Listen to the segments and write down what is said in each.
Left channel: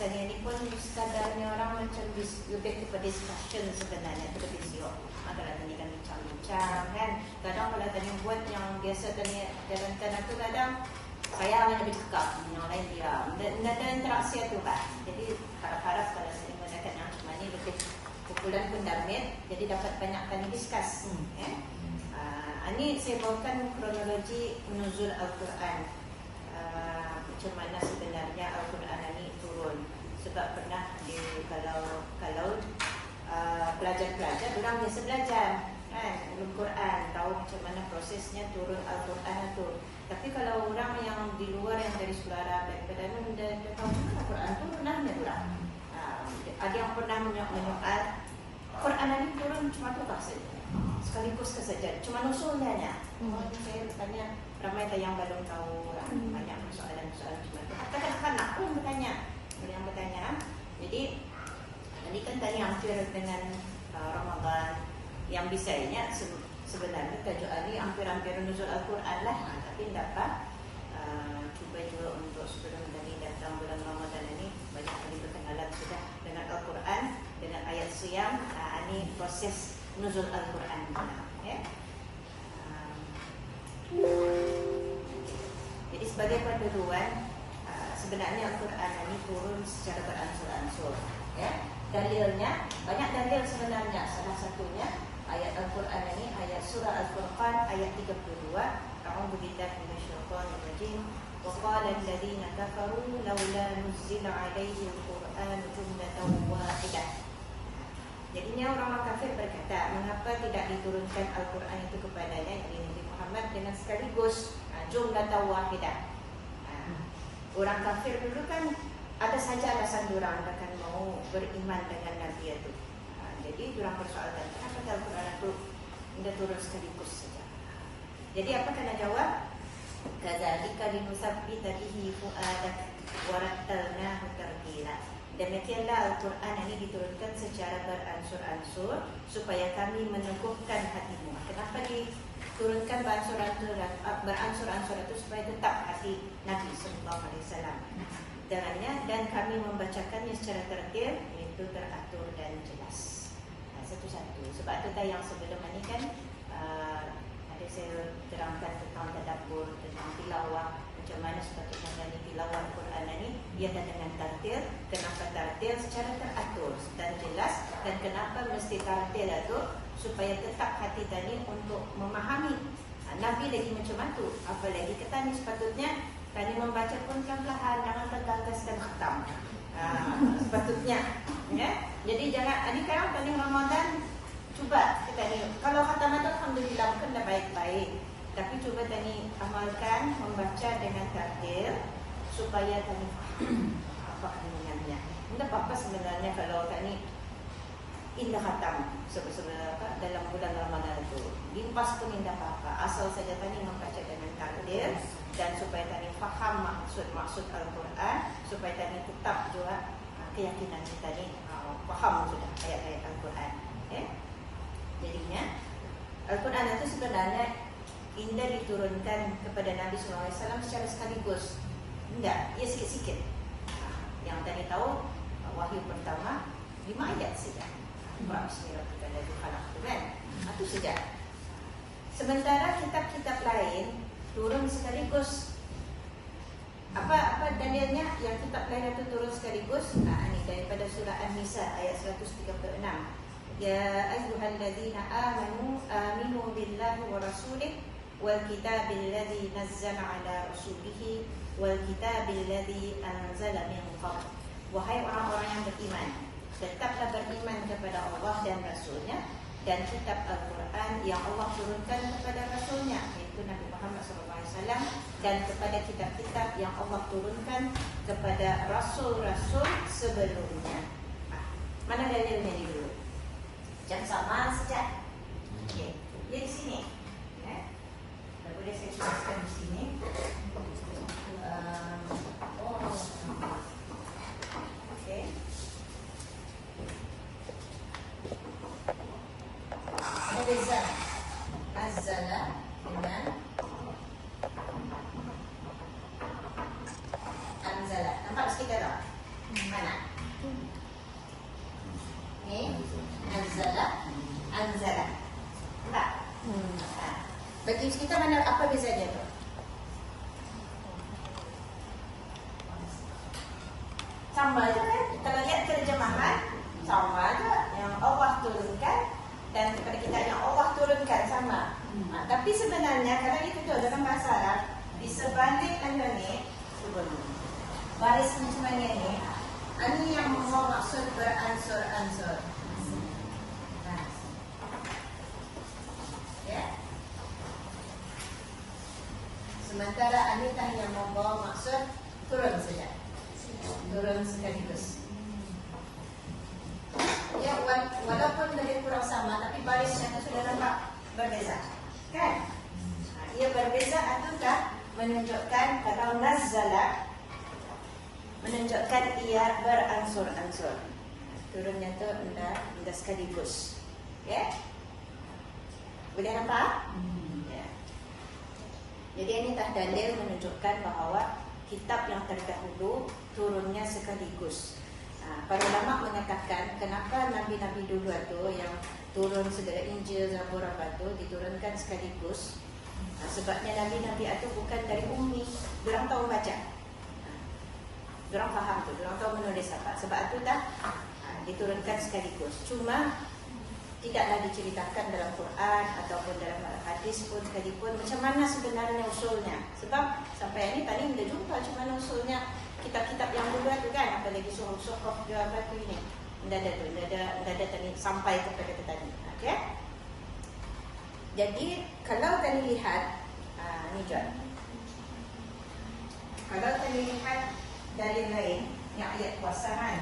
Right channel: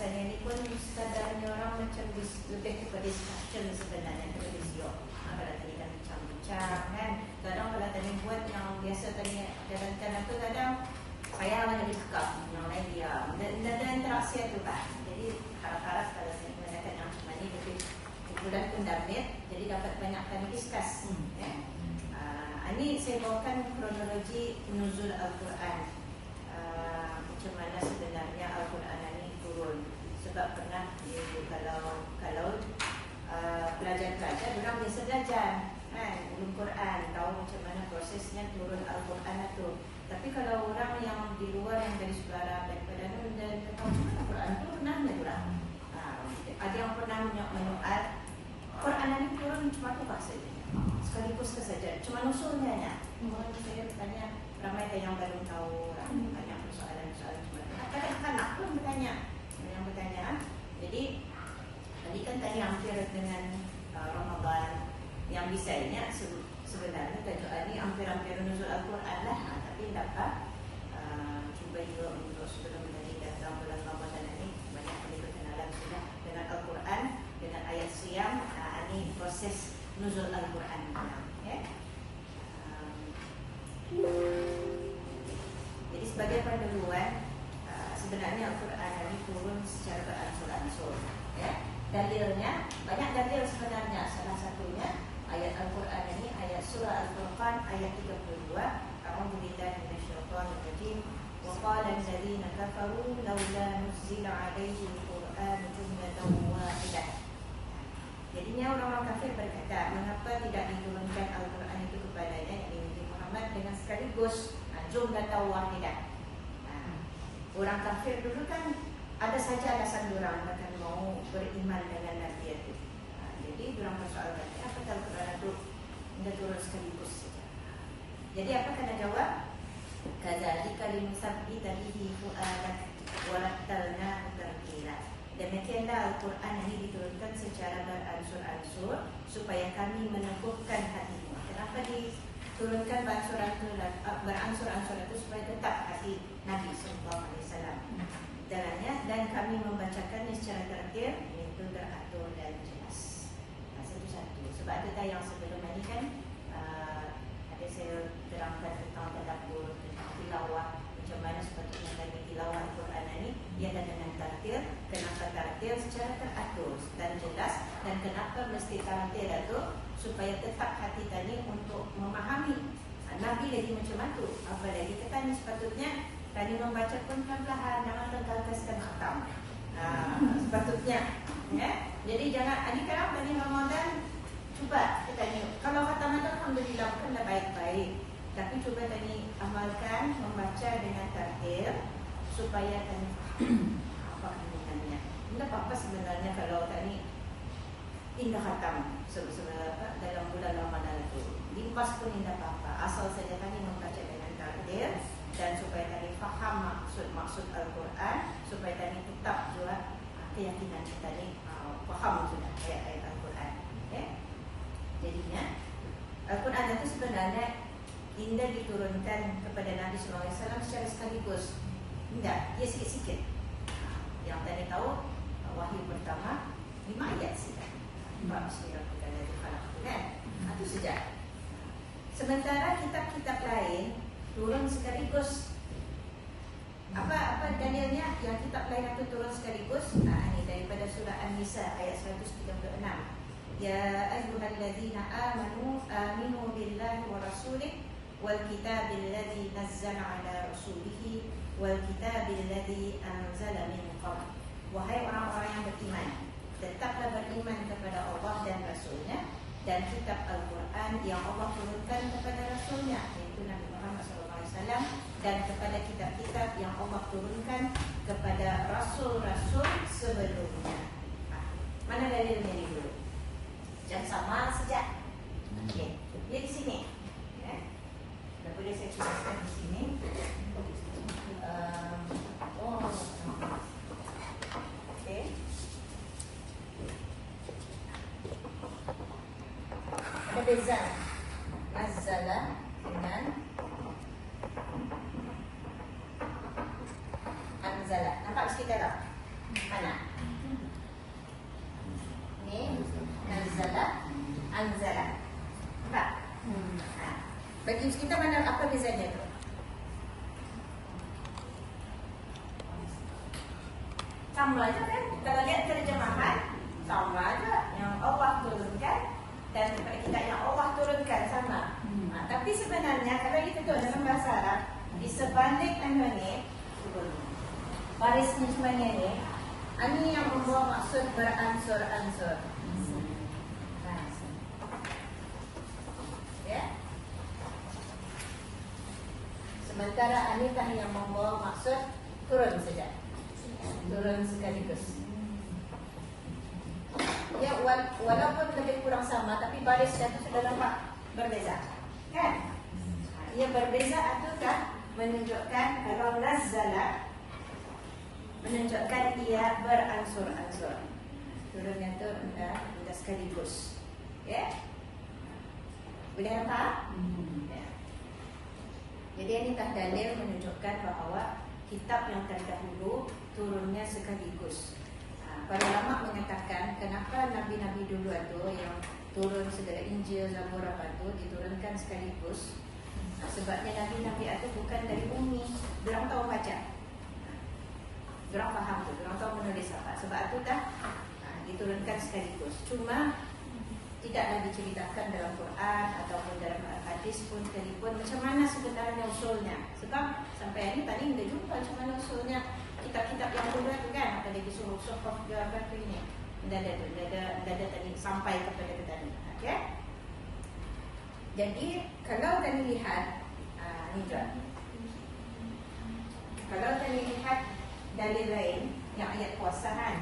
Ini pun sadarnya orang macam lebih kepada discussion sebenarnya, kepada video. Kalau tadi kan bincang-bincang kan. Kadang kalau tadi buat yang biasa tadi kadang-kadang tu kadang saya hanya bercakap, yang lain dia. Dan ada interaksi tu kan. Jadi harap-harap kalau saya menggunakan yang cuma ini lebih kumpulan pun damit, jadi dapat banyak kali discuss. Ini saya bawakan kronologi nuzul Al-Quran. Macam mana sebenarnya Al-Quran ini turun. Sebab pernah kalau pelajar-pelajar bukan biasa belajar kan, belum Quran, tahu macam mana prosesnya turun Al-Quran itu. Tapi kalau orang yang di luar yang dari suara daripada dan Al-Quran pun pernah menyeruak. Ada yang pernah menyoal Quran ini turun cuma tu saja, sekaligus kesaja, cuma usulnya. Saya bertanya ramai yang belum tahu, banyak persoalan-persoalan cuma tu. Katakan aku bertanya. Yang bertanya, jadi kan tadi hampir dengan Ramadan yang bisanya sebenarnya tujuan ini hampir-hampir nuzul Al-Quran lah, tapi dapat cuba juga untuk sebelum tadi datang bulan Ramadan ini banyak lebih kenalan sudah dengan Al-Quran, dengan ayat siam. Ini proses nuzul Al-Quran. Jadi sebagai penduluan, sebenarnya Al-Quran ini turun secara beransur-ansur. Dalilnya, banyak dalil sebenarnya. Salah satunya ayat Al-Quran ini, ayat surah Al-Furqan ayat 32. A'udzu billahi minasyaitonir rajim. Wa qala alladziina kafaru laula nuzila 'alaihi al-Qur'an jumlatan wahidah. Jadinya orang kafir berkata, mengapa tidak diturunkan Al-Quran itu kepadanya, yakni Nabi Muhammad, dengan sekaligus jumlatan wahidah. Orang kafir dulu kan ada saja alasan orang akan mau beriman dengan Nabi itu. Jadi orang persoalan, kenapa Al-Quran itu tidak turun sekaligus saja? Jadi apa kena jawab? Kadzalika linusabbita bihi fu'adak wa rattalnahu tartila. Demikianlah Al-Quran ini diturunkan secara beransur-ansur supaya kami meneguhkan hatimu. Kenapa diturunkan beransur-ansur itu supaya tetap hati Nabi Sallallahu Alaihi Wasallam. Jangannya, dan kami membacakannya secara tertil, itu teratur dan jelas. Satu-satu. Sebab ada yang sebelum ini kan ada saya terangkan tentang tadabbur, tentang tilawah, macam mana sepatutnya dari tilawah Al-Quran ini ia ada dengan tertil. Kenapa tertil? Secara teratur dan jelas. Dan kenapa mesti tertil itu? Supaya tetap hati tadi untuk memahami Nabi lagi macam itu. Apalagi kata ni sepatutnya kami membaca pun perlahan, jangan tergagap khatam. Sepatutnya, ya. Jadi jangan. Adik sekarang tadi Ramadan cuba kita ni. Kalau khatam itu alhamdulillah pun dah baik-baik. Tapi cuba tadi amalkan membaca dengan tartil supaya tadi apa kandungannya. Tidak apa-apa sebenarnya kalau tadi indah khatam sebenarnya dalam bulan Ramadan itu. Limpas pun indah apa. Asal saja tadi membaca dengan tartil. Dan supaya tadi faham maksud Al-Quran, supaya tadi tetap juga keyakinan kita ni faham sudah ayat-ayat Al-Quran. Jadinya Al-Quran itu sebenarnya indah diturunkan kepada Nabi SAW secara sekaligus. Tidak, ia sikit-sikit. Yang tadi tahu wahyu pertama 5 ayat saja. Bismillahirrahmanirrahim. Kan? Itu saja. Sementara kitab-kitab lain turun sekaligus. Apa dalilnya yang kitab lain itu turun sekaligus? Ini daripada surah An-Nisa ayat 136. Ya ayyuhalladzina aminu billahi wa rasulih wal kitabil ladzi nazzala ala rasulihi wal kitabil ladzi anzala min qabl. Wahai orang-orang yang beriman, tetaplah beriman kepada Allah dan Rasulnya dan kitab Al-Quran yang Allah turunkan kepada Rasulnya, yaitu Nabi Muhammad SAW, dan kepada kitab-kitab yang Allah turunkan kepada Rasul-Rasul sebelumnya. Mana dalilnya di dulu? Jam sama sejak. Okey, dia di sini. Dah boleh saya tuliskan di sini. Okey. Ada beza Azala dengan Anzala. Nampak sikit tak? Mana? Ni Anzala, Anzala. Nampak? Bagi kita mana apa bezanya tu? Sama je kan? Kalau lihat terjemahan, sama je. Yang Allah turunkan dan kepada kita yang Allah turunkan sama. Tapi sebenarnya kalau dikatakan dalam bahasa Arab, di sebalik ni, baris ni sebenarnya ni, ini yang membawa maksud beransur-ansur. Ya. Sementara anitah yang membawa maksud turun saja. Turun sekaligus. Ya, walaupun lebih kurang sama, tapi barisnya itu sudah nampak berbeza, kan? Ia berbeza ataukah menunjukkan kalau nazala menunjukkan ia beransur-ansur. Turunnya itu dah sekaligus. Ya? Boleh nampak? Ya. Jadi ini dalil menunjukkan bahawa kitab yang terdahulu turunnya sekaligus. Para ulama mengatakan kenapa nabi-nabi dulu itu yang turun segala Injil, Zabur apa itu diturunkan sekaligus. Sebabnya nabi-nabi itu bukan dari ummi, diorang tahu baca, diorang faham tu, diorang tahu menulis apa. Sebab itu dah diturunkan sekaligus. Cuma tidaklah diceritakan dalam Quran ataupun dalam hadis pun sekalipun macam mana sebenarnya usulnya. Sebab sampai ini tadi kita jumpa macam mana usulnya kitab-kitab yang dulu tu kan, apalagi suruh-suruh dia apa tu ini. Tidak ada tadi sampai kepada kita ni. Okey. Jadi kalau tadi lihat ni je. Kalau tadi lihat dalil lain yang ayat kuasa kan.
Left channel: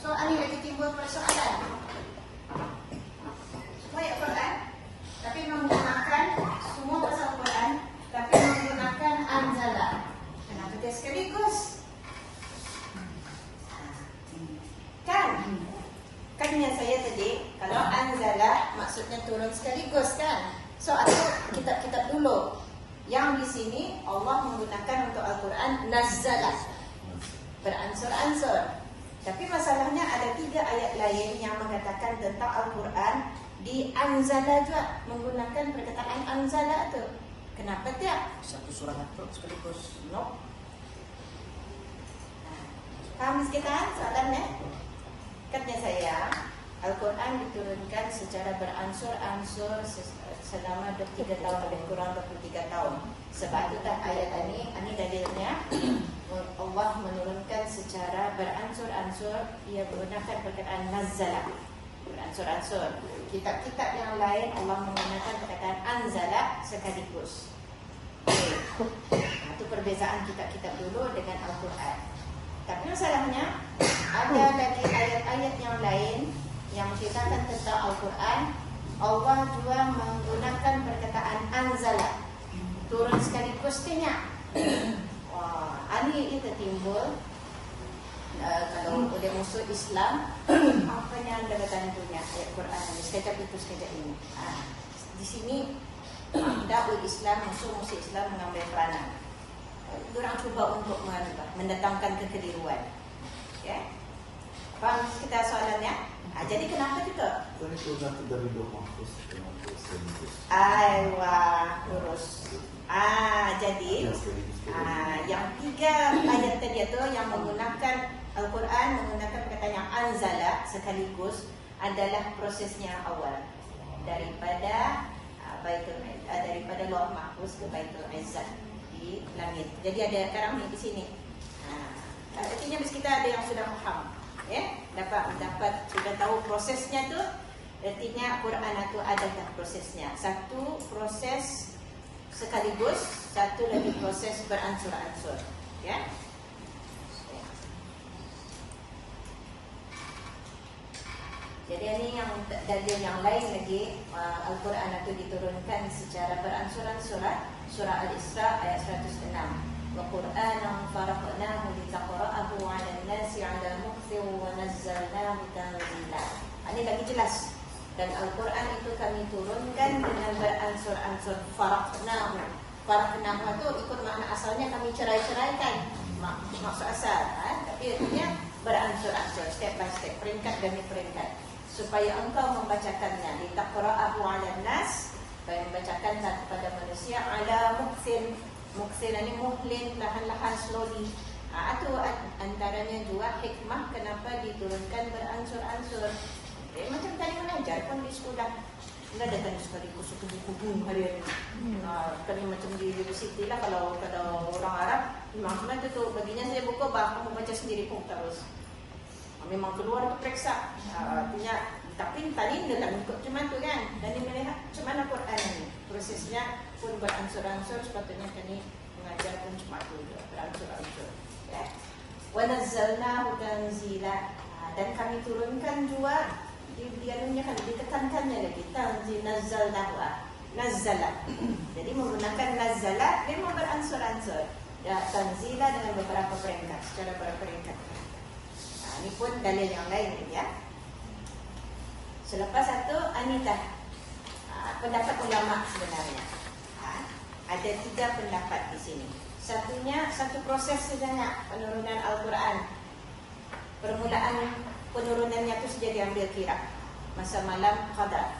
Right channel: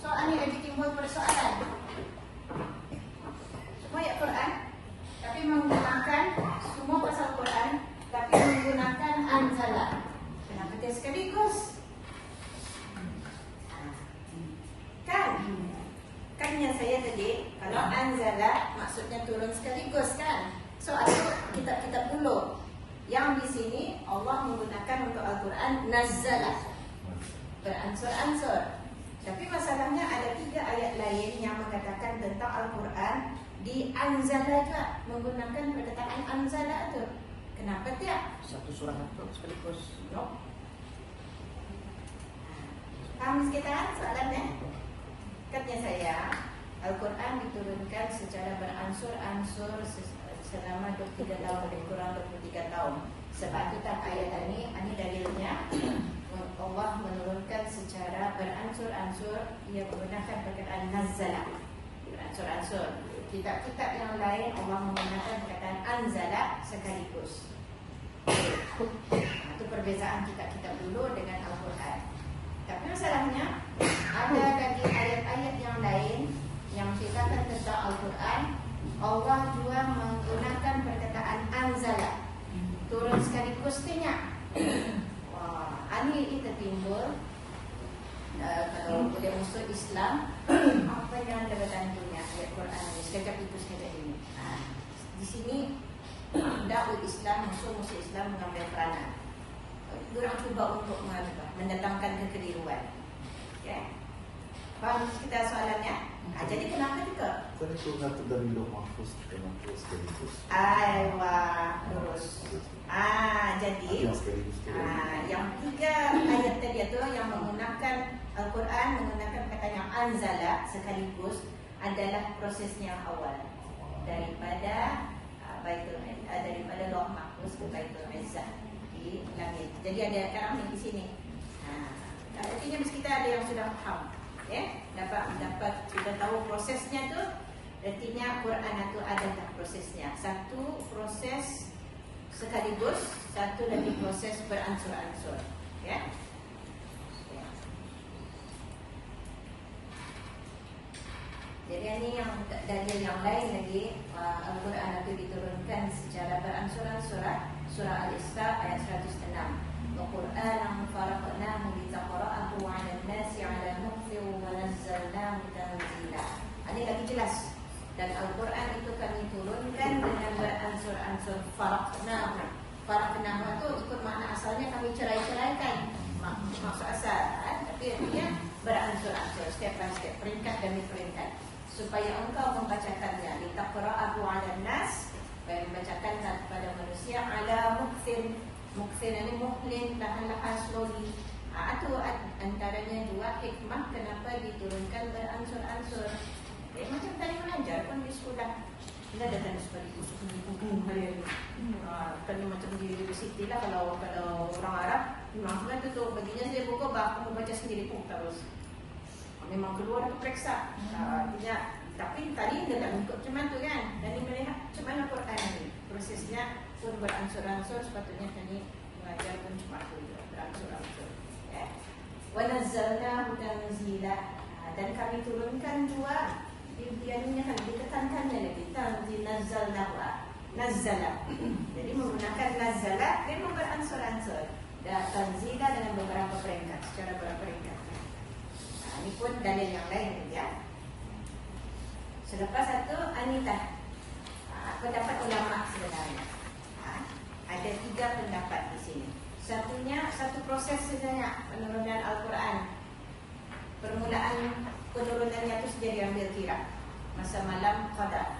Soal ni lagi timbul persoalan. Semua ayat Quran, tapi menggunakan semua pasal Quran, tapi menggunakan anzala. Kenapa dia sekaligus? Kan yang saya tadi, kalau anzala maksudnya turun sekaligus kan? So ada kitab-kitab dulu. Yang di sini Allah menggunakan untuk Al-Quran nazzala, beransur-ansur. Tapi masalahnya ada 3 ayat lain yang mengatakan tentang Al-Quran di anzala juga, menggunakan perkataan anzala tu. Kenapa tidak? Satu surah itu sekaligus. No. Paham sekitar soalannya? Katanya saya, Al-Quran diturunkan secara beransur-ansur selama 23 tahun, lebih kurang 23 tahun. Sebab itu ayat ini dalilnya Allah menurunkan secara beransur-ansur. Ia menggunakan perkataan nazzala, beransur-ansur. Kitab-kitab yang lain Allah menggunakan perkataan anzala sekaligus. Itu perbezaan kitab-kitab dulu dengan Al-Quran. Tapi masalahnya ada lagi ayat-ayat yang lain yang menceritakan tentang Al-Quran. Allah juga menggunakan perkataan anzala, turun sekaligus kena. Ini itu timbul kalau oleh musuh Islam apa yang anda punya ayat Quran ini, sekejap itu sekejap ini. Di sini dakwah Islam, musuh Islam mengambil peranan. Diorang cuba untuk mendatangkan kekeliruan. Ya. Faham kita soalannya? Jadi kenapa kita? Kan itu satu dari dua mampus ke mampus sekaligus. Aywa, lurus. Jadi yang 3 ayat tadi itu yang menggunakan Al-Quran, menggunakan kata yang anzala sekaligus adalah prosesnya yang awal daripada daripada Lauh Mahfuz ke Baitul Izzah di langit. Jadi ada sekarang di sini. Artinya mesti kita ada yang sudah faham, dapat sudah tahu prosesnya tu. Artinya Quran itu ada prosesnya. Satu proses sekaligus, satu lagi proses beransur-ansur. Jadi ini yang dalil yang lain lagi, Al-Quran itu diturunkan secara beransur-ansur. Surah Al-Isra ayat 106. Wa Qur'anan faraqnahu litaqra'ahu 'ala an-nasi 'ala muktin wa nazzalnahu tanzila. Ini lagi jelas. Dan Al-Quran itu kami turunkan dengan beransur-ansur. Faraqnahu. Faraqnahu itu ikut makna asalnya kami cerai-ceraikan. Maksud asal, tapi artinya beransur-ansur, step by step, peringkat demi peringkat. Supaya engkau membacakannya litaqra'ahu 'alan nas, supaya membacakan kepada manusia ala muksin. Muksin ini muhlin, lahan-lahan slowly. Itu antaranya juga hikmah kenapa diturunkan beransur-ansur. Macam tadi mengajar pun di sekolah. Tidak ada kan sekaligus hukum hari ini. Kali macam di universiti lah, kalau orang Arab memang itu baginya saya buka bah, aku baca sendiri pun terus. Memang keluar periksa. Artinya, tapi tadi dia tak ikut cuma tu kan. Dan dia melihat macam mana Quran ini. Prosesnya pun beransur-ansur, sepatutnya kami mengajar pun cuma tu, beransur-ansur. Wa nazzalnahu tanzila. Dan kami turunkan juga. Dia ditekankannya lagi. Tanzil nazzalnahu. Nazzala. Jadi menggunakan nazzala, dia mau beransur-ansur. Tanzila dengan beberapa peringkat, secara beberapa peringkat. Ini pun dalil yang lain ya. Selepas itu anitah pendapat ulama sebenarnya. Ada 3 pendapat di sini. Satu proses sebenarnya penurunan Al-Quran. Permulaan penurunannya itu sudah diambil kira masa malam qadar.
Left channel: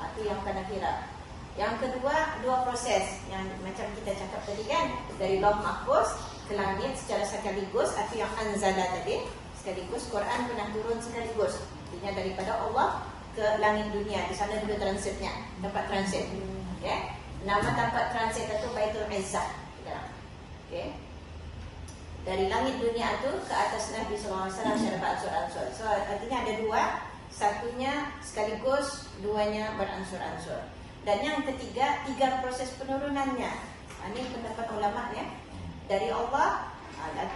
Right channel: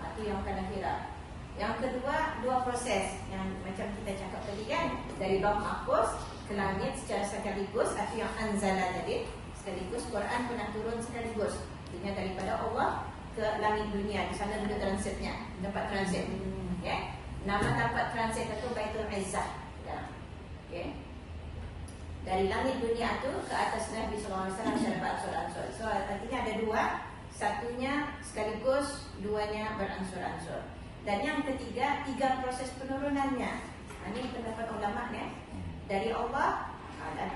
Itu yang kena kira. Yang kedua 2 proses yang macam kita cakap tadi kan, dari Lauh Mahfuz ke langit secara sekaligus, atau yang anzala tadi sekaligus. Quran pernah turun sekaligus, artinya daripada Allah ke langit dunia. Di sana dulu transitnya, dapat transit. Nama dapat transit itu Baitul Izzah. Dari langit dunia itu ke atas Nabi SAW secara beransur-ansur. So artinya ada 2, satunya sekaligus, 2-nya beransur-ansur. Dan yang ketiga 3 proses penurunannya. Ini pendapat ulama ya. Dari Allah,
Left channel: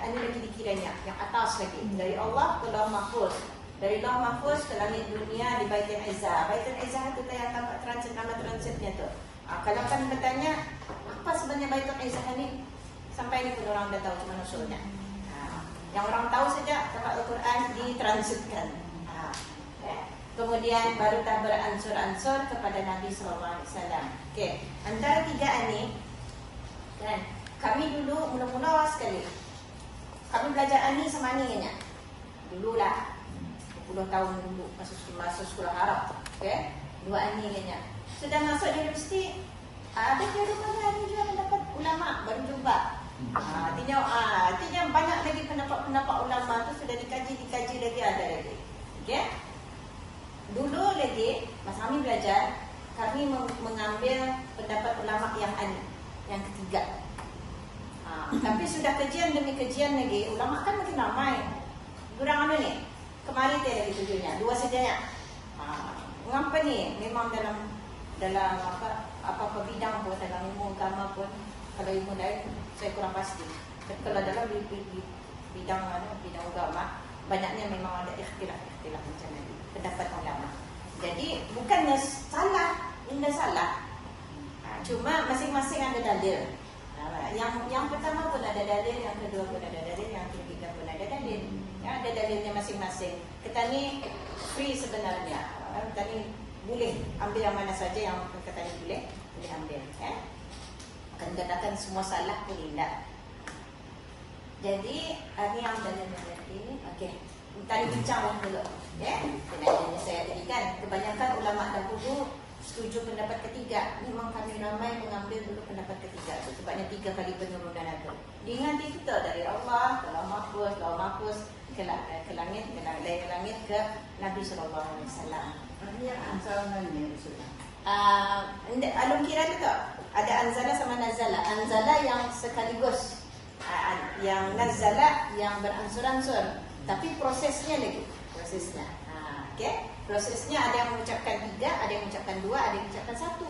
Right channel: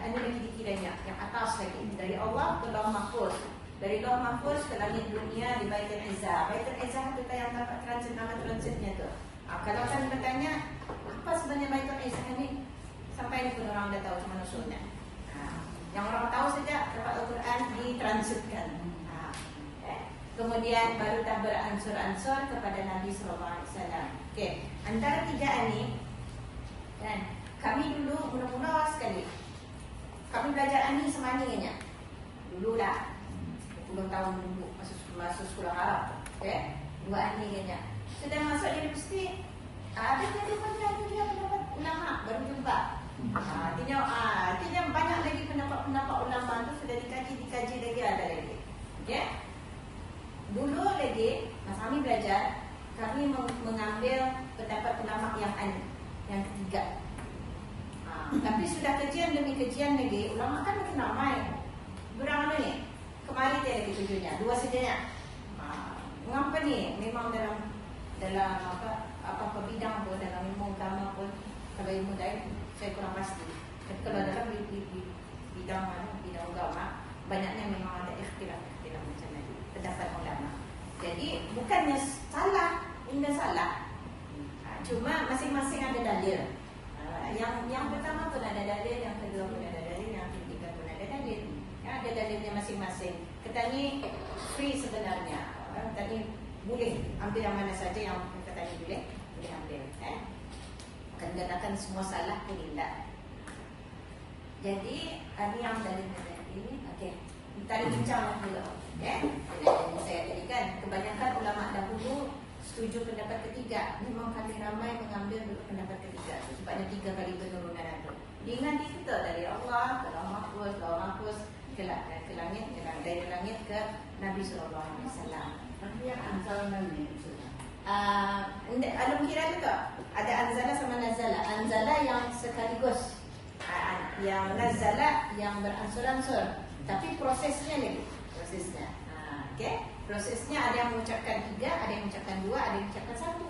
ini lagi dikiranya yang atas lagi, dari Allah ke Lauh Mahfuz, dari Lauh Mahfuz ke langit dunia di Baitul Izzah. Baitul Izzah itu yang dapat transit, nama transitnya tu. Kalau kan bertanya apa sebenarnya Baitul Izzah ini, sampai ini pun orang dah tahu cuma maksudnya. Yang orang tahu saja dapat Al-Quran ditransitkan. Kemudian baru tak beransur-ansur kepada Nabi SAW. Antara 3 ini, dan kami dulu mula-mula sekali. Kami belajar ini sama ni kan? Dulu lah 20 tahun dulu masuk sekolah Arab. 2 ini kan? Sudah masuk universiti, ada kira-kira pendapat ulama baru jumpa. Artinya banyak lagi pendapat ulama tu sudah dikaji lagi, ada lagi. Dulu lagi masa kami belajar, kami mengambil pendapat ulama yang ketiga. Tapi sudah kajian demi kajian lagi, ulama kan makin ramai. Durang mana ni? Kemarin dia lagi tujuannya 2 saja. Mengapa ni? Memang dalam apa bidang pun, dalam ilmu agama pun, kalau ilmu lain saya kurang pasti. Tapi kalau dalam bidang agama, banyaknya memang ada ikhtilaf macam ni, pendapat ulama. Jadi bukannya salah, indah salah. Cuma masing-masing ada dalil. Yang pertama pun ada dalil, yang kedua pun ada dalil, yang ketiga pun ada dalil. Ada dalilnya masing-masing. Kita ni free sebenarnya. Tadi boleh ambil yang mana saja yang kata ni boleh ambil. Akan dikatakan semua salah pun tidak. Jadi ini yang dalil tadi. tadi bincang dulu. Ya, yang saya berikan kebanyakan ulama dahulu setuju pendapat ketiga. Memang kami ramai mengambil dulu pendapat ketiga. Sebabnya 3 kali penurunan itu. Diingat itu dari Allah, ke mahfuz, ke langit, dari langit ke Nabi Sallallahu Alaihi Wasallam. Alun kira juga ada anzala sama nazala. Anzala yang sekaligus, yang nazala yang beransur-ansur. Tapi prosesnya lagi, prosesnya. Okay? Prosesnya ada yang mengucapkan 3, ada yang mengucapkan 2, ada yang mengucapkan 1.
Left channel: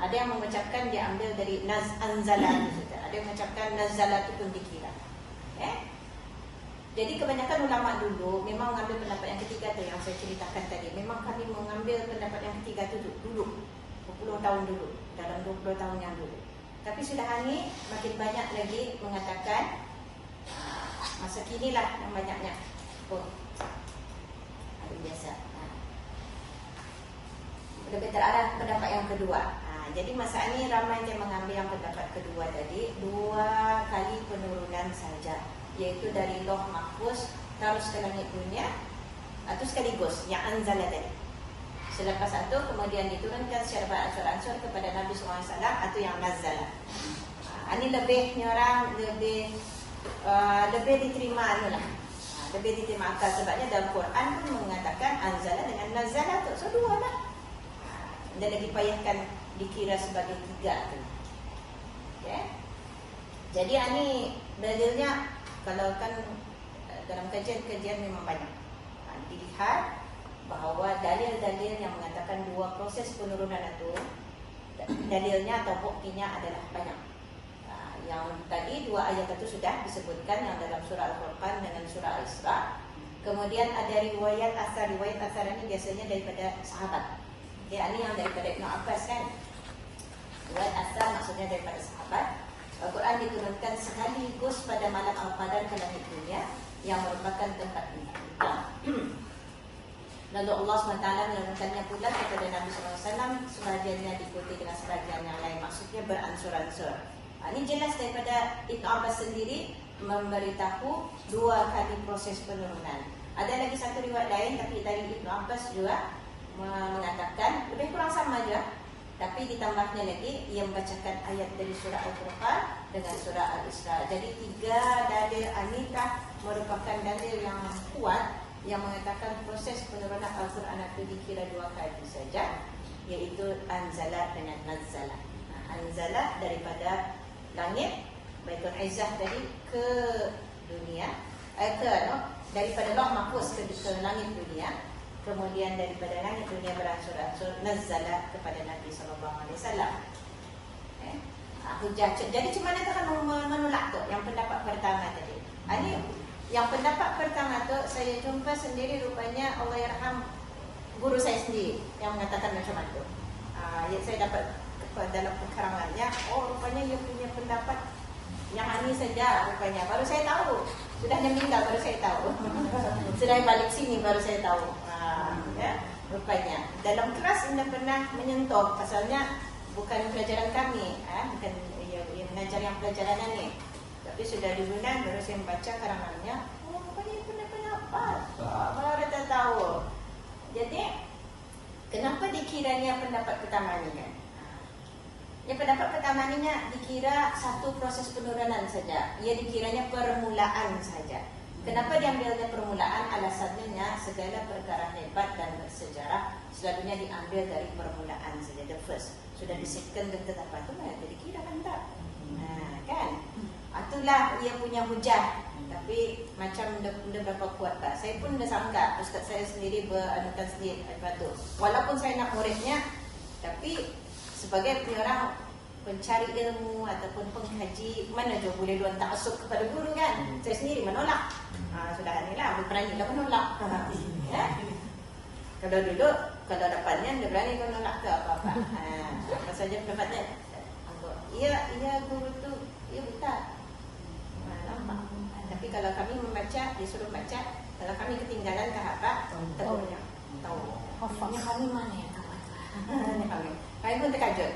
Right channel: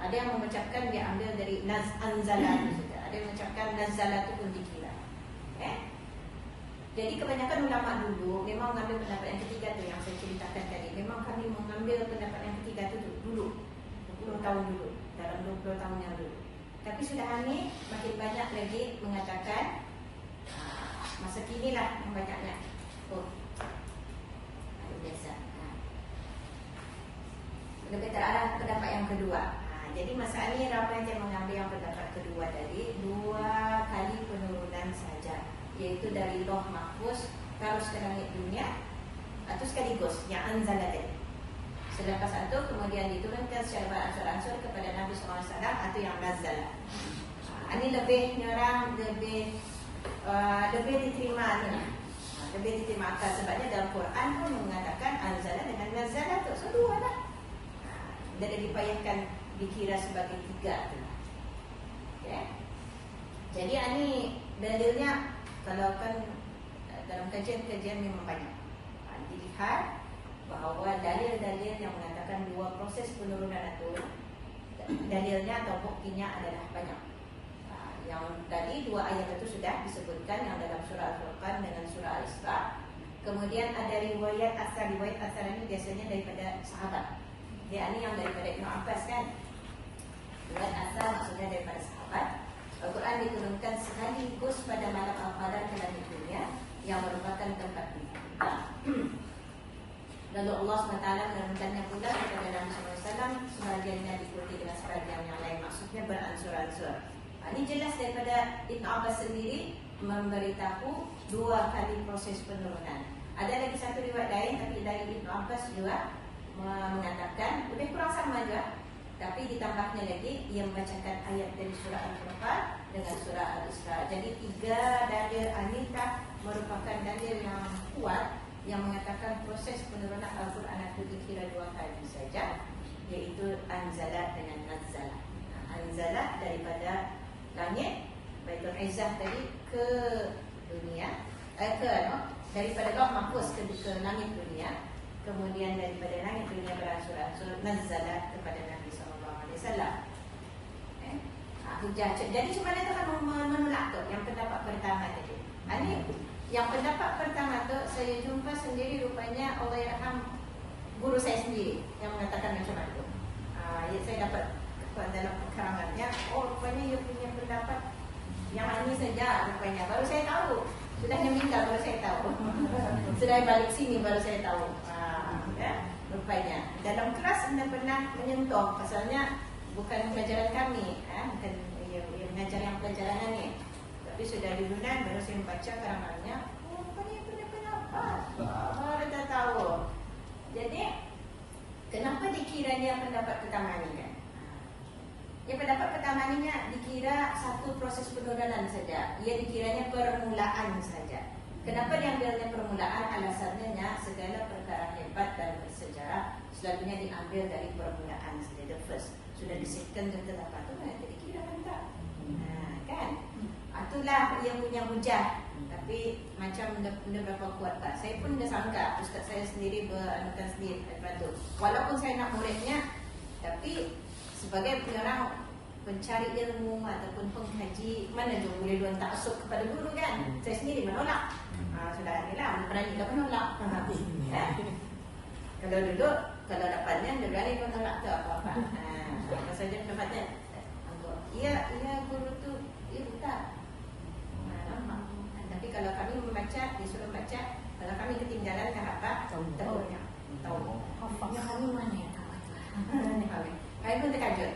Ada yang mengucapkan dia ambil dari anzala juga. Ada yang mengucapkan nazala itu pun dikira. Okay? Jadi kebanyakan ulama dulu memang mengambil pendapat yang ketiga tu yang saya ceritakan tadi. Memang kami mengambil pendapat yang ketiga tu dulu, 20 tahun dulu, dalam 20 tahun yang dulu. Tapi sudah ini makin banyak lagi mengatakan masa kini lah yang banyaknya. Biasa. Lebih terarah pendapat yang kedua. Jadi masa ini ramai yang mengambil yang pendapat kedua tadi 2 kali penurunan saja, yaitu dari Lauh Mahfuz terus ke langit dunia atau sekaligus yang anzala tadi. Selepas itu kemudian diturunkan secara beransur-ansur kepada Nabi SAW atau yang nazala. Ini lebih orang lebih diterima lah. Lebih diterima akal sebabnya dalam Quran pun mengatakan anzala dengan nazala tu sedua lah. Dia lagi payahkan dikira sebagai 3 tu. Okay. Jadi ini dalilnya kalau kan dalam kajian-kajian memang banyak. Dilihat bahawa dalil-dalil yang mengatakan 2 proses penurunan itu dalilnya atau buktinya adalah banyak. Yang tadi 2 ayat itu sudah disebutkan yang dalam surah Al-Furqan dengan surah Al-Isra. Kemudian ada riwayat asar ini biasanya daripada sahabat. Ya, ini yang daripada Ibn Abbas kan. Riwayat asar maksudnya daripada sahabat. Al-Quran diturunkan sekaligus pada malam Al-Qadar ke langit dunia yang merupakan tempat kita. Lalu Allah SWT menurunkannya pula kepada Nabi SAW, sebagiannya diikuti dengan sebagian yang lain. Maksudnya beransur-ansur. Ini jelas daripada Ibn Abbas sendiri memberitahu 2 kali proses penurunan. Ada lagi satu riwayat lain tapi dari Ibn Abbas juga mengatakan lebih kurang sama juga, tapi ditambahnya lagi ia membacakan ayat dari surah Al-Furqan dengan surah Al-Isra. Jadi 3 dalil anikah merupakan dalil yang kuat yang mengatakan proses penurunan Al-Quran itu dikira 2 kali saja, iaitu anzala dengan nazala. Anzala daripada langit, Baitul Izzah tadi ke dunia, daripada Lauh Mahfuz ke langit dunia, kemudian daripada langit dunia beransur-ansur nazala kepada Nabi SAW. Hujah. Jadi cuma mana cara menolak tu yang pendapat pertama tadi. Ini yang pendapat pertama tu saya jumpa sendiri, rupanya Allah yarham guru saya sendiri yang mengatakan macam itu. Yang saya dapat dalam keterangannya, rupanya dia punya pendapat yang ini saja rupanya. Baru saya tahu, sudah meninggal baru saya tahu. Sudah balik sini baru saya tahu. Ya, rupanya dalam kelas anda pernah menyentuh, pasalnya bukan pelajaran kami, bukan yang mengajar yang pelajarannya ni. Tapi sudah diundang baru saya membaca karangannya. Apa ni punya pendapat? Baru saya tahu. Jadi kenapa dikiranya pendapat pertama ni kan? Yang pendapat pertama ni dikira satu proses penurunan saja. Ia dikiranya permulaan saja. Kenapa diambilnya permulaan? Alasannya segala perkara hebat dan bersejarah selalunya diambil dari permulaan saja. The first sudah disetkan dan tetap itu jadi kira tak? Kan? Itulah ia punya hujah. Tapi macam benda berapa kuat tak? Saya pun dah sangka ustaz saya sendiri beranukan sendiri daripada itu. Walaupun saya nak muridnya, tapi sebagai orang pencari ilmu ataupun pengkaji, mana je boleh luar tak masuk kepada guru kan? Saya sendiri menolak. Sudah inilah berani dah menolak. Ya. Kalau duduk, kalau dapatnya dia berani menolak ke apa-apa. Maksudnya pendapatnya, ia guru tu, ia bukan. Tapi kalau kami membaca, disuruh baca, kalau kami ketinggalan ke apa, terusnya tahu. Ini kami mana ya? Mana kami? Kami pun terkejut.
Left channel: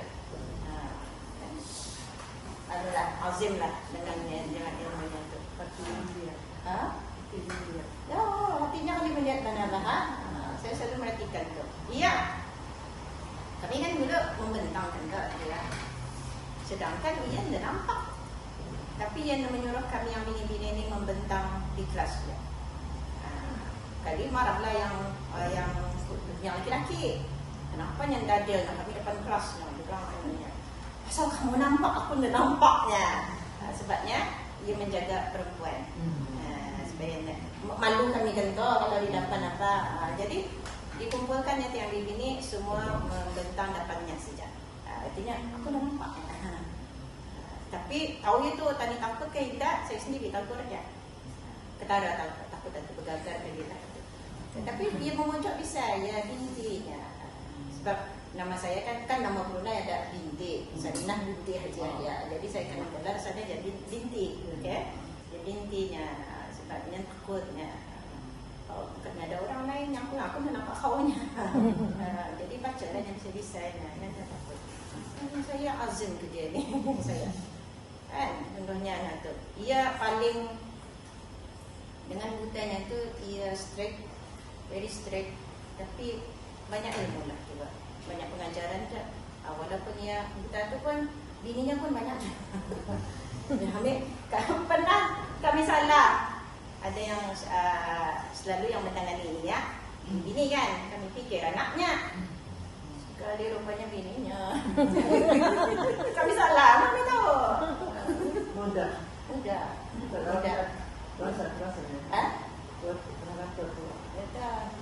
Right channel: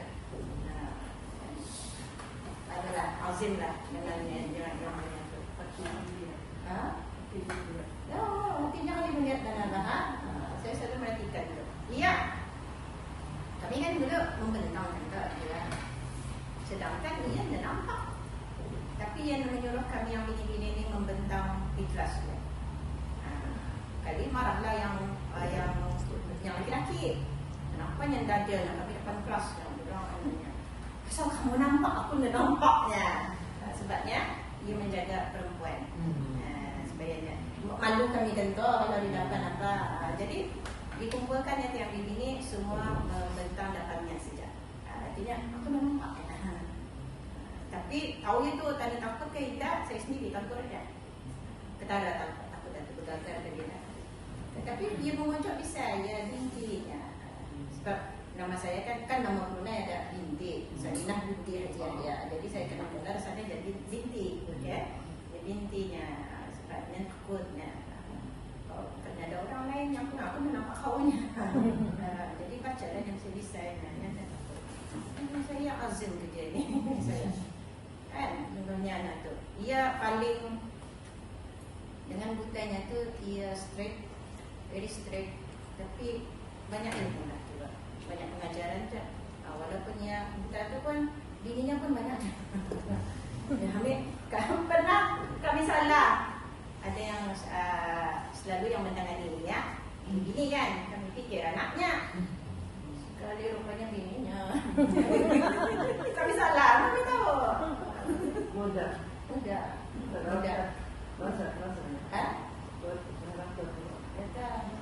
Adalah azim lah dengan yang macam tu. Ya, Sedangkan dia tidak nampak. Tapi yang menyuruh kami yang bini-bini ini membentang di kelas dia. Kali marahlah yang laki-laki. Kenapa yang dada nak pergi depan kelas? Dia akan tanya, asal kamu nampak, aku tidak nampaknya. Sebabnya dia menjaga perempuan. Sebenarnya malu kami kentor kalau dapat apa. Jadi dikumpulkan yang begini semua membentang depannya saja. Artinya aku dah nampak. Tapi tahu itu tanya takut ke tidak, saya sendiri takut aja. Ketara takut dan gagal dia. Tapi dia mengucap bisa ya binti. Sebab nama saya kan nama Brunei ada binti. Saminah binti Haji Adia. Jadi saya kena gelar sana jadi binti, okay? Jadi bintinya. Sebabnya takutnya. Oh, karena ada orang lain yang aku menampak kaunya. Jadi baca lah yang saya bisa. Yang takut. Saya azim ke dia ni. Saya. Menurutnya anak tu, ia paling dengan bukannya itu ia straight, very straight, tapi banyak ilmu lah tu, banyak pengajaran tu. Walaupun ia bukan tu pun bininya pun banyak. Kalau pernah kami salah, ada yang selalu yang menangani ini ya, bini kan, kami fikir anaknya. Kali rupanya bininya. Kami salah, apa tahu? Mudah.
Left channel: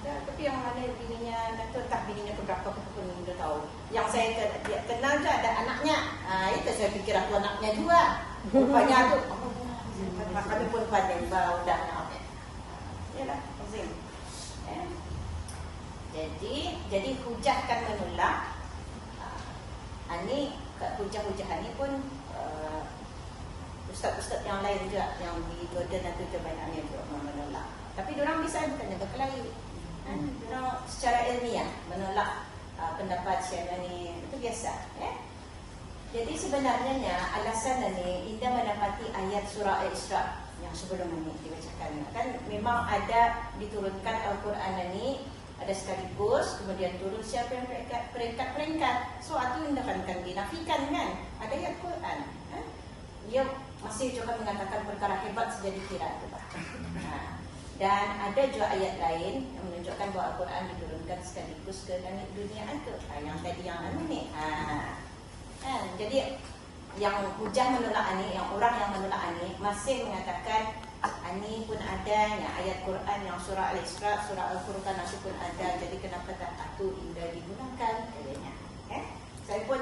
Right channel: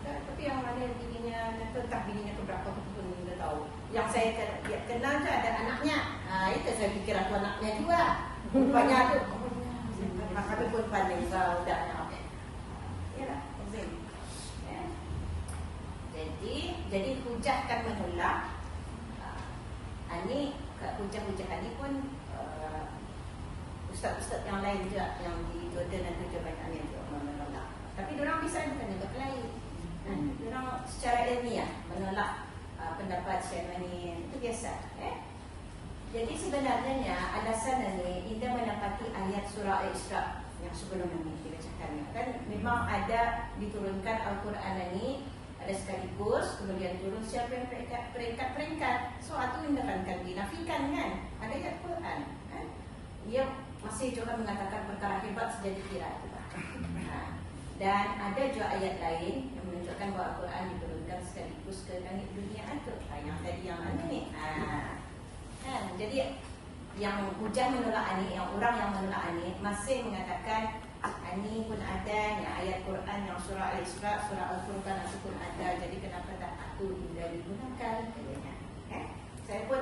Tapi yang mana bininya tak bininya keberapa pun tidak tahu. Yang saya kenal tu ada anaknya. Itu saya fikir aku anaknya juga. Rupanya tu. Kami pun pandai sudah. Ya, azim. Jadi hujahkan menolak. Ini hujah-hujah ini pun ustaz-ustaz yang lain juga yang di Jordan dan Turkmen Amin menolak. Tapi diorang bisa bukannya berkelahi. Diorang secara ilmiah menolak pendapat Syaibani itu biasa. Ya? Jadi sebenarnya alasan ini tidak mendapati ayat surah Al-Isra yang sebelum ini dibacakan. Kan memang ada diturunkan Al-Quran ini ada sekaligus, kemudian turun siapa yang peringkat-peringkat. So itu akan dinafikan kan? Ada ayat Quran. Dia masih juga menyatakan perkara hebat sudah dikira itu Pak. Dan ada juga ayat lain yang menunjukkan bahawa Al-Quran diturunkan sekaligus ke langit dunia itu. Yang tadi yang mana ni? Jadi yang hujah menolak ini, yang orang yang menolak ini masih mengatakan ini pun ada ayat Quran yang surah Al-Isra, surah Al-Furqan itu pun ada. Jadi kenapa tak satu tidak digunakan? Saya pun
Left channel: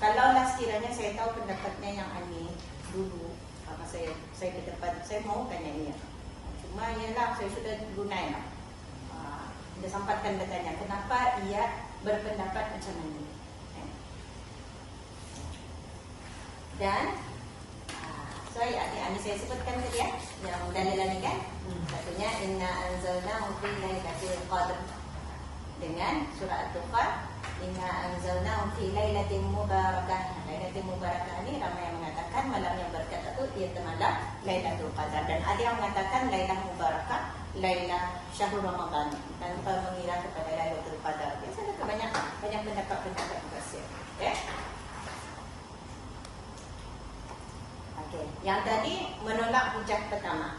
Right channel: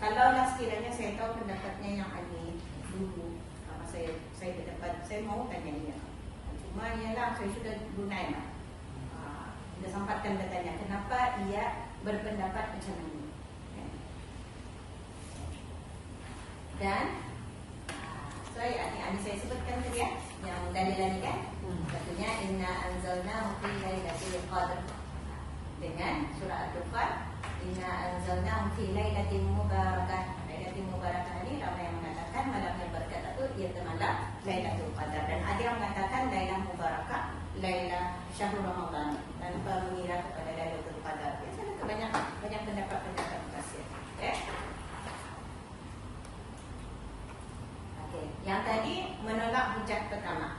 kalaulah sekiranya saya tahu pendapatnya yang ini dulu, maka saya berdapat, saya mahukan yang ini. Cuma ialah saya sudah gunakan. Sudah sampaikan katanya, kenapa ia berpendapat macam ini. Dan saya sebutkan tadi ya, yang dalil kan. Satunya inna anzalnahu fi lailatul qadr. Dengan surah Al-Qadr, inna anzalnahu fi lailatin mubarakah. Lailatul mubarakah ini ramai yang mengatakan malam yang berkat itu iaitu malam Lailatul Qadar, dan ada yang mengatakan Lailah Mubarakah, Lailah Syahrul Ramadan, dan mengira kepada Lailatul Qadar. Biasanya banyak pendapat tafsir. Okay. Yang tadi menolak hujah pertama.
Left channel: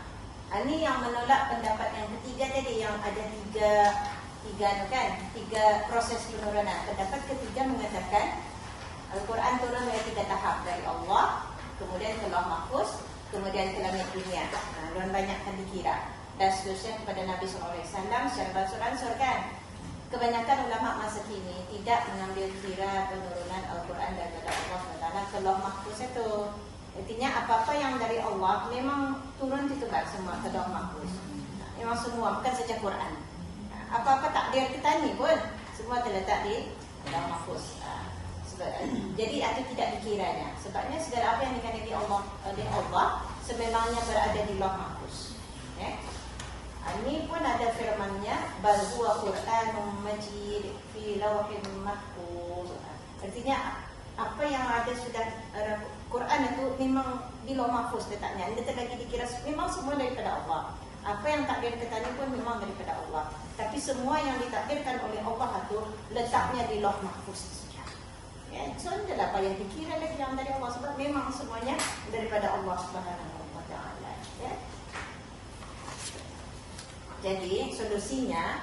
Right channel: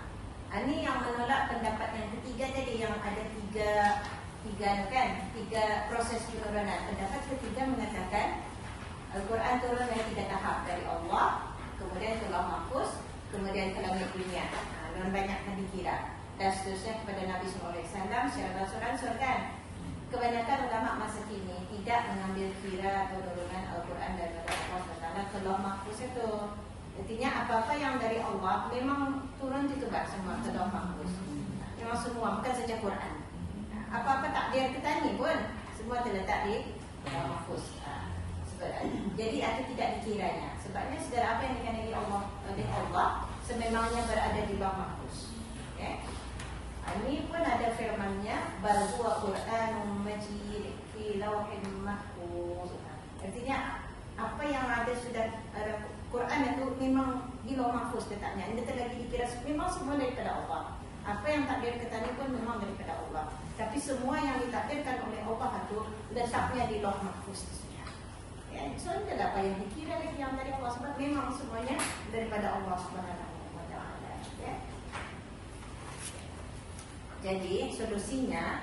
Ini yang menolak pendapat yang ketiga tadi, yang ada tiga proses penurunan. Pendapat ketiga mengatakan Al-Quran turun dari 3 tahap, dari Allah, kemudian ke Lauh Mahfuz, kemudian ke langit dunia. Dan banyak yang dikira. Dan seterusnya kepada Nabi SAW secara beransur-ansur kan. Kebanyakan ulama masa kini tidak mengambil kira penurunan Al-Quran dari Allah Taala ke Lauh Mahfuz itu. Artinya apa-apa yang dari Allah memang turun juga semua ke Lauh Mahfuz. Memang semua, bukan saja Quran. Apa-apa takdir kita ni pun semua terletak di Lauh Mahfuz. Jadi ada tidak dikiranya. Sebabnya segala apa yang dikandungi oleh Allah sememangnya berada di Lauh Mahfuz. Ini pun ada firman-Nya, bal huwa Qur'anun Majid fi Lauhin Mahfuz. Artinya apa yang ada sudah Quran itu memang di Lauh Mahfuz letaknya. Anda tak lagi dikira memang semua daripada Allah. Apa yang takdir kita pun memang daripada Allah. Tapi semua yang ditakdirkan oleh Allah itu letaknya di Lauh Mahfuz. Ya, so tidak payah dikira lagi yang dari Allah, sebab memang semuanya daripada Allah Subhanahu wa Ta'ala. Ya. Jadi solusinya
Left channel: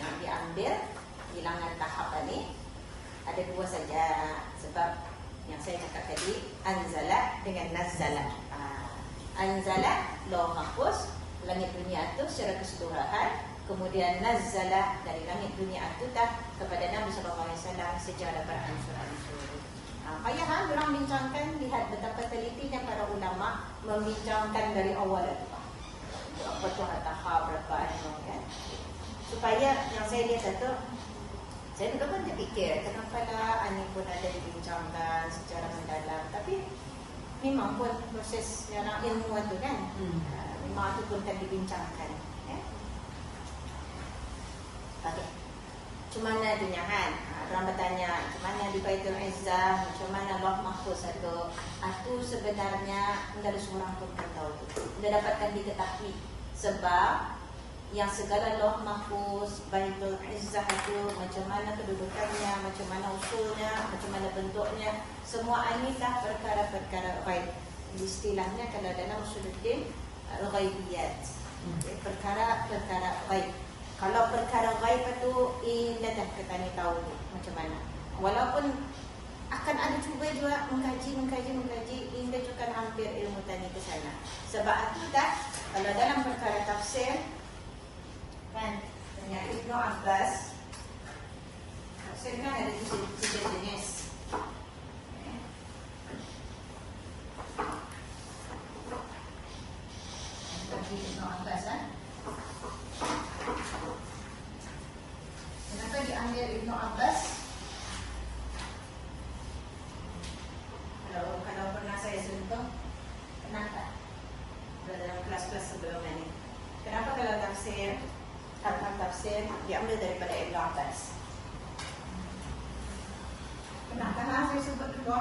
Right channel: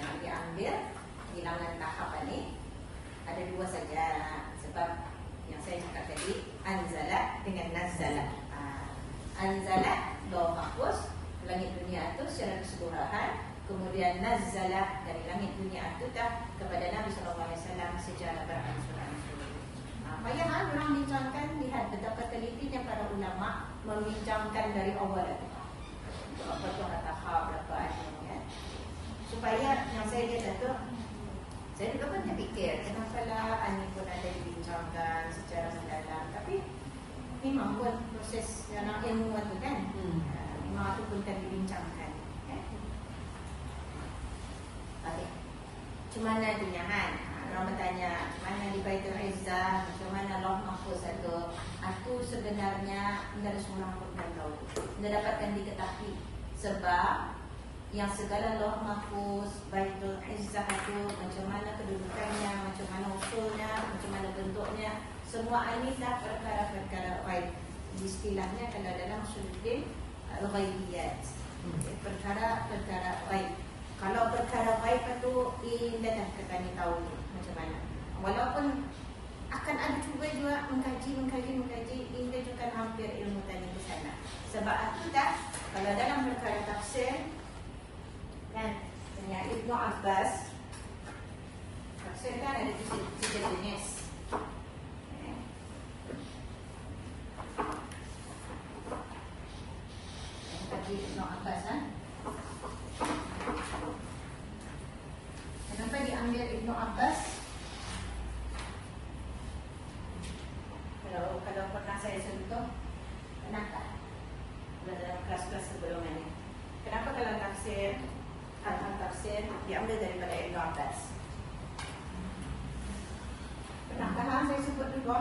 yang diambil hilangan tahap ini ada dua saja, sebab yang saya cakap tadi anzala dengan nazala. Anzala lauh mahfuz, langit dunia itu secara keseluruhan, kemudian nazala dari langit dunia itu dah kepada Nabi SAW secara beransur-ansur. Payah orang bincangkan, lihat betapa telitinya para ulama membincangkan dari awal berapa tu tahap, berapa ya. Supaya yang saya lihat itu, saya juga pun terfikir kenapa lah ini pun ada dibincangkan secara mendalam, tapi memang buat proses dalam ilmu itu kan, memang itu pun kan dibincangkan. Ya. Okay. Cuma mana dinyahan? Orang bertanya, mana di Baitul Izzah, macam mana lauh mahfuz itu sebenarnya tidak semua makhluk yang tahu. Dia dapatkan diketahui sebab yang segala lauh mahfuz, Baitul Izzah itu macam mana kedudukannya, macam mana usulnya, macam mana bentuknya, semua ini dah perkara-perkara ghaib. Istilahnya kalau dalam suluddin ghaibiyat, perkara-perkara ghaib. Kalau perkara ghaib itu indah dah kami tahu macam mana. Walaupun akan ada cuba juga mengkaji, indah juga hampir ilmu tadi ke sana. Sebab itu dah kalau dalam perkara tafsir kan, ternyata Ibnu Abbas tafsir kan ada tiga jenis. Tafsir Ibnu Abbas kenapa diambil Ibnu Abbas? Kalau pernah saya sentuh, kenapa? Dalam kelas-kelas sebelum ini, kenapa kalau tafsir tafsir diambil daripada Ibnu Abbas? Kenapa saya sebut itu?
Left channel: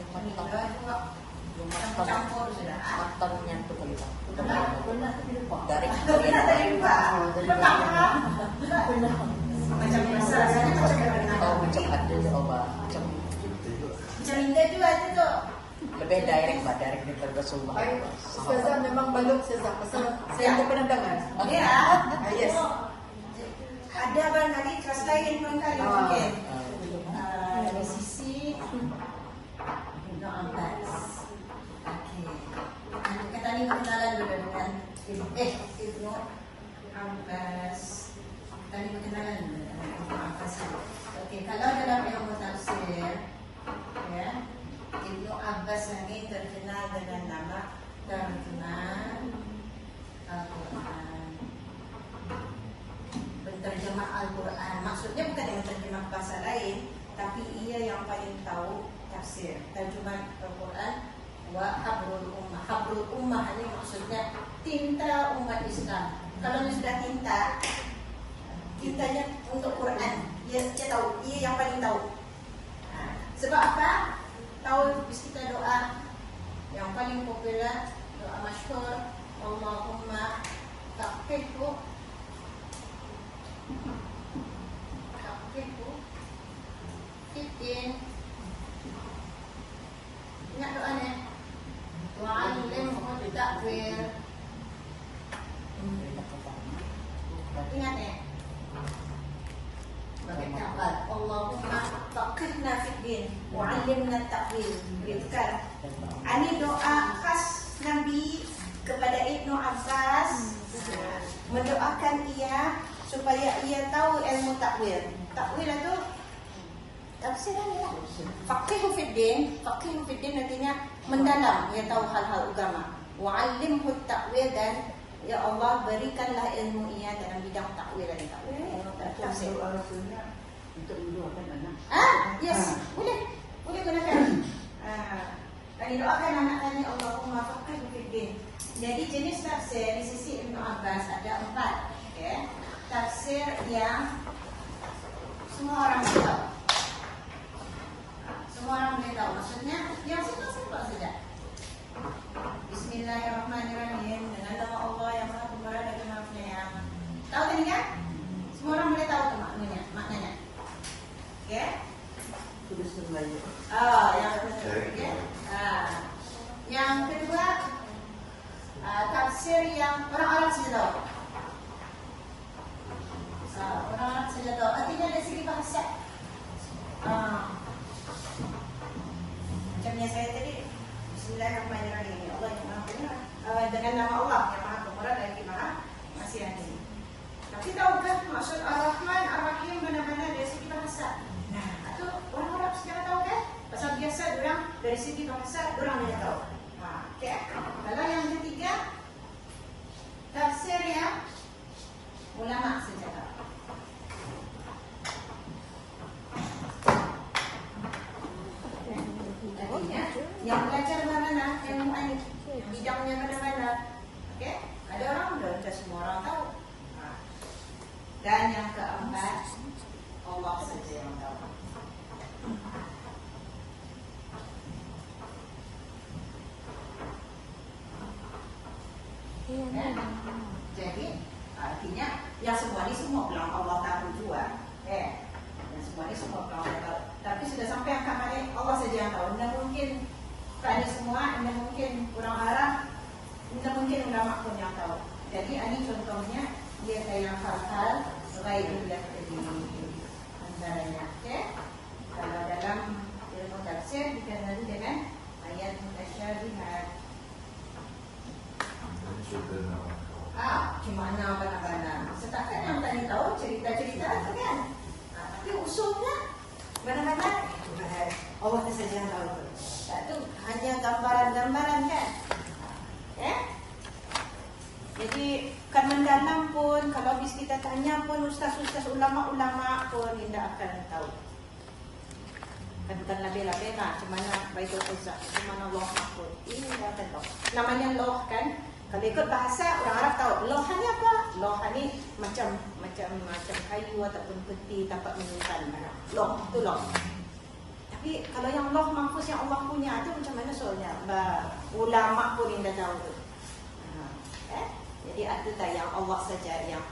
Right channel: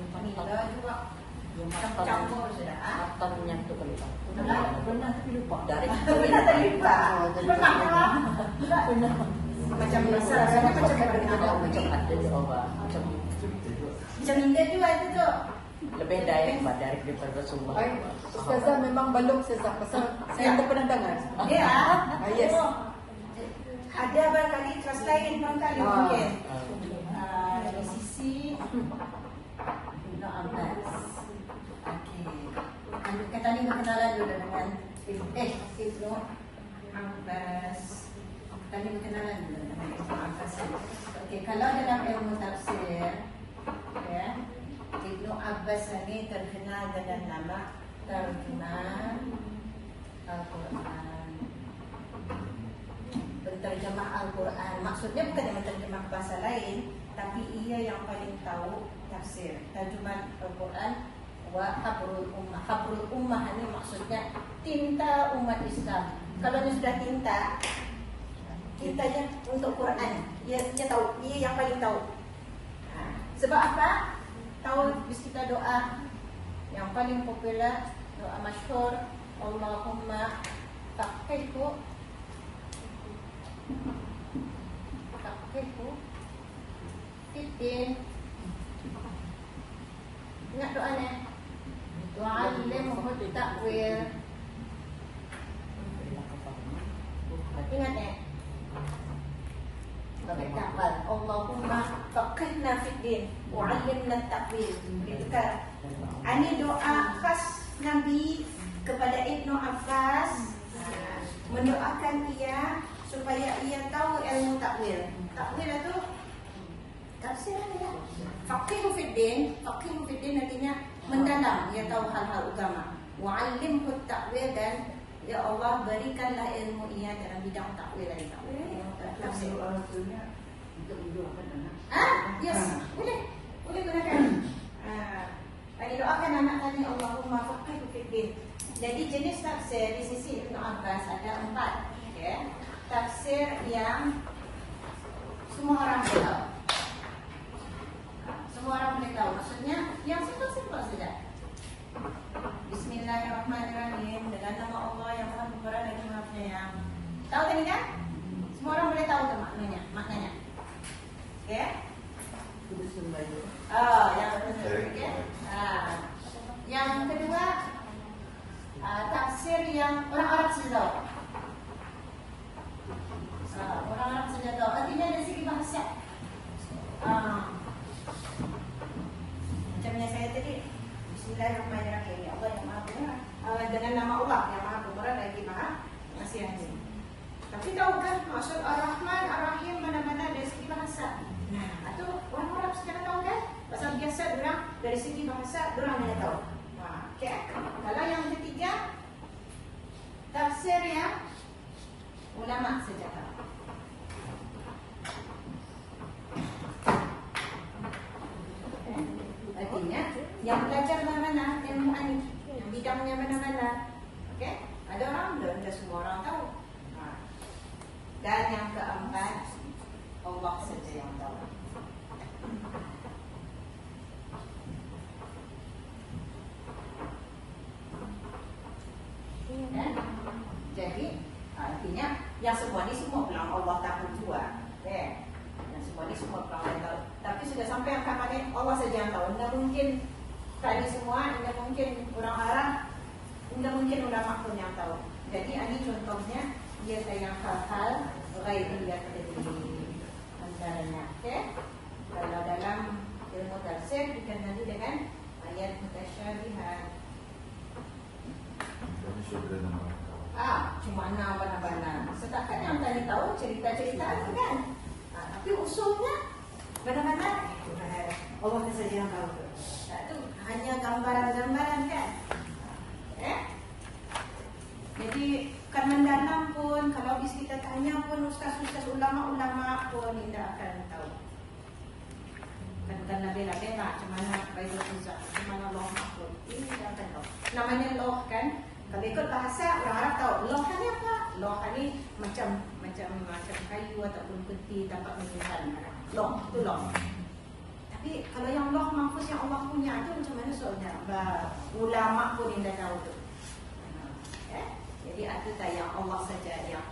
Yung matang matangnya itu kali Pak. Dari Macam macam ada coba macam indah juga itu tuh. lebih direct Pak, direct daripada Rasulullah. Ustazah memang belum Ustazah pasal saya tak pernah dengar. Ya. Yes. Ada barangkali translate kali mungkin. Dari sisi Ibnu Abbas. Kita ni kenalan dulu dengan Ibnu Abbas. Kali kenalan dengan Ibnu Abbas. Okey, kalau dalam ilmu tafsir, ya, Ibnu Abbas ini terkenal dengan nama terkenal Al-Quran. Berterjemah Al-Quran, maksudnya bukan yang terjemah bahasa lain, tapi ia yang paling tahu tafsir. Terjemah Al-Quran wa habrul ummah. Habrul ummah ini maksudnya tinta umat Islam. Kalau dia sudah tintanya untuk Quran, dia tahu, dia yang paling tahu. Sebab apa? Tahu kita doa yang paling popular, doa masyhur, Allahumma taqfihu fitin. Ingat doa ni? Doa alimhu ta'wil. Ingat ni? Allahumma faqihna fid din wa 'allimna ta'wil. Begitukah? Ini doa khas Nabi kepada Ibnu Abbas, mendoakan ia supaya ia tahu ilmu takwil. Takwil itu tafsir ya. Faqihu fid din artinya mendalam, ia tahu hal-hal agama. Wa 'allimhu ta'wil, dan ya Allah berikanlah ilmu ia dalam bidang takwil dan tafsir. Yes, boleh benar. Didoakan anak-anaknya Allahumma faqihu fid din. Jadi jenis tafsir di sisi Ibnu Abbas ada 4, ya. Tafsir yang semua orang boleh tahu. Semua orang boleh tahu. Maksudnya yang simpel-simpel saja. Bismillahirrahmanirrahim, dengan nama Allah yang Maha Pemurah dan Maha Penyayang. Tahu tadi kan? Semua orang boleh tahu maknanya. Oke? Melayu. Oh, yang betul. Okay. Yang kedua, tafsir yang orang-orang saja tahu. Orang-orang saja tahu. Artinya dari segi bahasa. Macam yang saya tadi, Bismillahirrahmanirrahim. Allah yang Maha Pemurah. Dengan nama Allah yang Maha Pemurah dan Maha Masih Adil. Tapi tahukah maksud Ar-Rahman, Ar-Rahim mana-mana dari segi bahasa? Nah, itu orang-orang sejarah tahu kan? Pasal biasa orang dari segi bahasa orang hanya tahu. Okey. Kalau yang ketiga, tafsir yang ulama saja tahu. Artinya, yang belajar mana-mana, yang mu'anif, yang bidangnya mana-mana. Okey? Ada orang belum semua orang tahu. Dan yang keempat, Allah saja yang tahu. Jadi artinya yang semua ini semua bilang Allah tahu juga, yang semua ini semua bilang Allah tahu. Tapi sudah sampai yang mana Allah saja yang tahu. Tidak mungkin kali semua, tidak mungkin orang Arab, tidak mungkin ulama pun yang tahu. Jadi ini contohnya dia kayak hal-hal lain yang jadi misalnya, kalau dalam ilmu tafsir dikenali dengan ayat mutasyabihat. Gimana mana-mana. Setakat yang tadi tahu cerita-cerita kan. Tapi usulnya mana-mana itu Allah saja yang tahu. Itu hanya gambaran-gambaran kan. Jadi kan mendalam pun kalau habis kita tanya pun ustaz-ustaz ulama-ulama pun tidak akan tahu. Dan bukan label-label macam mana Baitul Izzah, macam mana Allah Mahfud. Ini bukan tahu. Namanya loh kan. Kalau ikut bahasa orang Arab tahu loh ni apa? Loh ni macam kayu ataupun peti tapak menunjukkan. Loh itu loh. Tapi kalau yang loh mahfuz yang Allah punya itu macam mana soalnya? Ulama pun tidak tahu. Jadi itu yang Allah saja yang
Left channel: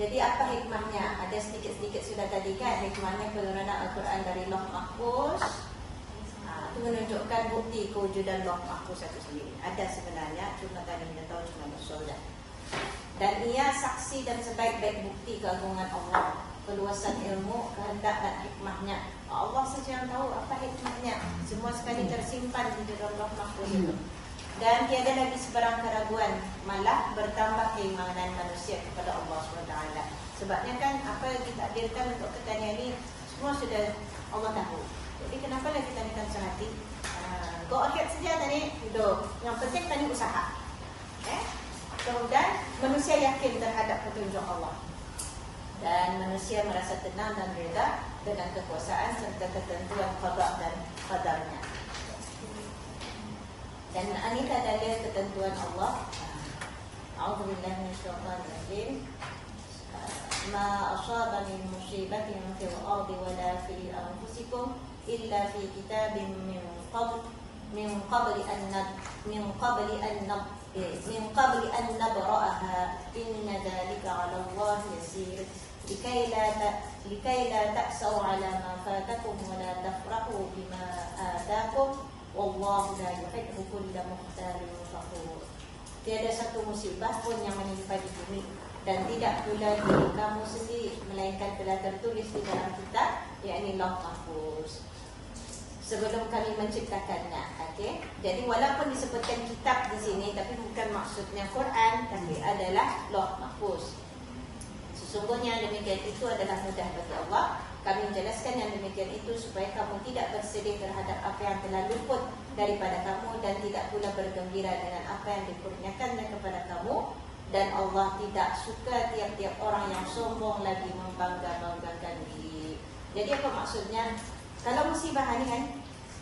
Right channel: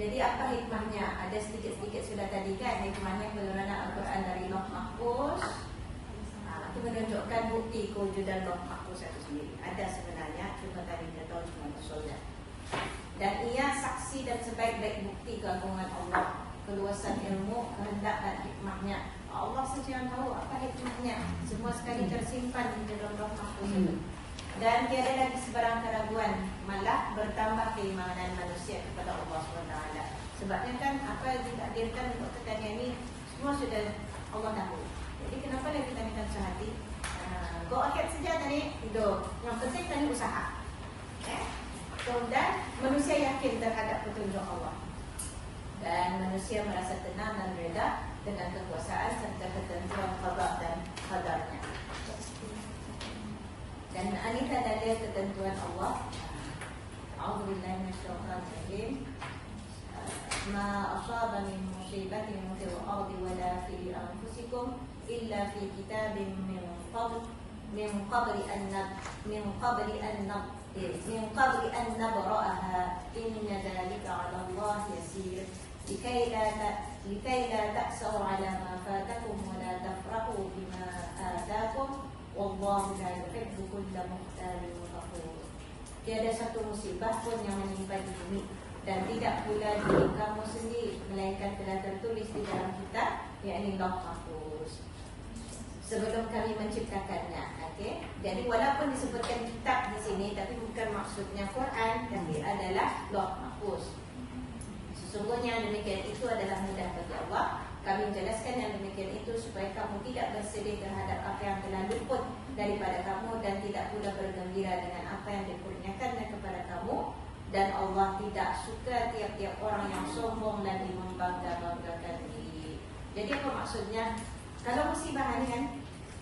Jadi apa hikmahnya? Ada sedikit-sedikit sudah tadi kan hikmahnya penurunan Al-Quran dari Lauh Mahfuz. Itu menunjukkan bukti kewujudan Lauh Mahfuz itu sendiri. Ada sebenarnya, cuma tadi kita tahu cuma maksudnya. Dan ia saksi dan sebaik-baik bukti keagungan Allah, keluasan ilmu, kehendak dan hikmahnya. Allah saja yang tahu apa hikmahnya. Semua sekali tersimpan di dalam Lauh Mahfuz itu. Dan tiada lagi sebarang keraguan, malah bertambah keimanan manusia kepada Allah SWT. Sebabnya kan apa yang ditakdirkan untuk kita ini semua sudah Allah tahu. Jadi kenapa lagi kita akan sehati? Go ahead saja tadi, yang penting tadi usaha. Dan manusia yakin terhadap petunjuk Allah. Dan manusia merasa tenang dan reda dengan kekuasaan serta ketentuan qada dan qadarnya. Dan ini adalah ketentuan Allah. A'udzubillahi minasyaitonir rajim. Ma asaba min musibatin fil ardi wala fi anfusikum illa fi kitabin min qabli an nabra'aha inna dzalika 'ala Allah yasir. Likai la ta'sau 'ala ma fatakum wa la tafrahu bima atakum. Wallahu la yuhibbu kulla mukhtalin fakhur. Tiada satu musibah pun yang menimpa di bumi dan tidak pula diri kamu sendiri melainkan telah tertulis di dalam kitab, yakni Lauh Mahfuz sebelum kami menciptakannya. Jadi walaupun disebutkan kitab di sini, tapi bukan maksudnya Quran, tapi adalah Lauh Mahfuz. Sesungguhnya demikian itu adalah mudah bagi Allah. Kami menjelaskan yang demikian itu supaya kamu tidak bersedih terhadap apa yang telah luput daripada kamu dan tidak pula bergembira dengan apa yang dikurniakannya kepada kamu. Dan Allah tidak suka tiap-tiap orang yang sombong lagi membangga-banggakan diri. Jadi apa maksudnya? Kalau musibah ini kan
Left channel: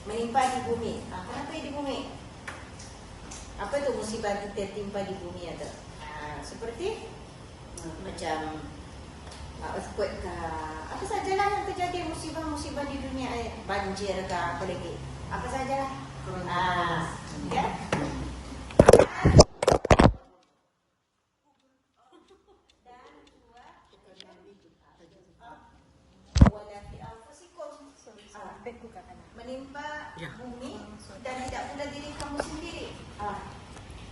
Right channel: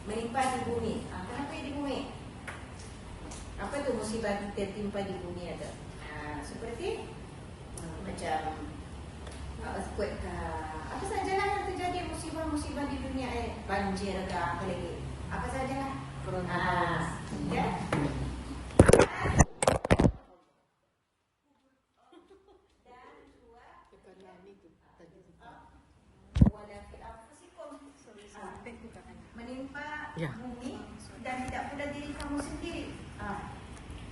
menimpa di bumi, kenapa di bumi? Apa itu musibah kita timpa di bumi ada? Seperti macam earthquake apa sajalah yang terjadi musibah-musibah di dunia, banjir ke apa lagi, apa sajalah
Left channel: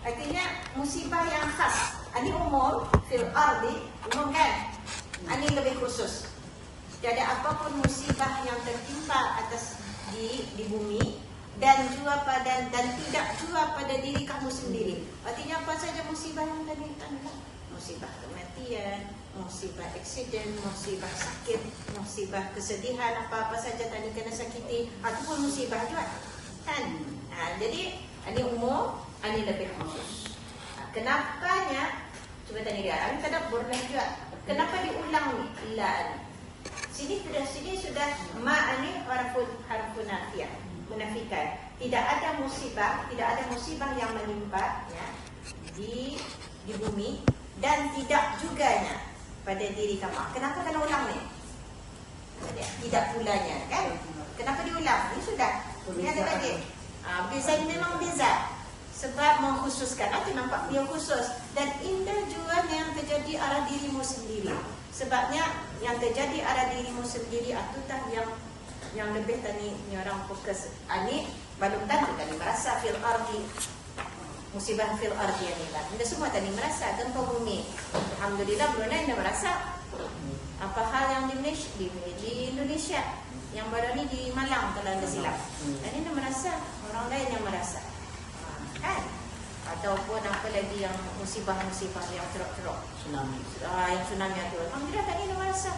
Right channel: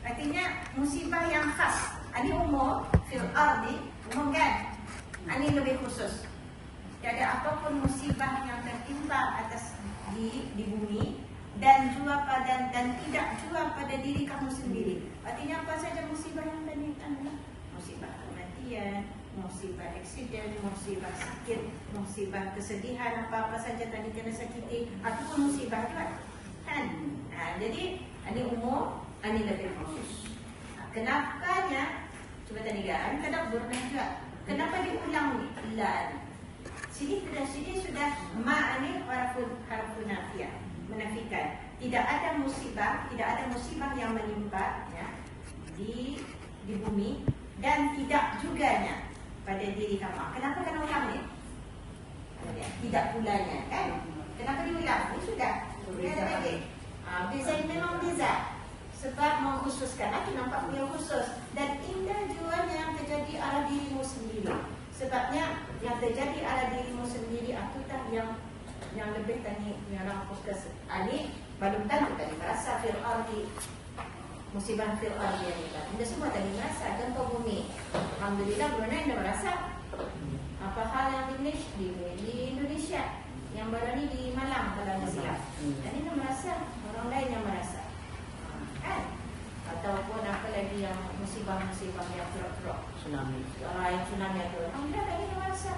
artinya musibah yang khas. Ini umum, fil ardi, umum kan? Ini lebih khusus. Jadi apapun musibah yang tertimpa atas di bumi dan tidak juga pada diri kamu sendiri. Artinya apa saja musibah yang menimpa? Musibah kematian, musibah eksiden, musibah sakit, musibah kesedihan, apa-apa saja tadi kena sakiti, ataupun musibah juga kan. Jadi ini umum, ini lebih khusus. Kenapanya? Coba tadi lihat, ini tadabbur juga. Kenapa diulang nih? Ilah. Sini sudah ma ini harfun nafiyah, menafikan. Tidak ada musibah yang menimpa ya, di bumi dan tidak juga pada diri kamu. Kenapa kena ulang nih? Tidak pulanya kan? Kenapa diulang? Ini sudah. Ini ada lagi. Beza memang beza. Sebab mengkhususkan itu nampak dia khusus dan indah juga yang terjadi arah dirimu sendiri. Sebabnya yang terjadi arah dirimu sendiri itu tak yang lebih tadi orang fokus. Ini baru tadi merasa fil ardi, musibah fil ardi yang kita. Anda semua tadi merasa gempa bumi. Alhamdulillah belumnya Anda merasa. Apa hal yang di Indonesia yang baru ini di Malang kalau Anda silap. Ini Anda merasa, orang lain yang merasa. Kan? Ataupun apa lagi yang musibah-musibah yang teruk-teruk, Tsunami. yang tsunami itu, dia tadi dia merasa.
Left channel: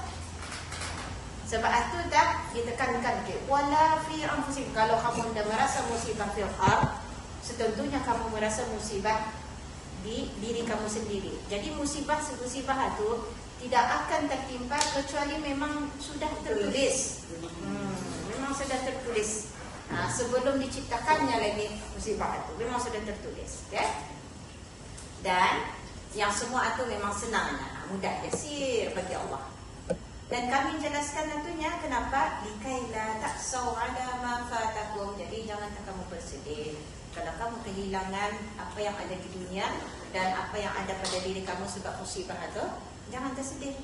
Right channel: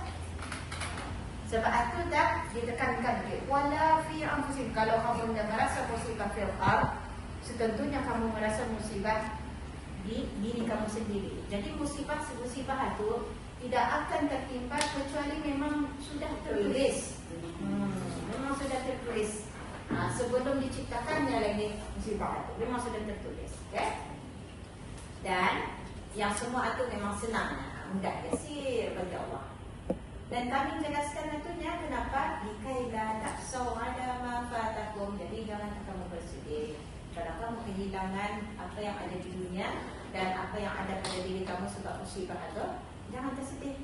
Sebab itu dah ditekankan wala fi anfusikum. Kalau kamu dah merasa musibah fil ard, setentunya kamu merasa musibah di diri kamu sendiri. Jadi musibah itu tidak akan tertimpa kecuali memang sudah tertulis. Memang sudah tertulis. Sebelum diciptakannya lagi musibah itu memang sudah tertulis, ya. Dan yang semua itu memang senang, mudah, yasir bagi Allah. Dan kami jelaskan tentunya kenapa likailah taksau ala ma fatakum. Jadi jangan kamu bersedih kalau kamu kehilangan apa yang ada di dunia dan apa yang ada pada diri kamu sebab musibah itu. Jangan tersedih.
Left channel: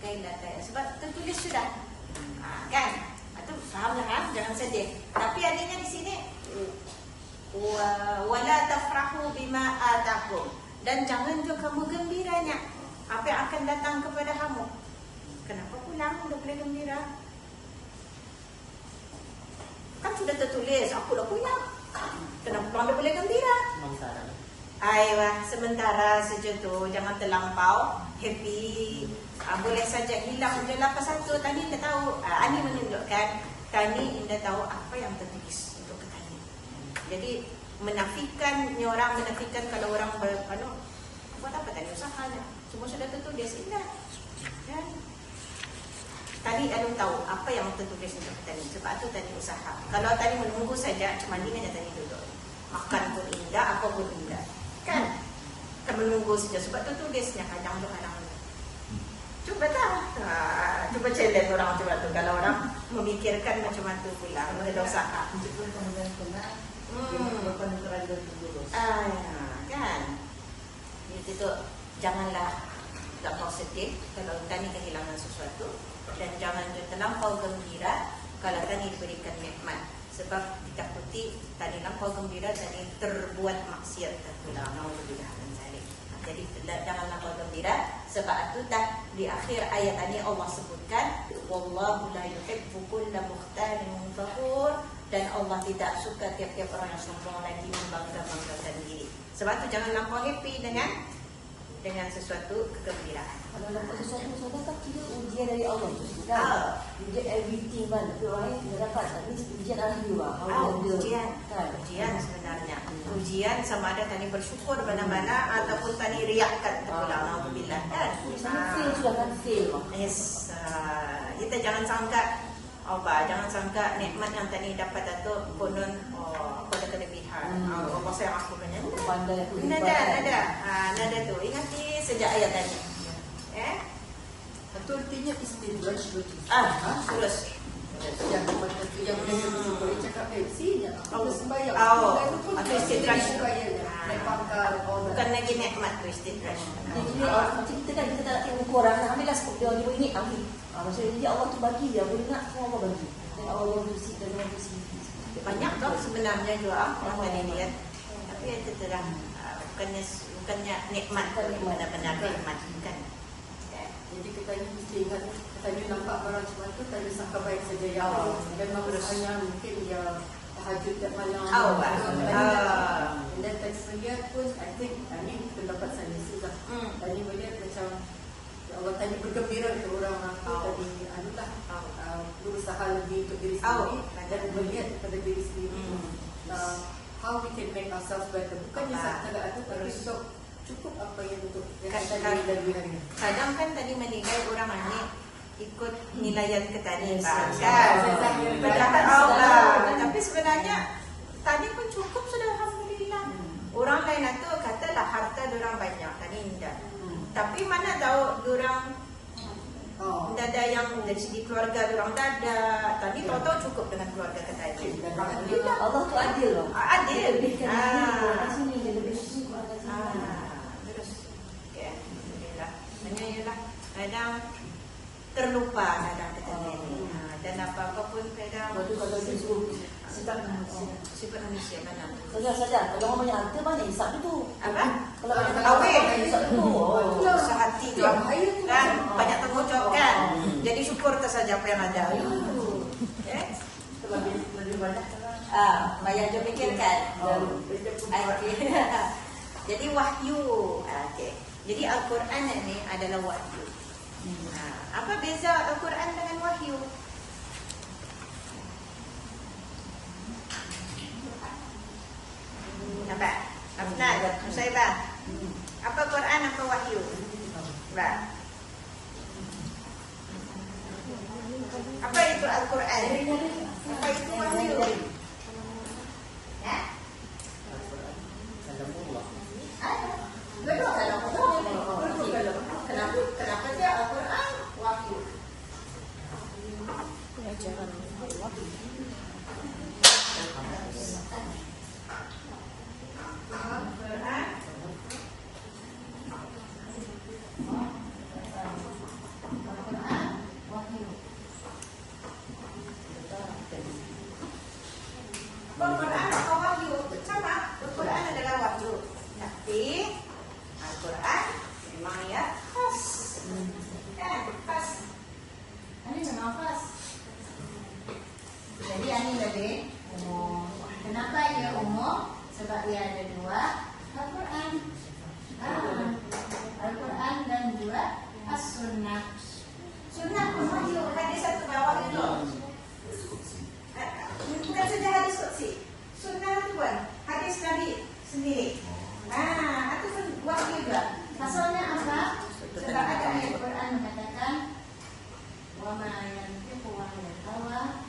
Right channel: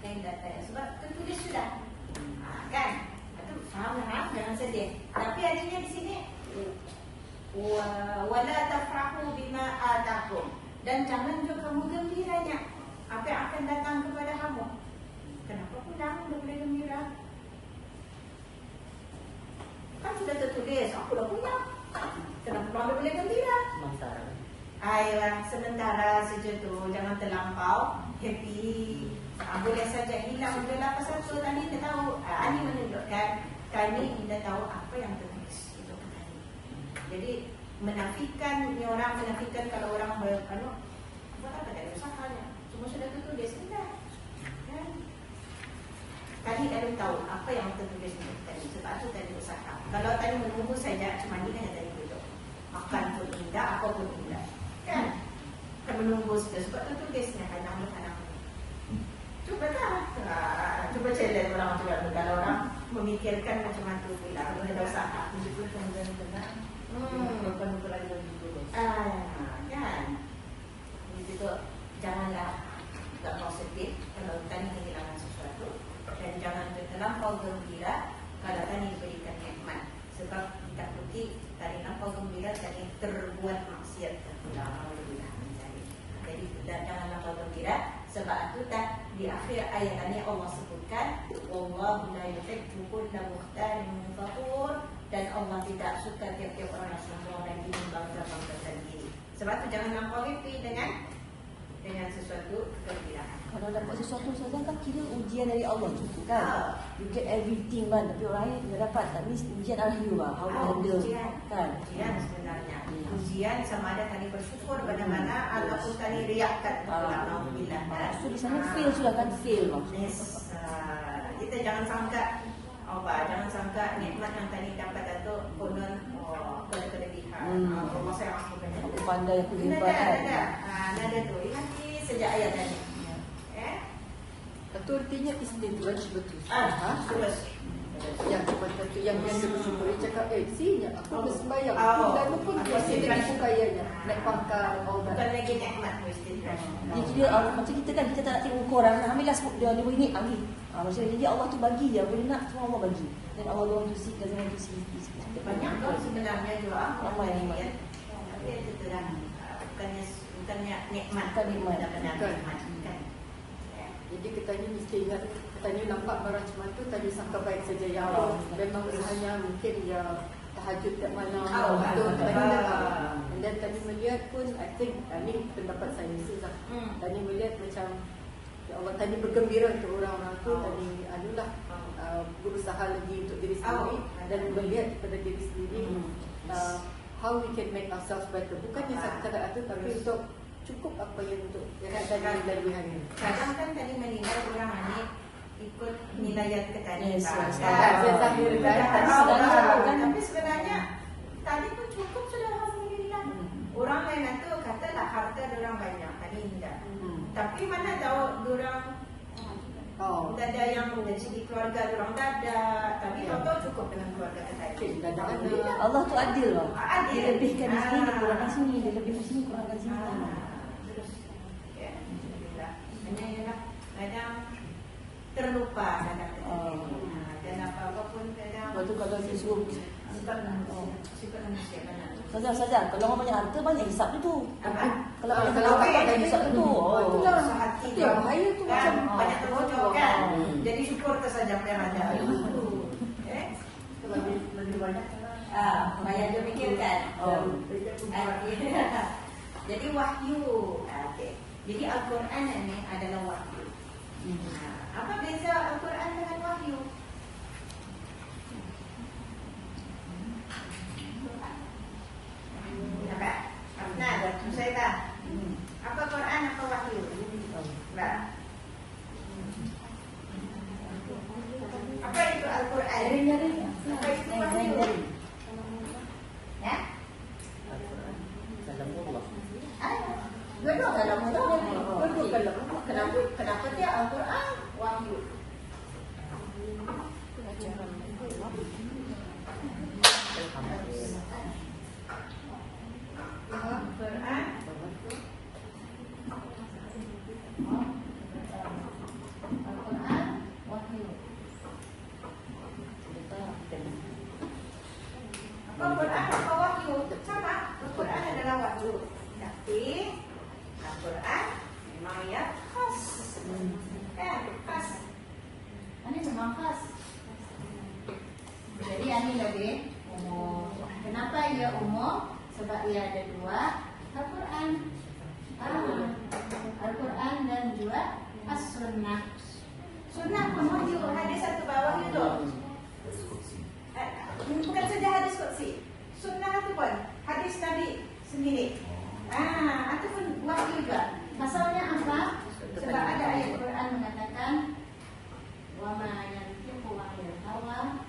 Likailah taksau sebab tertulis sudah. Kan? Faham kan? Jangan sedih. Tapi adanya di sini wala tafrahu bima atakum. Dan jangan juga kamu gembiranya apa yang akan datang kepada kamu. Kenapa pulang tidak boleh gembira? Kan sudah tertulis, aku dah pulang. Kenapa pulang tidak boleh gembira? Sementara. Ayah, sementara saja tu, jangan terlampau happy. Boleh saja hilang je lah satu tadi kita tahu. Ini menunjukkan tadi anda tahu apa yang tertulis itu ke tadi. Jadi menafikan orang menafikan kalau orang berpenuh buat apa tadi usahanya. Semua sudah tertulis indah. Ya. Tadi anda tahu apa yang tertulis tadi. Sebab itu tadi usaha. Kalau tadi menunggu saja cuma ini aja tadi dulu. Makan pun indah, apa pun indah. Kan? Kita menunggu saja sebab tertulisnya kadang-kadang. Coba coba challenge orang macam tu. Kalau orang memikirkan macam tu pula, ada usaha. Kan? Jadi tu janganlah tak mau sedih kalau kami kehilangan sesuatu dan jangan terlampau gembira kalau kami diberikan nikmat. Sebab tidak putih tadi lampau gembira tadi terbuat maksiat. Jadi jangan lampau gembira. Sebab itu tak di akhir ayat ini Allah sebutkan wallahu la yuhibbu kulla mukhtalin fakhur dan Allah tidak suka tiap-tiap orang yang sombong lagi membangga-banggakan diri. Sebab itu jangan lampau happy dengan sesuatu kegembiraan. Sesuatu tak kira ujian dari Allah. Ujian everything kan. Dapat ujian Allah. Ujian sebenarnya. Ujian sama ada tadi bersyukur benar-benar ataupun tadi riakkan alhamdulillah kan. Feel sudah kan feel. Yes. Kita jangan sangka nikmat yang tadi dapat itu konon apa kelebihan. Allah saya aku kan. Ada tu. Ingat sejak ayat tadi. Itu artinya istidraj betul. Terus. Yang itu boleh cakap sini. Kalau sembahyang, itu pun istidraj kayaknya. Naik pangkal. Bukan lagi nikmat istidraj. Kita kan kita tak tengok orang. Kami lah dia di minit kami. Maksudnya dia Allah tu bagi dia nak Allah bagi. Dia Allah bersih dan bersih. Banyak kau sebenarnya doa yang dari niat. Tapi itu telah bukannya nikmat, benar-benar nikmat kan. Ya. Jadi katanya mesti ingat, katanya nampak barang semua itu tadi sangka baik saja yang memang hanya mungkin dia tahajud kat malam. Dan tadi melihat pun, I think, pendapat saya sudah. Tadi melihat macam, ya Allah tadi bergembira ke orang-orang tu, tadi anulah berusaha lebih untuk diri sendiri dan melihat kepada diri sendiri how we can make ourselves better. Bukannya sekadar ada pada untuk cukup apa yang untuk yang tadi lalui hari ini. Kadang kan tadi menilai orang ini ikut nilaian ke tadi tapi sebenarnya tadi pun cukup sudah, alhamdulillah. Orang lain itu katalah harta orang banyak tadi indah, tapi mana tahu orang ada yang dari segi keluarga orang ada, tadi tahu cukup dengan keluarga tadi. Allah tu adil. Adil. Lebih ke sini, lebih sini pada sini. Terus, ya, alhamdulillah. Alhamdulillah. Kadang terlupa kadang kita ini. Dan apa pun kadang sifat manusia kadang. Saja, kalau mau nyata mana hisap itu? Apa? Kalau hisap itu. Sangat tinggi kan, banyak tanggungjawab kan. Jadi syukur saja apa yang ada. Banyak dia pikirkan. Jadi wahyu. Okay. Jadi Al-Quran ini adalah wahyu. Apa beza Al-Quran dengan wahyu? Apa? Abnad, Musaibah. Apa Quran, apa wahyu? Bah. Apa itu Al-Quran? Apa itu wahyu? Al-Quran kalamullah. Betul kalamullah. Kenapa dia Al-Quran wahyu? Al-Quran atau wahyu sama. Al-Quran adalah wahyu, tapi Al-Quran memang ya khas. Khas. Ini memang khas. Jadi ini tadi umum. Kenapa ia umum? Sebab ia ada dua Al-Quran. Al-Quran dan dua As-Sunnah. Sunnah wahyu, hadis satu bawah itu. Bukan saja hadis qudsi. Sunnah itu pun hadis Nabi sendiri. Itu pun wahyu juga. Pasalnya apa? Sebab ada ayat Quran mengatakan wa ma yantiqu 'anil hawa.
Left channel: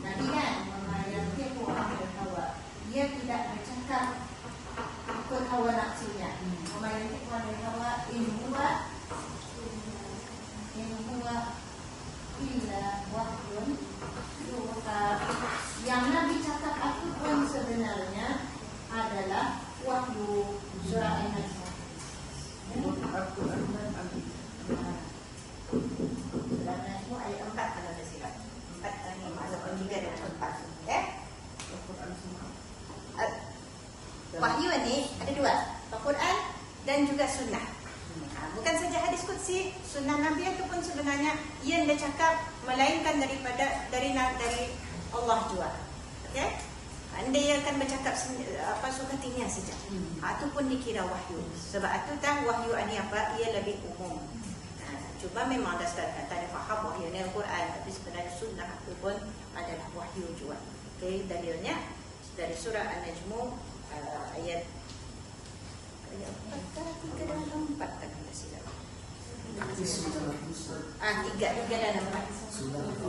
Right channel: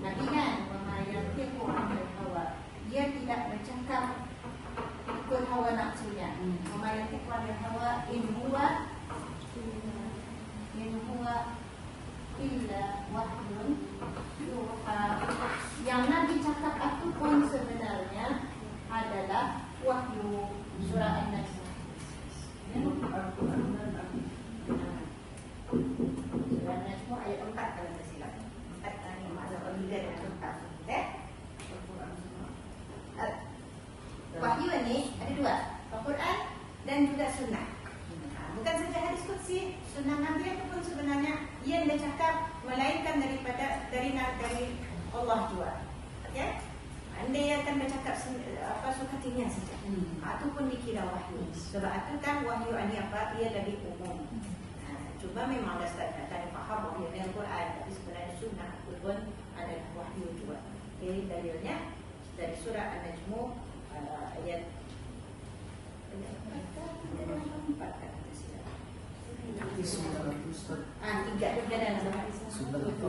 Nah, ingat wa ma yantiqu 'anil hawa. Dia tidak bercakap ikut hawa nafsunya. Wa ma yantiqu 'anil hawa in huwa illa wahyun yuha. Yang Nabi cakap itu pun sebenarnya adalah wahyu. Surah An-Nisa. Surah An-Nisa ayat 4 kalau tak silap. 4 dan 5 ataupun 3 dengan 4. Wahyu ini ada dua, Al-Quran dan juga sunnah. Bukan saja hadis qudsi, sunnah Nabi itu pun sebenarnya ia tidak cakap melainkan dari Allah juga. Okey? Anda ia akan bercakap apa suka tinggal saja. Itu pun dikira wahyu. Sebab itu kan wahyu ini apa? Ia lebih umum. Cuma memang ada setengah kata yang faham wahyu ini Al-Quran, tapi sebenarnya sunnah itu pun adalah wahyu juga. Okey, dalilnya dari surah An-Najm ayat 3 dan 4 kan. 3 dan 4. Sunnah itu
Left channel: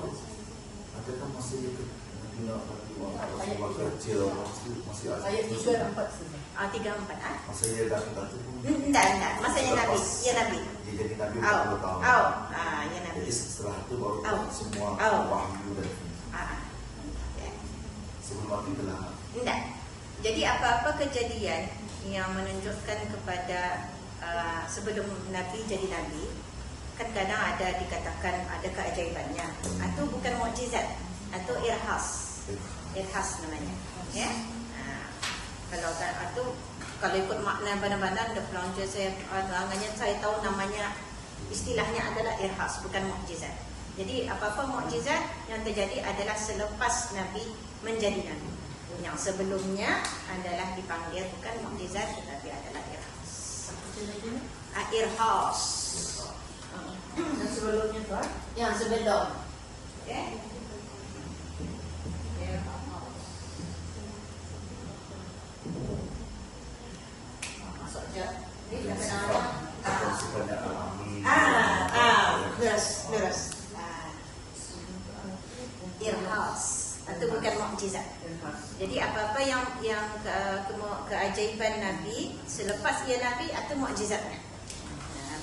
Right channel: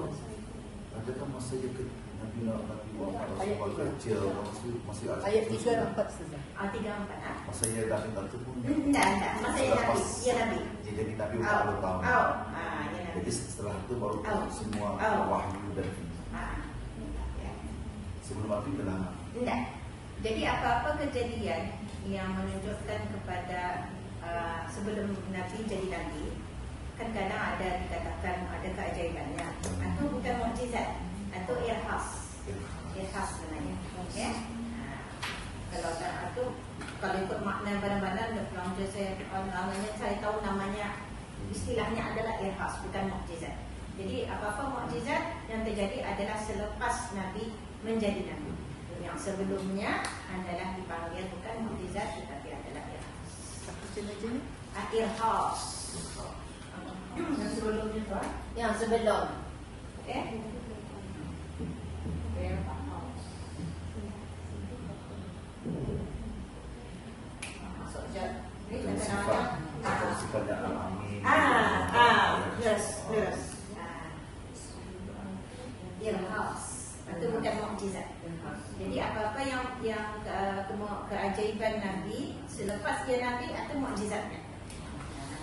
ada pun masih itu waktu kecil masih Ayat 3 dan 4 saja. 3 4. masa dia dah itu Enggak. Maksudnya Nabi. Ya Nabi. jadi Nabi Ya Nabi. jadi setelah itu baru semua wahyu dan sebelum Nabi bilang Enggak. Jadi apa-apa kejadian yang menunjukkan kepada sebelum Nabi jadi Nabi, kan kadang ada dikatakan ada keajaibannya. Itu bukan mukjizat, itu irhas. Irhas namanya. Ya. Kalau itu kalau ikut makna benar-benar the founder namanya saya tahu namanya istilahnya adalah irhas, bukan mukjizat. Jadi apa-apa mukjizat yang terjadi adalah selepas Nabi menjadi Nabi. Yang sebelumnya adalah dipanggil bukan mukjizat tetapi adalah irhas. Irhas. Sebelumnya tuan. Yang sebelum. Okey. Masuk je. Ni kadang-kadang Supaya kami. lurus. Irhas atau bukan mukjizat. Jadi apa-apa yang keajaiban Nabi selepas dia Nabi atau mukjizat.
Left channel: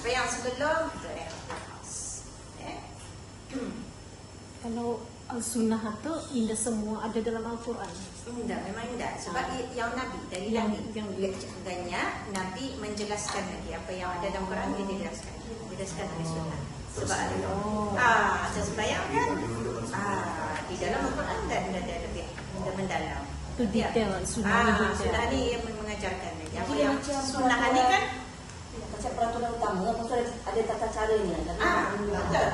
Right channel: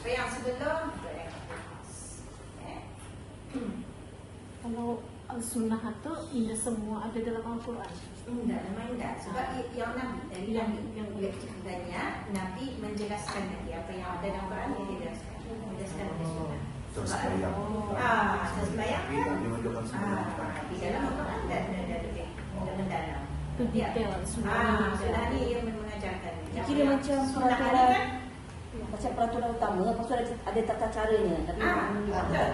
Apa yang sebelum itu irhas. Kalau sunnah itu tidak semua ada dalam Al-Quran. Enggak, memang enggak. Sebab yang Nabi dari Nabi dengannya Nabi menjelaskan lagi apa yang ada dalam Quran dia jelaskan dari sunnah. Sebab sesembahyang kan di dalam Al-Quran dan lebih mendalam. Kedetailan sunnah. Sunnah ni yang mengajarkan. Jadi dia macam sunnah ni kan macam peraturan utama, ada tata caranya. betul.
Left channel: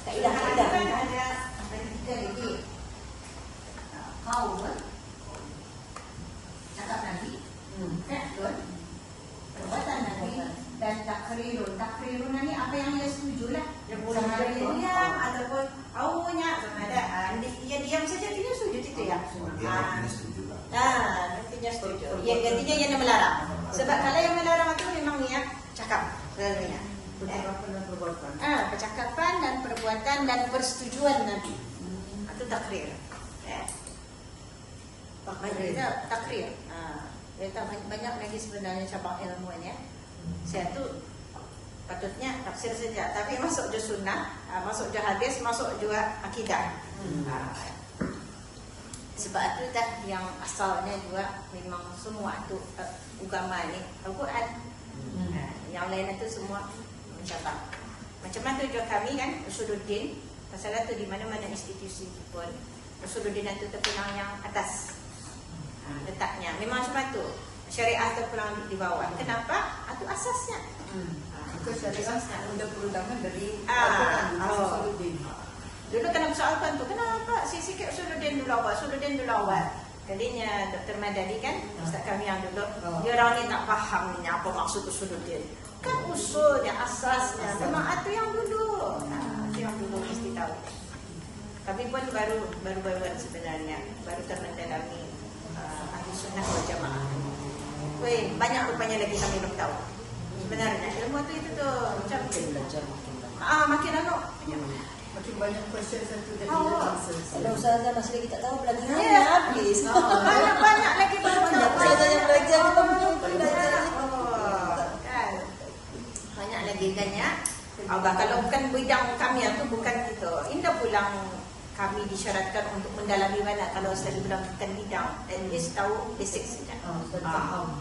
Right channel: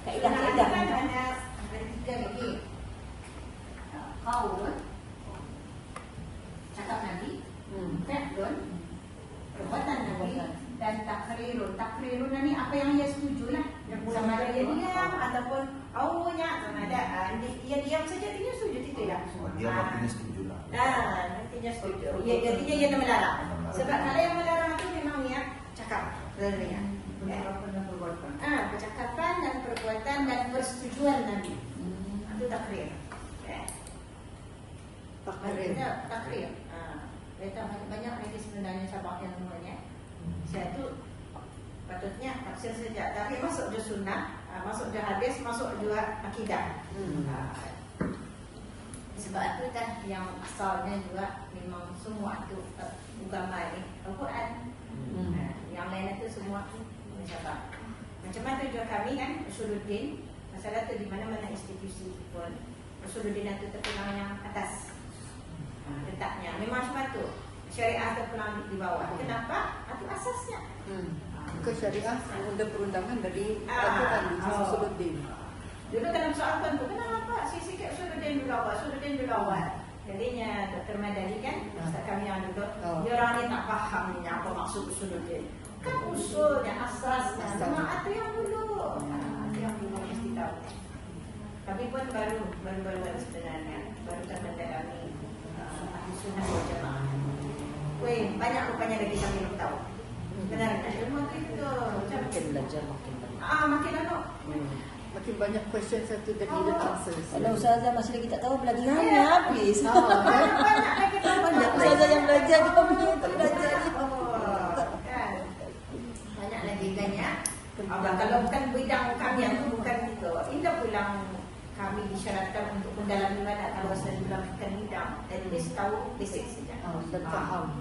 Kaedah ada kan ada tiga lagi. Qaul, cakap Nabi, fi'lun, perbuatan Nabi, dan takrirun. Takrirun ni apa yang dia setuju lah. Sama ada dia diam ataupun awalnya sama ada dia diam saja dia setuju itu ya. Dia punya setuju. Nantinya setuju. Ya, gantinya dia yang melarang. Sebab kalau yang melarang itu memang niat cakap. Percakapan dan perbuatan dan persetujuan Nabi. Itu takrir. Ya. Takrir. Mereka banyak lagi sebenarnya cabang ilmunya. Saya tu patutnya tafsir saja, tapi masuk je sunnah, masuk je hadis, masuk juga akidah. Sebab itu dah yang asalnya juga memang semua itu agama ni Al-Quran. Yang lain itu semua mencatat. Macam mana juga kami kan Usuluddin, masalah tu di mana-mana institusi pun Usuluddin itu terkenal yang atas letaknya. Memang sebab tu syariah itu kurang di bawah. Kenapa? Itu asasnya. Itu syariah undang-undangan dari Al-Quran. Dulu kena persoalkan tu, kenapa sikit Usuluddin dulu awal, Usuluddin dulu awal. Kalinya Dr. Madani kan, Ustaz kami yang dulu, dia orang ni tak faham ni apa maksud Usuluddin. Kan usul, yang asasnya, jemaah tu yang dulu. Yang dulu mesti tahu. Tapi pun baru sebenarnya, baru termendalami ahli sunnah wal jamaah. Banyak rupanya lagi kami belum tahu. Sebenarnya ilmu tu itu tu Makin belajar makin banyak. makin lama. Makin banyak question satu dan dia answer. Kalau usahakan masih lagi tak tahu lagi Ya. hanya habis. Banyak lagi Banyak saja yang belajar kita kan. Banyak lagi kan ya. Kalau bukan bidang kami itu bukan itu. Indah pulang kami disyaratkan untuk mendalami mana kalau saya bilang bukan bidang. At least tahu basic saja. Dan faham.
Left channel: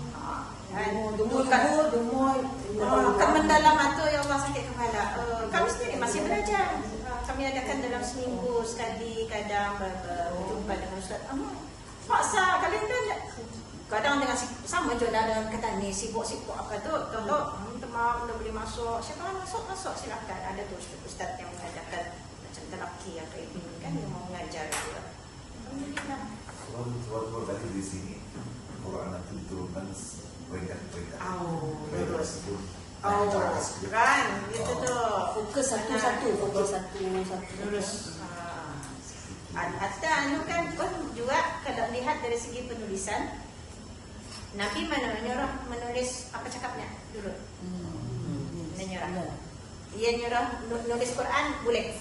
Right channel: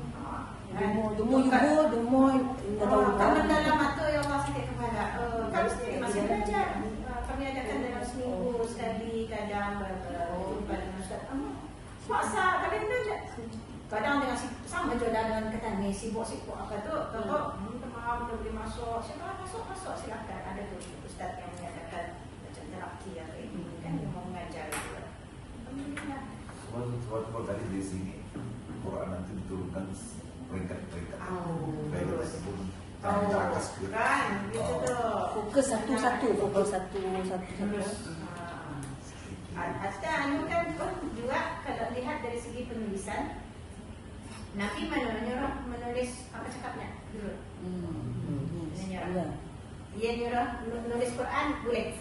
Kan mendalam itu ya Allah sakit kepala. Kami sendiri masih belajar. Kami adakan dalam seminggu sekali kadang berjumpa dengan Ustaz. Paksa kalian dah. Kadang dengan sama je dalam kata ni sibuk-sibuk apa tu. Kalau malam dah boleh masuk, silakan masuk silakan. Ada tu Ustaz yang mengajarkan macam teraki apa ini kan mau mengajar itu. Kalau tadi di sini Quran nanti turunkan peringkat-peringkat. Bagus. Sebelum Kan, itu tu. fokus satu. Terus Hatta anu kan pun juga kalau lihat dari segi penulisan Nabi menyuruh menulis apa cakapnya dulu. Dia nyuruh nulis Quran boleh.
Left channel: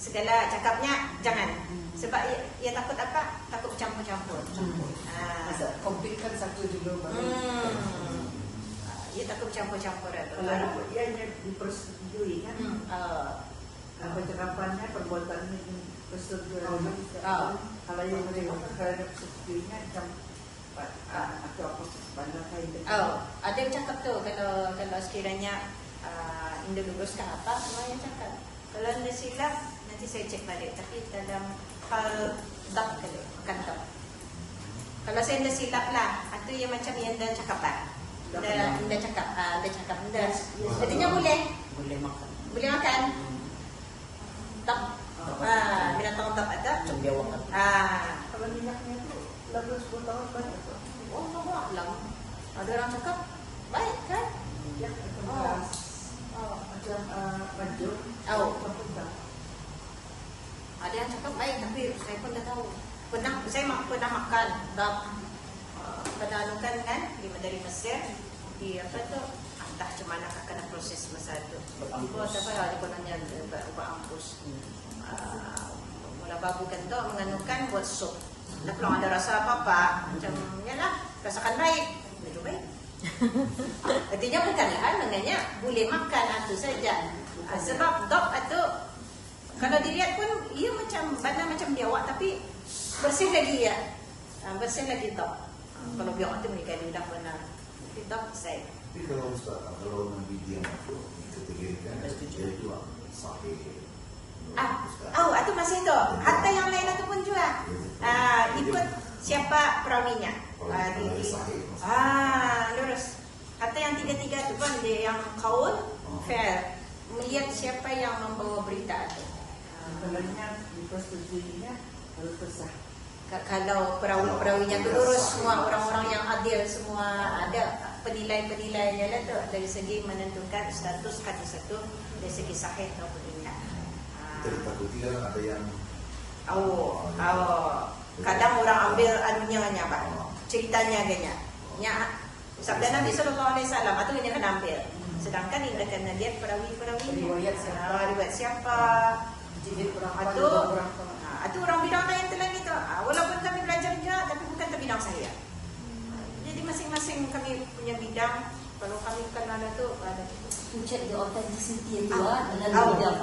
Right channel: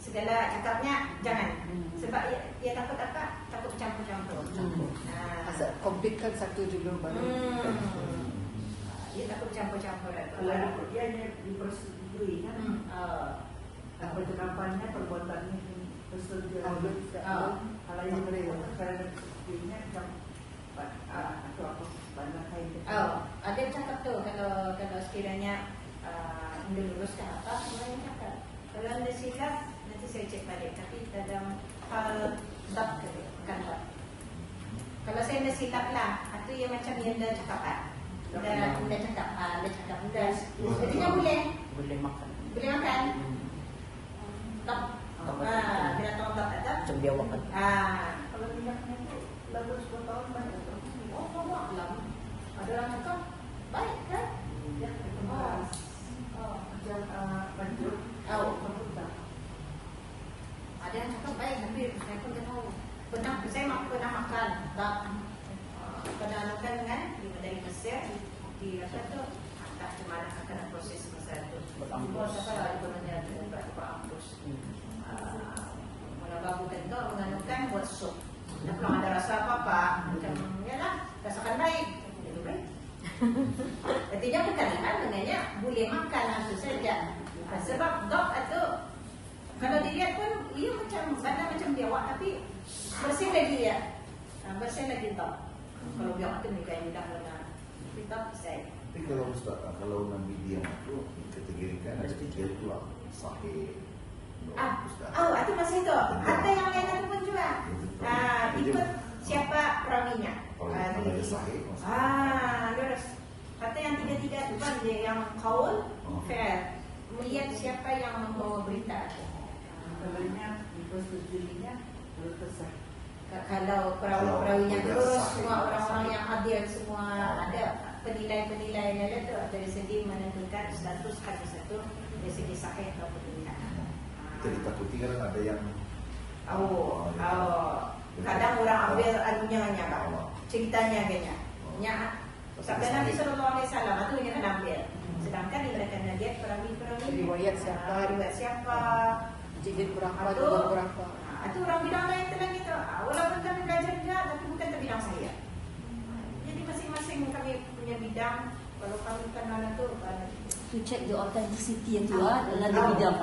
Segala cakapnya jangan. Sebab dia takut apa? Takut campur-campur. Komplitkan satu dulu baru. Dia takut campur-campur. Dia dipersetujui kan. Apa cakapannya, perbuatannya dipersetujui. Kalau yang persetujuinya macam atau banyak yang Ada yang cakap tu kalau sekiranya Indah luruskan apa, semua yang cakap. Kalau anda silap, nanti saya cek balik. Tapi dalam bab tu, bukan bab. Kalau saya dah silap lah. Itu yang macam yang dah cakap kan. Dah cakap, dah. Sebenarnya boleh. Boleh makan. Boleh makan. Tak. Binatang tak ada. Macam biawakan. Kalau minyak itu 10 tahun kan? Oh, lah. Ada orang cakap baik kan? Panjang. Tahu. Ada yang cakap baik, tapi saya pun dah tahu. Saya pernah makan. Kadang-kadang kan dari Mesir di apa tu, entah macam mana akan proses masa itu. Berampus. Ada kononnya juga berampus. Mula babu kan tu mengandungkan buat sup. Tak perlu ada rasa apa-apa. Macam ya lah, rasakan baik. Jadi baik. Artinya bukan kan, maknanya boleh makan itu saja. Sebab dog itu kalau dilihat pun ia macam badan macam biawak tapi bersih lagi ya. Bersih lagi dog. Kalau biawak itu mereka tidak pernah. Dog saya. Tapi kalau Ustaz, kalau Nabi dia itu dikategorikan itu sahih. Itu masih itu. Hatta yang lain itu pun juga ikut siapa perawinya. Lurus. Hatta yang tiga-tiga itu kan dia yang kaul, fair. Melihat siapa yang membawa berita itu. Kalau perawi-perawinya itu lurus, semua orang-orang yang adil semua ada penilaian-penilaiannya itu dari segi menentukan status hadis itu dari segi sahih atau tidak. Tertakuti kan ada yang Kadang orang ambil anunya Pak, ceritanya kayaknya. Sabda Nabi SAW itu ini akan ambil. Sedangkan ini akan dia perawi-perawi riwayat siapa. Itu orang bilang yang telah itu. Walaupun kami belajar juga, tapi bukan terbidang saya. Jadi masing-masing kami punya bidang. Kalau kami bukan mana itu, Cek dia authenticity itu lah dalam bidang.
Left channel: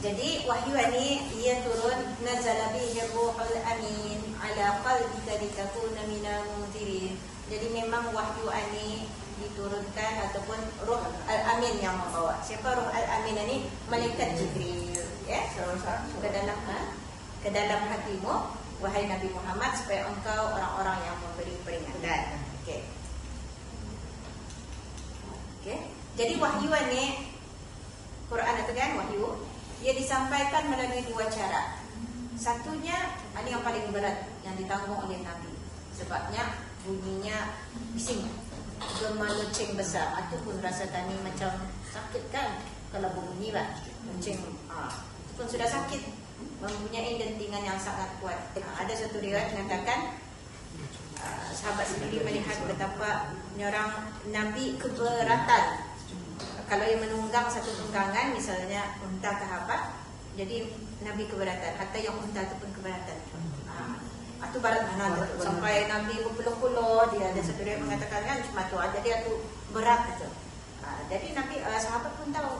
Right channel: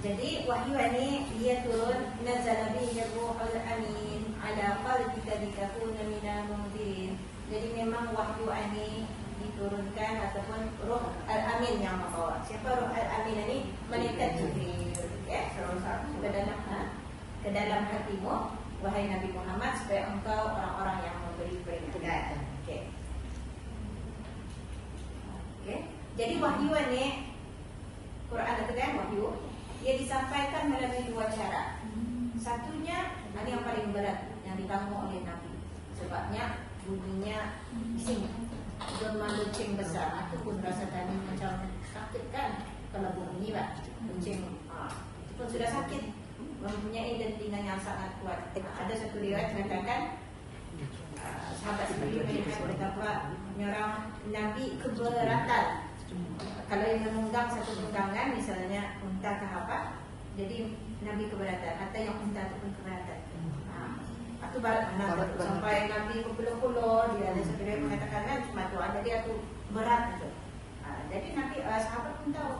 Jadi wahyu ini ia turun nazala bihi ruhul amin ala qalbika litakuna minal munzirin. Jadi memang wahyu ini diturunkan ataupun ruh al-amin yang membawa. Siapa ruh al-amin ini? Malaikat Jibril. Ya, ke dalam hatimu wahai Nabi Muhammad supaya engkau orang-orang yang memberi peringatan. Okey. Jadi wahyu ini Quran itu kan wahyu. Ia disampaikan melalui dua cara. Satunya, ini yang paling berat yang ditanggung oleh Nabi. Sebabnya bunyinya bising, gema lonceng besar. Itu pun rasa tani macam sakit kan? Kalau bunyi lah lonceng, itu pun sudah sakit. Mempunyai dentingan yang sangat kuat. Ada satu riwayat mengatakan sahabat seperti melihat betapa orang Nabi keberatan. Kalau yang menunggang satu tunggangan, misalnya unta ke apa, jadi Nabi keberatan. Hatta yang unta itu pun keberatan. Itu barat benar. Sampai Nabi berpuluh-puluh, dia ada satu yang mengatakan cuma tu ada dia tu berat itu. Jadi Nabi sahabat pun tahu.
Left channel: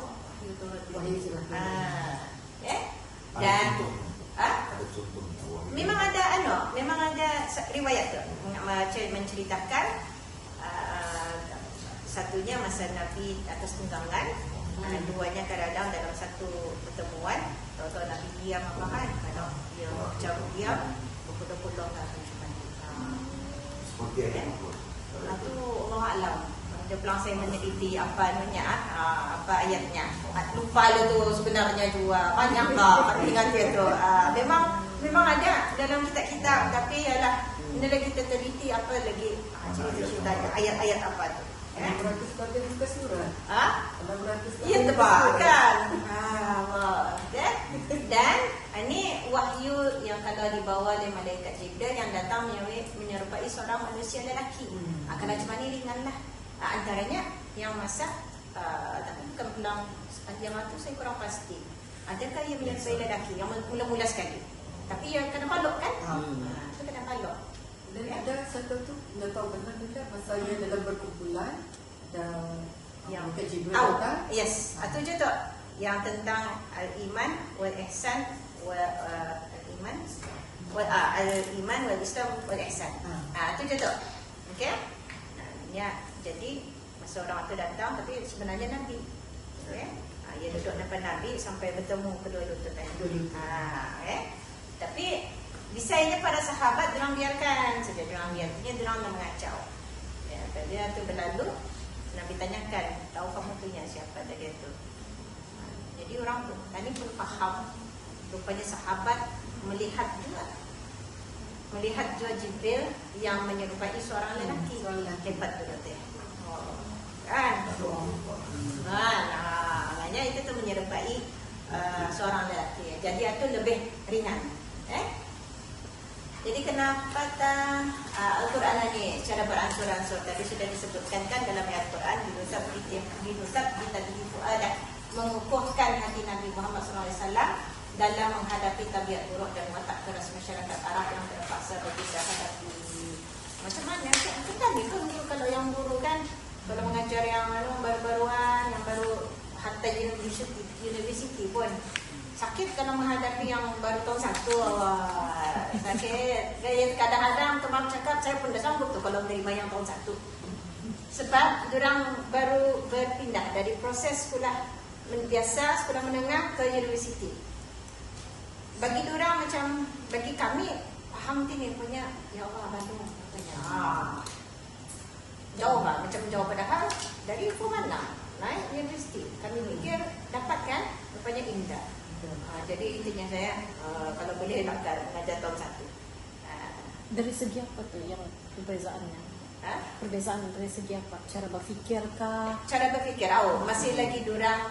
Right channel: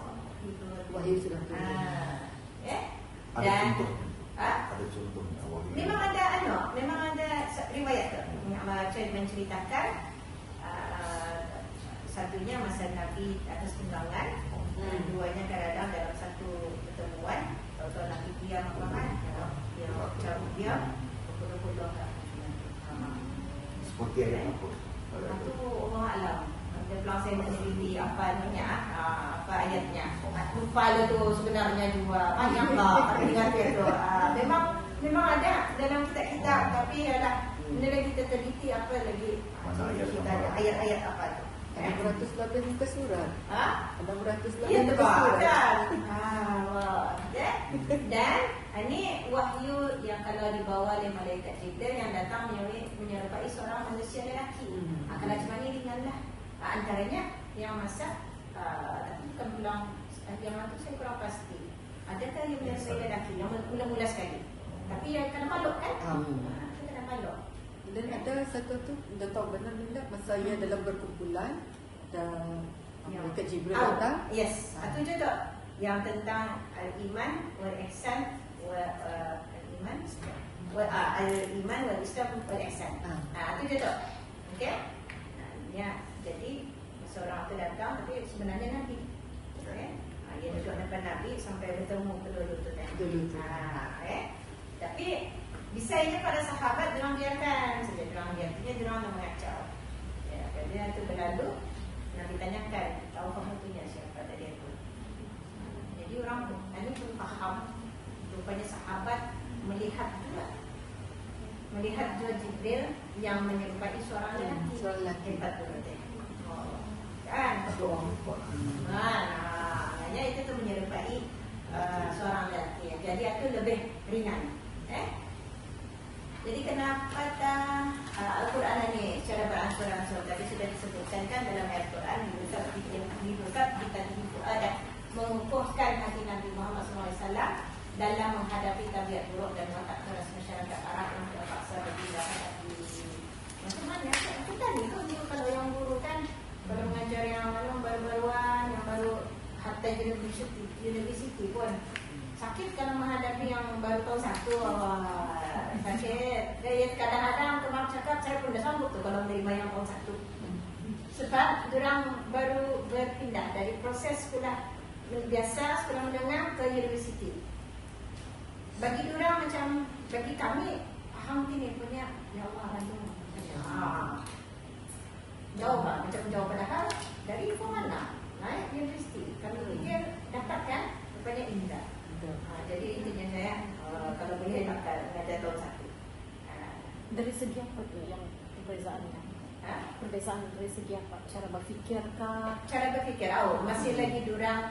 Dan memang ada riwayat tu menceritakan. Satunya masa Nabi atas tunggangan, keduanya kadang-kadang dalam satu pertemuan, kalau Nabi diam makan, atau dia jauh diam, potong-potong seperti apa? Itu Allah alam. Dia bilang saya meneliti apa ayatnya. Lupa tu sebenarnya juga banyak tak ingat itu. Memang ada dalam kitab-kitab, tapi ialah ini lagi kita teliti apa lagi cerita ayat-ayat apa tu. 600 juta surah. 600 Iya tebak kan. Dan ini wahyu yang kalau dibawa oleh malaikat Jibril yang datang menyerupai seorang manusia lelaki. Kalau cuma ni ringanlah. Antaranya yang masak, tapi bukan pulang yang itu saya kurang pasti. Adakah yang menyerupai lelaki yang mula-mula sekali? Tapi yang kena makhluk kan? Kena makhluk. Dan ada satu tu dapat benar-benar masa yang dalam berkumpulan dan yang Jibril datang. Yes, itu je tu yang tentang al-iman wal ihsan al-iman wal Islam wal ihsan. Itu je tu. Okey? Ya, jadi seorang tu datang tapi sebenarnya Nabi. Dia duduk depan Nabi sampai bertemu kedua-dua tu kan. Tapi Sisanya para sahabat diorang biarkan saja, diorang biarkan, diorang yang mengacau. Ya, dia tu berlalu, Nabi tanyakan, tahu kamu punya siapa dia tu? Jadi orang tu, tadi pun faham, rupanya sahabat melihat juga Jibril yang menyerupai seorang lelaki. Hebat juga dia. Kan? Maknanya itu tu menyerupai seorang lelaki. Jadi itu lebih ringan. Jadi kenapa Al-Quran ini cara beransur-ansur tadi sudah disebutkan kan dalam Al-Quran ada mengukuhkan hati Nabi Muhammad SAW dalam menghadapi tabiat buruk dan watak keras masyarakat Arab yang terpaksa bagi sahabat ini. Macam mana kita ni kalau yang dulu kan kalau mengajar yang baru-baruan yang baru hatta university pun sakit kalau menghadapi yang baru tahun 1. Sakit. Kadang-kadang teman cakap saya pun dah sambut tu kalau menerima yang tahun 1. Sebab orang baru berpindah dari proses sekolah biasa, sekolah menengah ke universiti. Bagi orang macam, bagi kami faham tinggi punya, ya Allah bantu. Jauh lah, macam jauh padahal dari itu mana? Naik universiti. Kami mikir dapat kan? Rupanya indah. Jadi intinya saya kalau boleh nak pada tahun 1. Dari segi apa tu yang perbezaannya? Perbezaan dari segi apa? Cara berfikir kah? Cara berfikir, masih lagi durang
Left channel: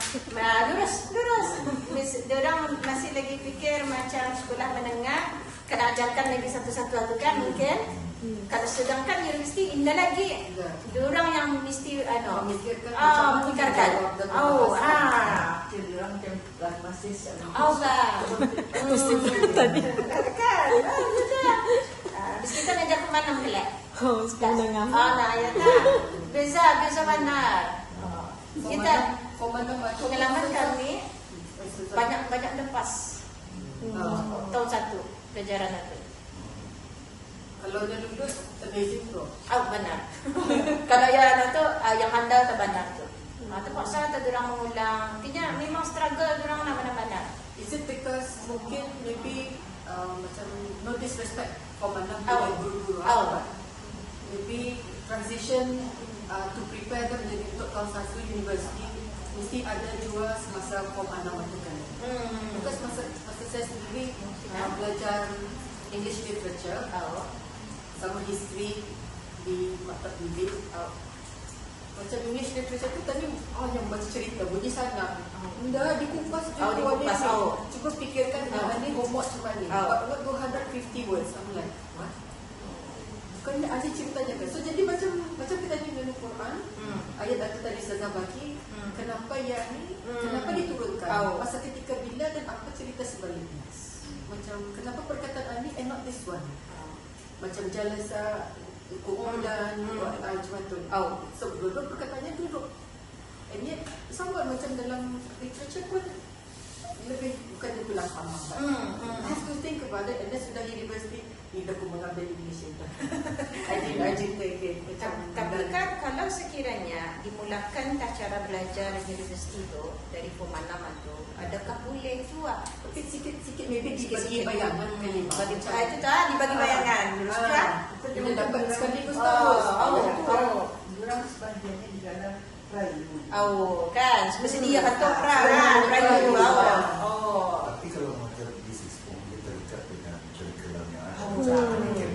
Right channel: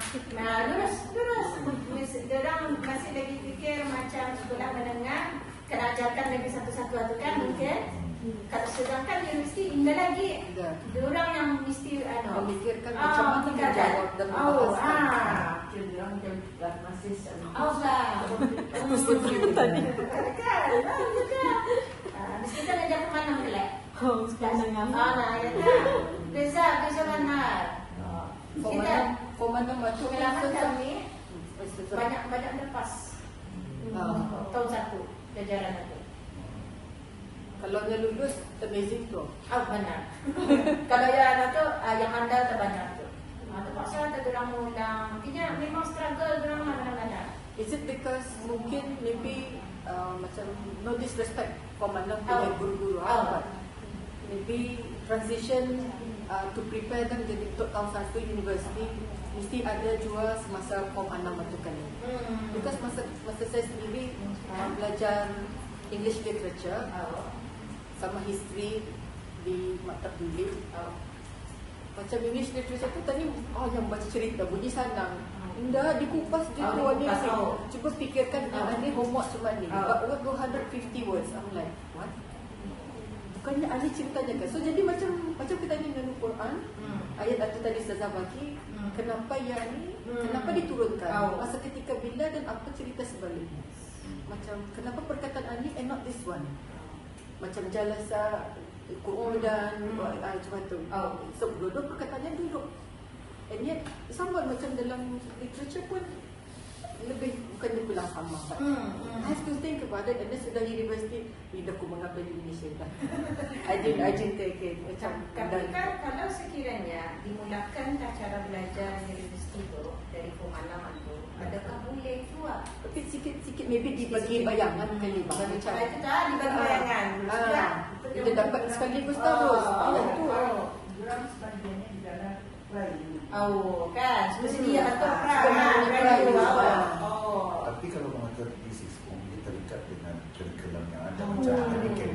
durang masih lagi fikir macam sekolah menengah kena ajarkan lagi satu-satu kan mungkin. Kalau sedangkan yang mesti indah lagi. Durang yang mesti memikirkan macam mana nak jawab dan durang macam masih Tadi. Mesti kan ada mana melihat. Oh, sebenarnya. Ya tak. Beza mana. Kita komandan waktu pengalaman kami banyak lepas tahun 1 pelajaran itu. Kalau yang lulus amazing tu. Benar. Kalau yang itu yang handal tak benar tu. Terpaksa orang mengulang. Tidak, memang struggle orang nak benar-benar. Is it because mungkin maybe macam no disrespect komandan punya guru-guru maybe transition to prepare kan jadi untuk tahun 1 universiti mesti ada juga semasa form 6 waktu kali. Because masa saya sendiri belajar English literature sama history di maktab bilik. Macam English literature tu tadi yang baca cerita bunyi sana. Enggak dikupas dia warna ni. Cuba fikirkan ni homework macam ni. What 250 words. I'm like, what? Bukannya ahli ceritanya kan. So jadi macam kita ni dengan Quran, ayat tadi Ustazah bagi, kenapa yang ni, kenapa diturunkan? Masa ketika bila dan apa cerita sebaliknya. Macam kenapa perkataan ni and not this one. Macam jalasa Quran macam tu. So duduk perkataannya duduk. And yet somewhat macam dalam literature pun lebih bukan dia pulang sama. Have to think about it. And then sudah universiti bila aku mengambil Indonesia dah. Ajin take macam. Tapi kan kalau sekiranya dimulakan cara belajar universiti tu dari pemahaman tu, adakah boleh juga? Sikit-sikit maybe dibagi bayangan kali bagi cara. Itu dah dibagi bayangan. Kita dapat sekaligus terus. Orang sepanjangnya di dalam bayi. Kan sedia betul perang. Tapi kalau mengajar bisnis pun kita dekat dengan curriculum yang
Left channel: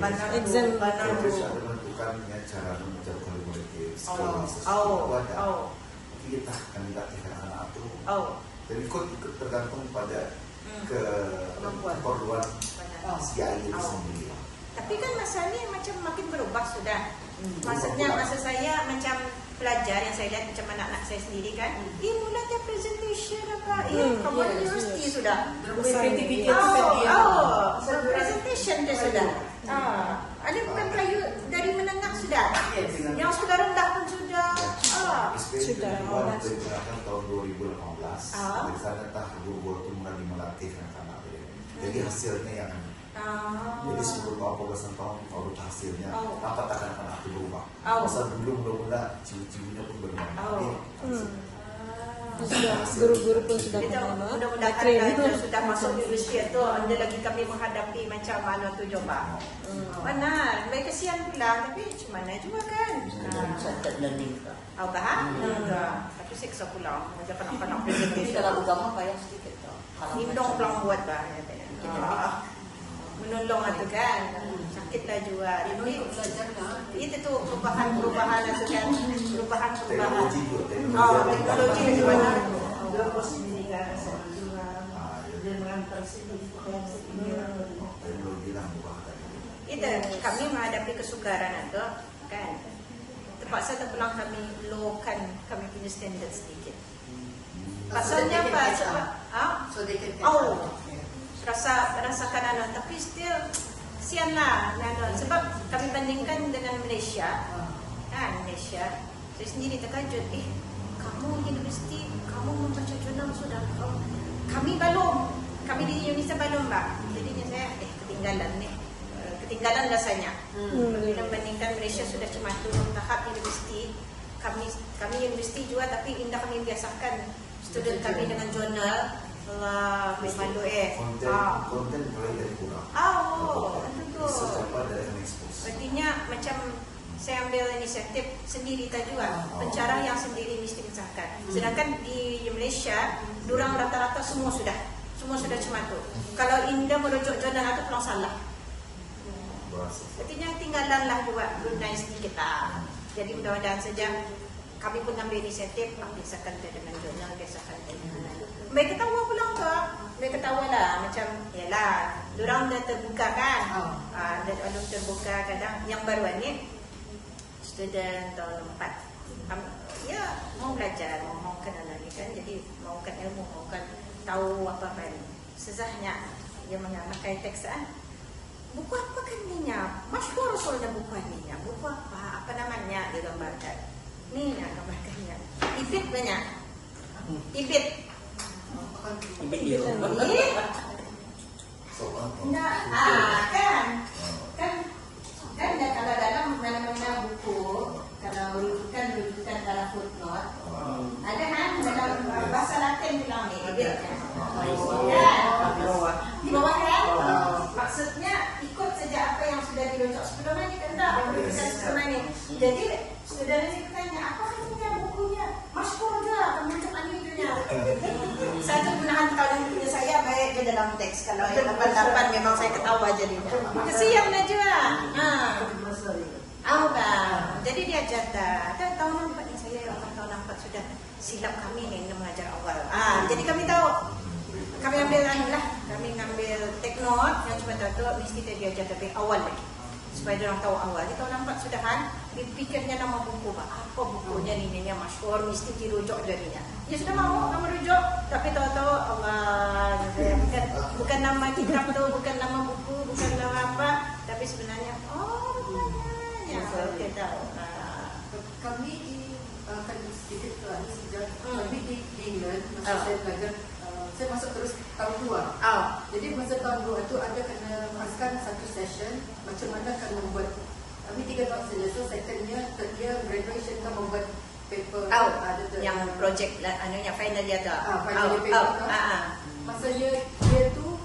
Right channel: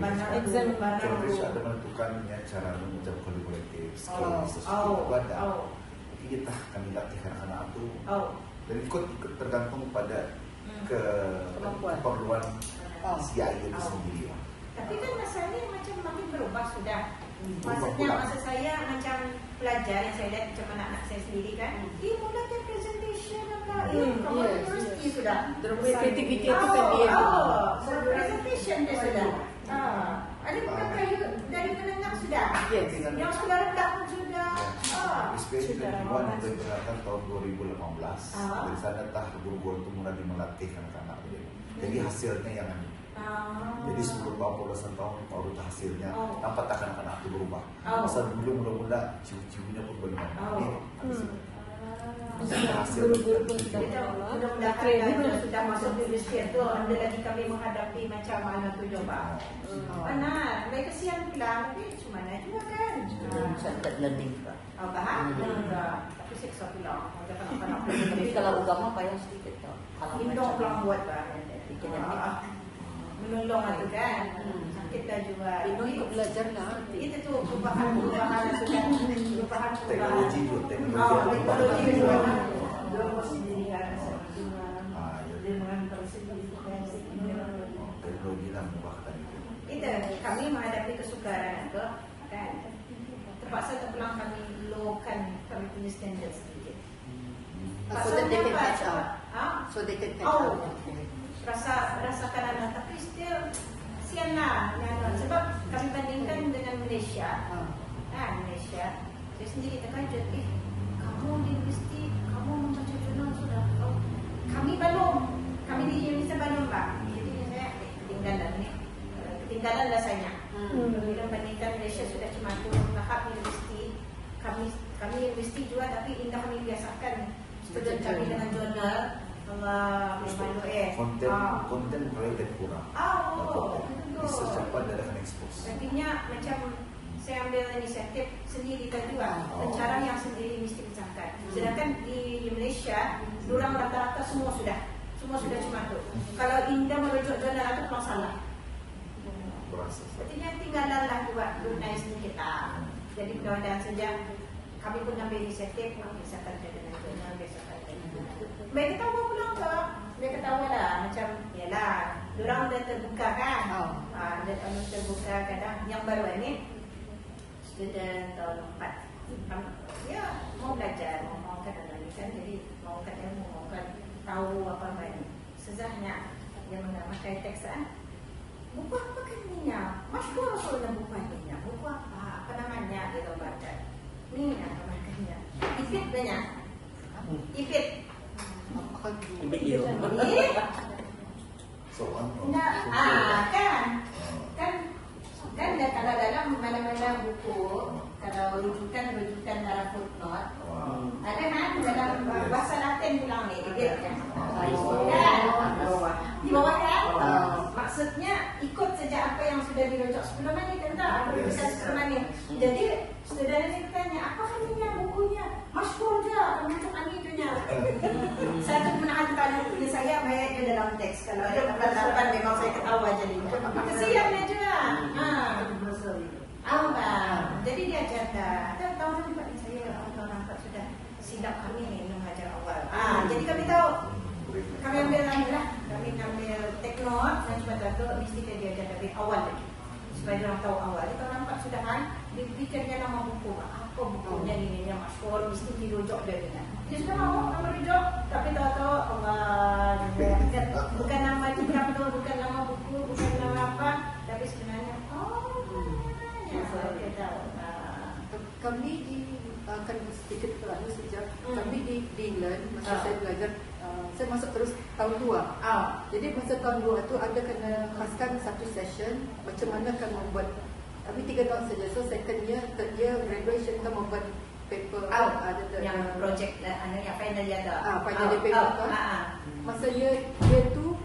ada. Exam Terus ada menentukannya cara mengajar politik, skills, tapi kita kami tak fikirkan aku. Jadi ikut tergantung pada keperluan si ahli itu sendiri. Tapi kan masalahnya macam makin berubah sudah. Maksudnya maksud saya macam pelajar yang saya lihat macam anak-anak saya sendiri kan, dia mulakan presentation apa, universiti sudah. Kreativiti itu kan dia. Presentation dia sudah. Ada bukan kayu dari menengah sudah. Yang sudah rendah pun sudah. Especially Tuhan yang digunakan tahun 2018. Di sana guru-guru itu kembali melatihkan anak. Jadi hasilnya yang jadi sebelum apa tahun kalau hasilnya apa akan berubah. Masa belum berubah, cium-ciumnya pun berubah. Guru-guru pun sudah Kita mudah-mudahan training. kalau sudah masuk universiti itu ada lagi kami menghadapi macam mana tu coba. Mana mereka kesian pula tapi macam mana juga kan. Centered learning Kak. Awak tapi siksa pula. Macam kanak-kanak. Tapi kalau agama payah sedikit tau. Kalau Indong macam pulang buat lah. akademik. Menolong itu kan. Sakit lah juga. Untuk belajar nak. Itu tu perubahan-perubahan sebenarnya. Perubahan-perubahan. Teknologi itu, Oh, teknologi teknologi itu. teknologi lah membuatkan itu. Itu kami menghadapi kesukaran itu kan. Terpaksa terpulang kami lowkan kami punya standard sedikit. So that they can apa? catch up. Ha? So they can catch Oh. up. Rasakan anak tapi still sian lah sebab kami bandingkan dengan Malaysia Malaysia saya sendiri terkejut kamu universiti kamu membaca jurnal sudah kami di Indonesia belum Pak jadi saya ketinggalan rasanya bila bandingkan Malaysia sudah cuma tahap universiti kami universiti juga tapi indah kami biasakan student kami dengan jurnal memang Konten mulai dari rumah. betul. Sesuatu dengan expose. Artinya macam saya ambil inisiatif sendiri tadi juga pencara yang sendiri mesti mencatat. Sedangkan di Malaysia, durang rata-rata semua sudah cuma tu. Kalau Indah merujuk jurnal itu pulang salah. Artinya tinggalanlah buat gunai sedikit lah. Jadi mudah-mudahan saja kami pun ambil inisiatif biasakan dengan jurnal biasakan. Mereka tahu pulang tu, mereka tahu lah macam yalah, durang dah terbuka kan. Dah terbuka kadang yang baru ni student tahun 4 ya mau belajar mau kenal ni kan jadi mau kenal mau tahu apa kan sesahnya dia menggunakan teks buku apa kan ninya masyhur soalnya buku ninya buku apa namanya digambarkan ni namanya ipit banyak ipit Video. kan kalau dalam mana-mana buku kalau rujukan dalam footnote ada kan dalam bahasa Latin bilang ni di bawah kan maksudnya ikut saja apa yang sudah dirujuk sebelum ini tentang perujukan sebelum ini jadi sudah ditanya apa katanya bukunya masyhur je perujukan itunya satu gunakan tahun punya saya baik ke dalam teks kalau ada pendapat memang saya ketawa jadinya kesian lah juga jadi dia ajar tahun 4 saya tahun 4 sudah silap kami yang mengajar awal jadi kami tahu kami ambil kami ambil teknot yang cuma tahu mesti kita diajar dari awal supaya dia orang tahu awal tahun 4 sudahan pikirnya nama buku apa bukunya ini yang masyhur mesti dirujuk jadinya dia sudah mau merujuk tapi tahu-tahu Allah bukan nama kitab tu bukan nama buku bukan nama apa tapi sebenarnya kami di akan sedikit terlalu sejak kami di England masa saya belajar saya masuk terus tahun 2 jadi masa tahun 2 itu ada kena paskan satu session macam mana akan membuat kami 3 tahun saja so secondnya third year graduation kan membuat paper yang project anunya final year tu final year paper masanya dia tu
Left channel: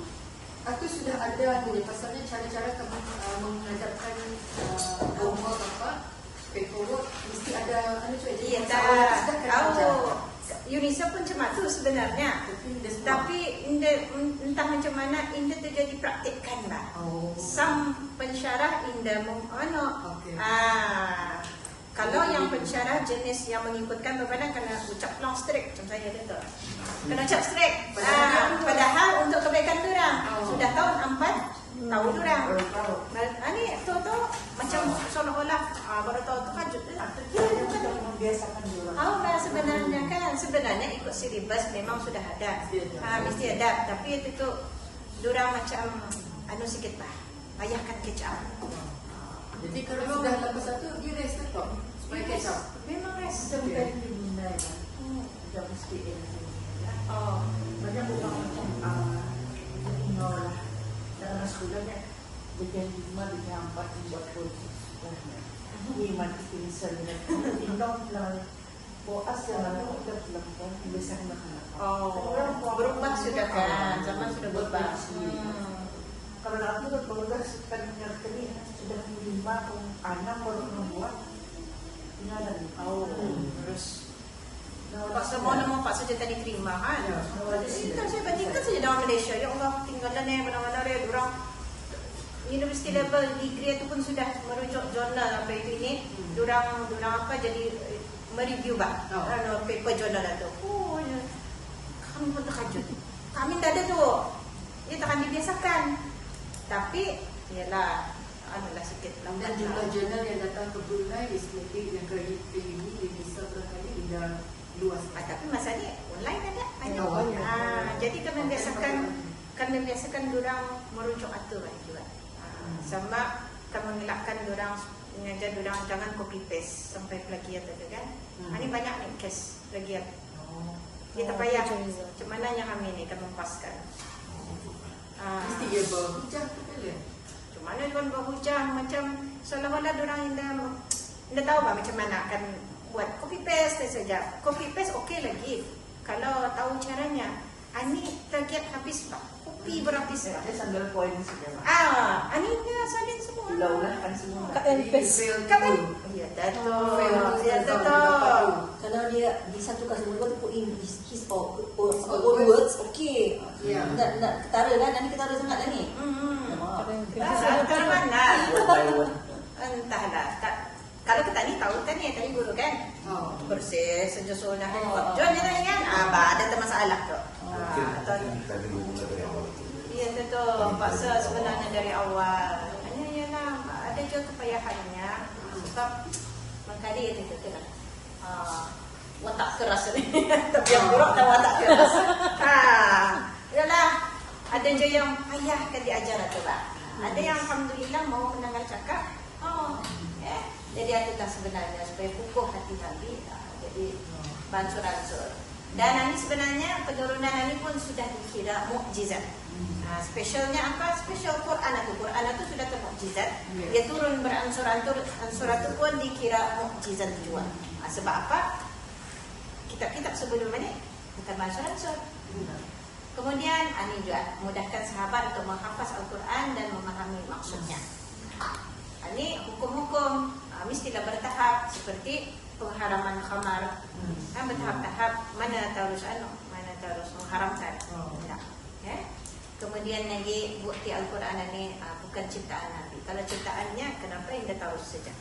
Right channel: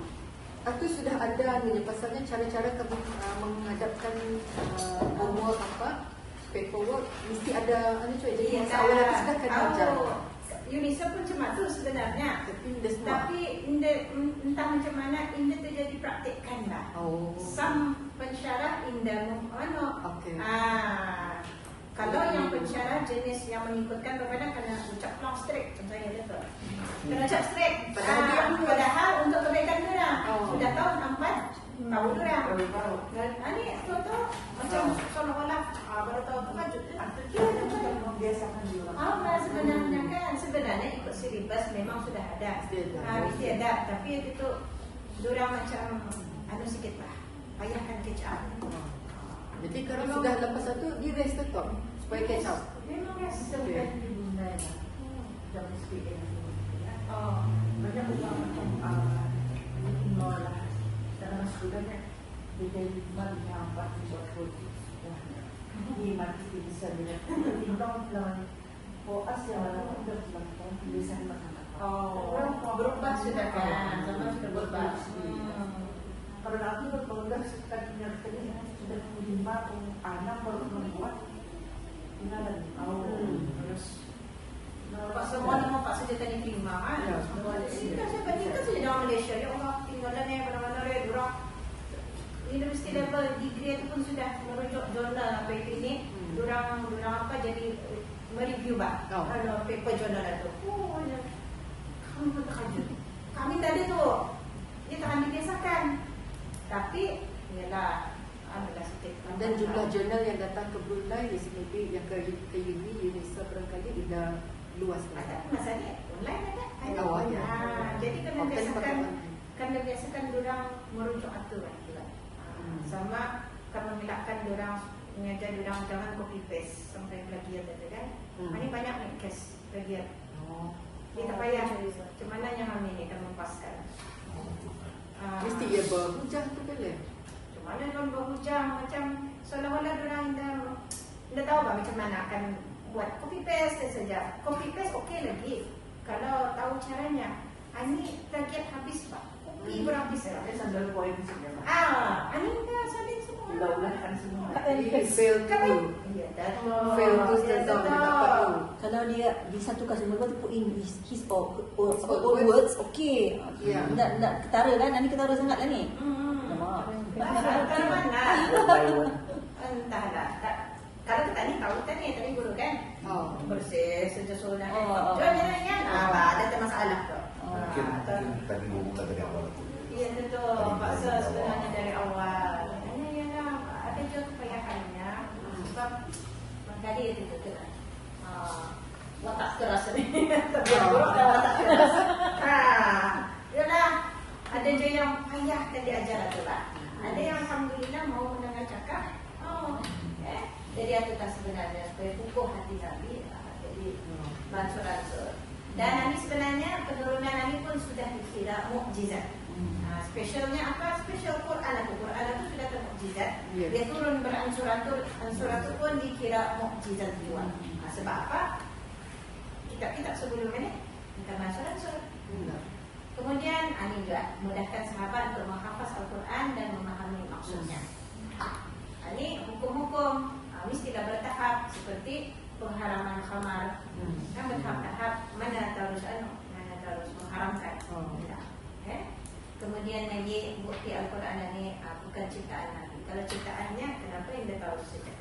aku sudah ada anunya pasalnya cara-cara kami menghadapkan homework apa paperwork mesti ada jadi masalah sudah terbaca. UNICEF pun cuma tu sebenarnya tapi entah macam mana Indah tu jadi praktikkan lah some pensyarah Indah kalau yang pensyarah jenis yang mengikutkan kepada kena ucap long straight macam saya kata kena ucap straight padahal untuk kebaikan orang sudah tahu 4 tahu orang ini tu macam seolah-olah baru tahu tu kajut sebenarnya sebenarnya ikut silibus memang sudah ada mesti ada tapi itu tu diorang macam sikit lah payahkan catch up jadi kalau sudah lepas satu dia rest tetap supaya catch up memang rest Oh, berubah sudah kan? Zaman sudah berubah. Karena aku udah progres kan ini sudah 5 anak baru membuat. Nah, Terus kalau semua nama Pak Suja tadi terima kan? Jadi kan saya bandingkan saja dengan Malaysia. Ya Allah, tinggalan yang mana-mana ya orang university level degree itu pun sudah merujuk jurnal apa itu ini. Orang apa jadi mereview pak, paper jurnal itu. Oh, kami pun terkejut. Kami tak ada tu. Dia tak akan dibiasakan. Tapi, yalah, adalah sikit. dan jumlah jurnal yang datang ke Brunei di yang ke uni di Indonesia barangkali sudah luas. Tapi masalahnya online kan ya? Online. Jadi kan membiasakan orang merujuk aturan juga. Sama tak mengelakkan orang mengajar orang jangan copy paste sampai plagiat ada kan? Ini banyak nih case plagiat. Dia tak payah. Macam mana yang kami ni akan mempaskan? Mesti dia berhujah tu kan ya? Macam mana pun berhujah macam seolah-olah orang tidak tahu lah macam mana akan buat copy paste saja. Copy paste okey lagi kalau tahu caranya. Ini plagiat habis pak, copy berhabis. Sandal poin semua. Ini dia salin semua. Ulah-ulahan semua. Kata kalau dia di satu kelas dulu tu in his own words, okay. Nak ketara kan? Ini ketara sangat kan ni? Kalau mana? Word by word. Entahlah. Kalau kita ni tahu kita ni tadi guru kan? Bersih, sejuk nak tengok. Jual ni kan? Ada tak masalah tu. Mungkin kita dimulai dari awal itu. Iya betul. Paksa sebenarnya dari awal. Hanya ialah ada juga kepayahannya. Sebab tadi itu kita watak keras ni. Tapi yang buruk dan watak keras. Ialah ada juga yang payah kan diajar tu lah. Ada yang alhamdulillah mau mendengar cakap. Jadi itu sebenarnya supaya kukuh hati tadi. Jadi beransur-ansur. Dan ini sebenarnya penurunan ini pun sudah dikira mukjizat. Spesialnya apa? Spesial Quran itu. Quran itu sudah termukjizat. Dia turun beransur-ansur pun dikira mukjizat juga. Sebab apa? Kitab-kitab sebelum ini bukan beransur-ansur. Kemudian ini juga mudahkan sahabat untuk menghafaz Al-Quran dan memahami maksudnya. Ini hukum-hukum mestilah bertahap seperti pengharaman khamar. Bertahap-tahap mana harus mengharamkan. Kemudian lagi bukti Al-Quran ini bukan ciptaan Nabi. Kalau ciptaannya kenapa Anda tahu sejak?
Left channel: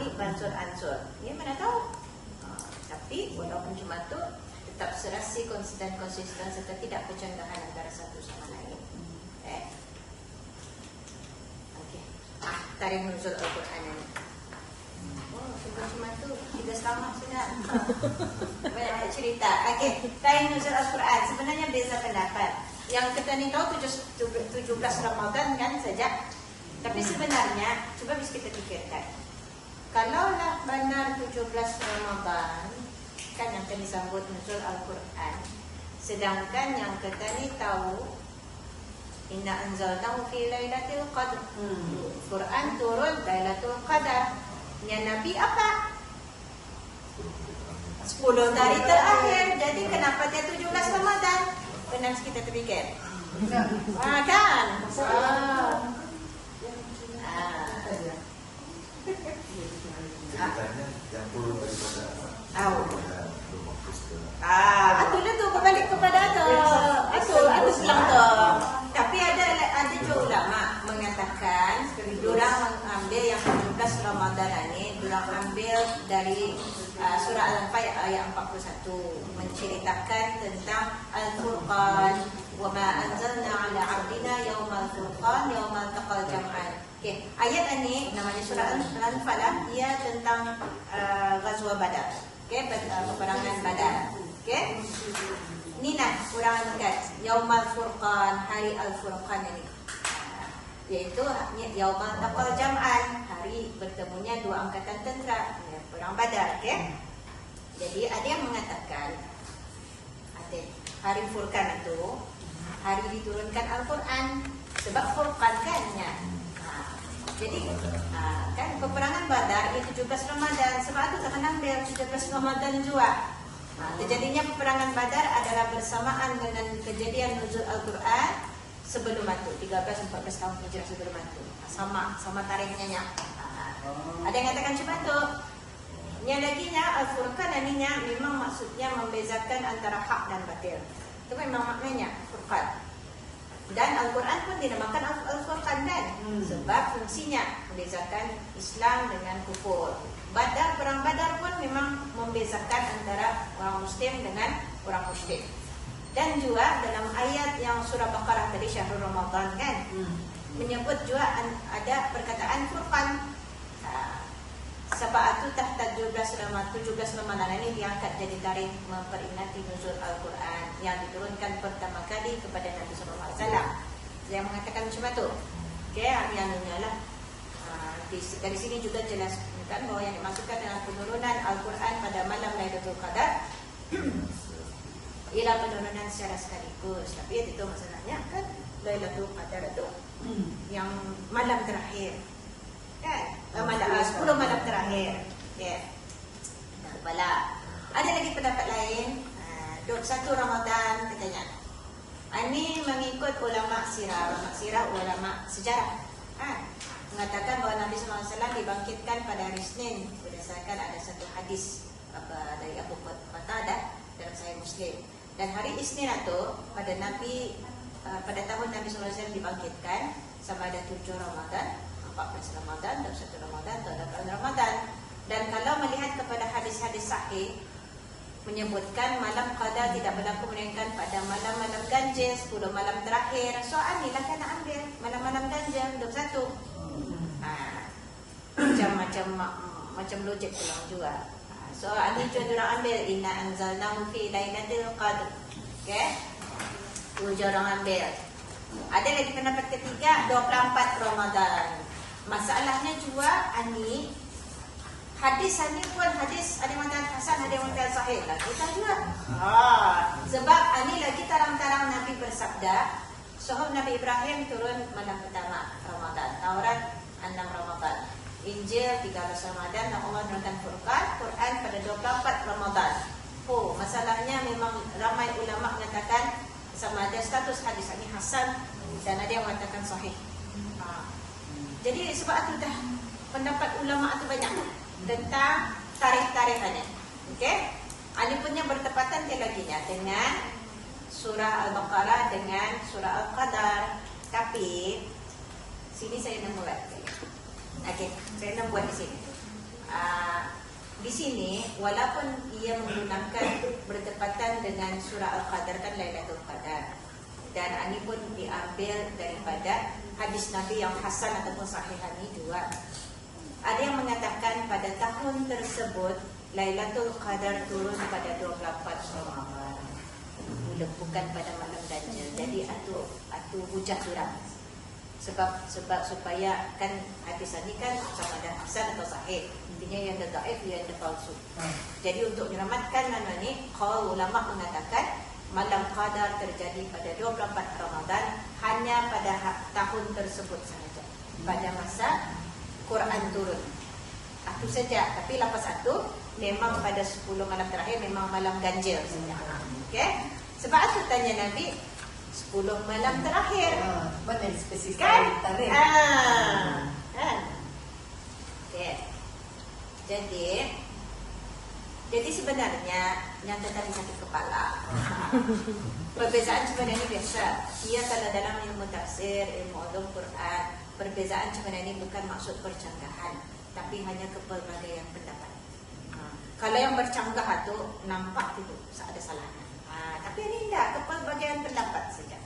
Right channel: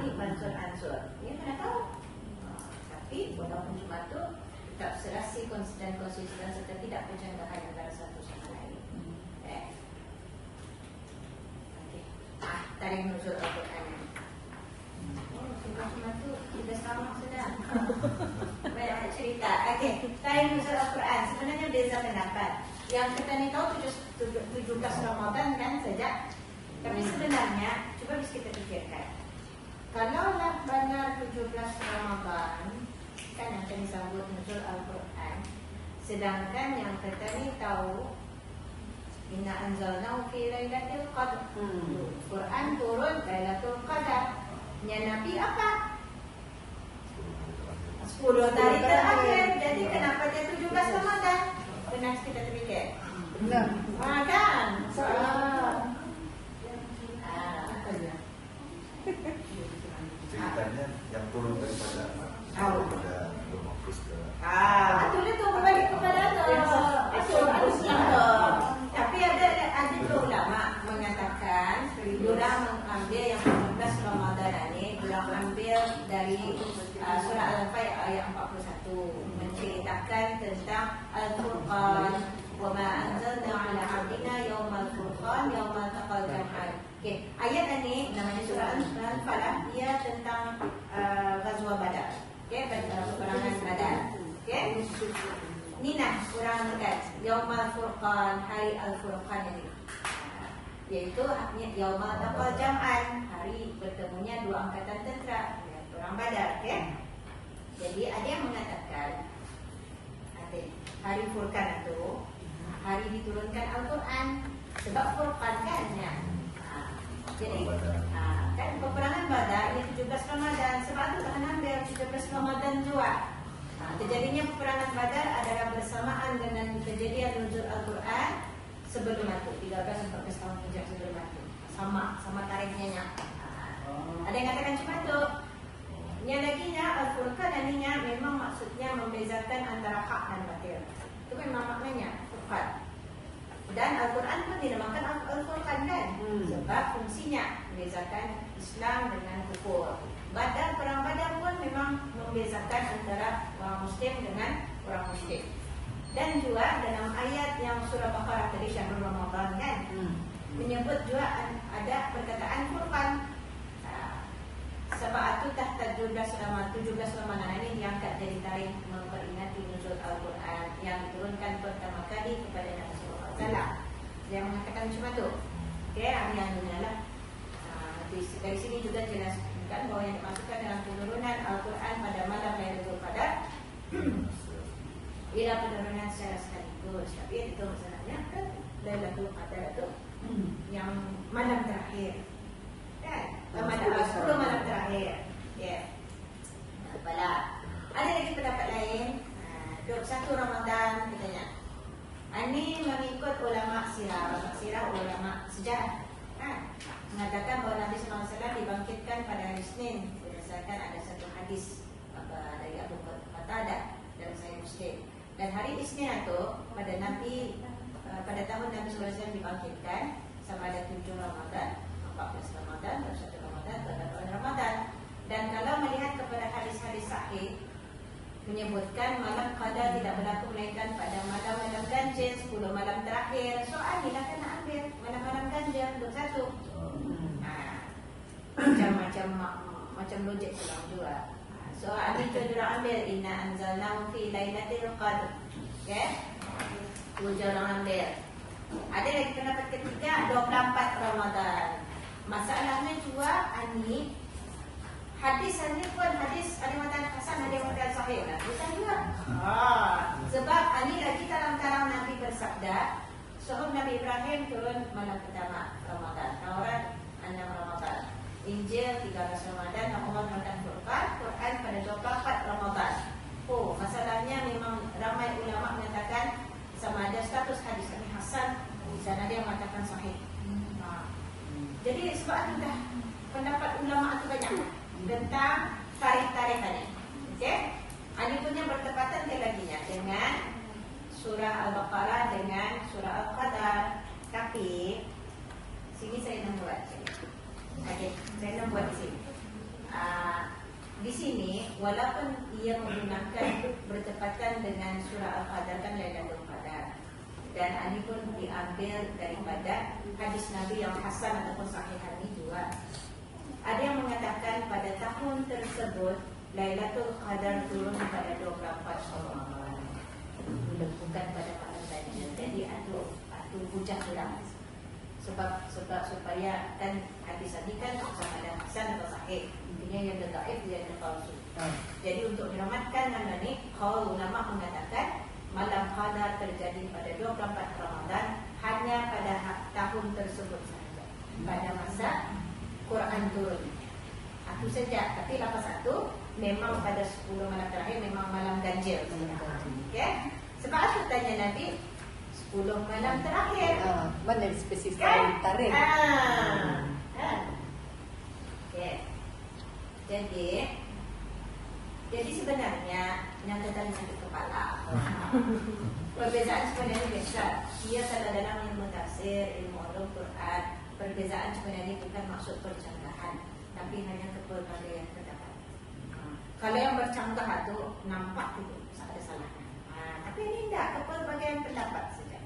Ini beransur-ansur. Ini mana tahu? Tapi walaupun cuma itu tetap serasi dan konsisten serta tidak bercandahan antara satu sama lain. Tarikh nuzul Al-Quran ini. Cuma itu kita selamat sudah. Banyak cerita. Tarikh nuzul Al-Quran sebenarnya beza pendapat. Yang kita ni tahu 17 Ramadan kan saja. Tapi sebenarnya coba bisa kita fikirkan. Kalaulah benar 17 Ramadan kan yang akan disambut nuzul Al-Quran. Sedangkan yang kita ni tahu inna anzalnahu fi lailatul qadr. Quran turun Lailatul Qadar. Yang Nabi apa? 10 hari terakhir. Jadi kenapa dia 17 Ramadan? Kena kita terfikir. Kan? Ceritanya yang turun Itu tu kembali kepada itu Islam tu. Tapi ada juga ulama mengatakan diorang mengambil yang 17 Ramadan ini diorang ambil dari surah Al-Anfal ayat 41 menceritakan tentang Al-Furqan wa ma anzalna ala abdina yaumal furqan yaumal taqal jam'an. Ayat ini namanya surah Al-Anfal ia tentang Ghazwa Badar. Peperangan Badar. Ini nak kurang dekat Yaumal Furqan, hari Al-Furqan ini. Yaitu Yaumal Taqal Jam'an, hari bertemunya dua angkatan tentera, perang Badar. Jadi ada yang mengatakan hari Furqan itu hari diturunkan Al-Quran. Sebab Furqan kan ya. Jadi kan peperangan Badar di 17 Ramadan. Sebab itu tak kenal biar 17 Ramadan juga. Terjadinya peperangan Badar adalah bersamaan dengan kejadian nuzul Al-Quran sebelum itu, 13-14 tahun sebelum itu. Sama tarikhnya. Ada yang katakan cuma itu. Yang laginya Al-Furqan ininya memang maksudnya membezakan antara hak dan batil. Itu memang maknanya Furqan. Dan Al-Quran pun dinamakan Al-Furqan kan? Sebab fungsinya membezakan Islam dengan kufur. Perang Badar pun memang membezakan antara orang Muslim dengan orang Muslim. Dan juga dalam ayat yang surah Baqarah tadi, Syahrul Ramadan kan, menyebut juga ada perkataan Furqan. Sab'atu tahta 17 Ramadan ini diangkat jadi tarikh memperingati nuzul Al-Quran yang diturunkan pertama kali kepada Nabi SAW. Yang mengatakan cuma itu. Oke, ini yang lah. Di sini juga jelas bahwa yang dimaksudkan dalam penurunan Al-Quran pada malam Lailatul Qadar ialah penurunan secara sekaligus. Tapi itu masalahnya kan Lailatul Qadar itu yang malam terakhir kan? Malam 10 malam terakhir. Ya. Malam. Ada lagi pendapat lain. 1 Ramadan katanya. Ini mengikut ulama sirah, ulama sejarah. Mengatakan bahwa Nabi SAW dibangkitkan pada hari Senin berdasarkan ada satu hadis dari Abu Qatadah dalam Sahih Muslim. Dan hari Isnin itu pada tahun Nabi SAW dibangkitkan sama ada 7 Ramadan, 14 Ramadan dan 1 Ramadan dan 8 Ramadan. Dan kalau melihat kepada hadis-hadis sahih menyebutkan malam qadar tidak berlaku melainkan pada malam-malam ganjil 10 malam terakhir. Soal ni lah kena ambil malam-malam ganjil 21. Macam logik juga. So ini orang ambil inna anzalnahu fi lailatul qadr. Okey. 7 orang ambil. Ada lagi pendapat ketiga 24 Ramadan. Masalahnya juga ini hadis ini pun hadis ada yang mengatakan hasan, ada yang mengatakan sahih lah. Kita juga. Sebab ini lagi tarang-tarang Nabi bersabda, suhuf Nabi Ibrahim turun malam pertama Ramadan, Taurat 6 Ramadan, Injil 13 Ramadan, Allah menurunkan Quran pada 24 Ramadan. Masalahnya memang ramai ulama mengatakan sama ada status hadis ini hasan dan ada yang mengatakan sahih. Jadi sebab itu dah pendapat ulama itu banyak tentang tarikh-tarikh ini. Okey? Ini punya bertepatan dia laginya dengan surah Al-Baqarah dengan surah Al-Qadar. Tapi sini saya nak buat. Okey, saya nak buat di sini. Di sini walaupun ia menggunakan bertepatan dengan surah Al-Qadar dan Lailatul Qadar. Dan ini pun diambil daripada hadis Nabi yang hasan atau sahih ini juga. Ada yang mengatakan pada tahun tersebut Lailatul Qadar turun pada 24 Ramadan. Bukan pada malam ganjil. Jadi itu hujah surat. Sebab supaya kan hadis ini kan sama ada hasan atau sahih. Intinya yang dhaif yang palsu. Jadi untuk menyelamatkan nama ini, kalau ulama mengatakan malam qadar terjadi pada 24 Ramadan hanya pada tahun tersebut sahaja. Pada masa Quran turun. Itu saja. Tapi lepas itu memang pada 10 malam terakhir memang malam ganjil sebenarnya. Okey? Sebab aku tanya Nabi 10 malam terakhir. Mana yang spesifik Kan? tarikh? Kan? Okey. Jadi sebenarnya yang tentang satu kepala. Perbezaan sebenarnya biasa. Ia kalau dalam ilmu tafsir, ilmu ulum Quran, perbezaan sebenarnya bukan maksud percanggahan, tapi hanya kepelbagaian pendapat. Kalau yang bercanggah itu nampak itu ada salah. Tapi ini tidak, kepelbagaian pendapat saja.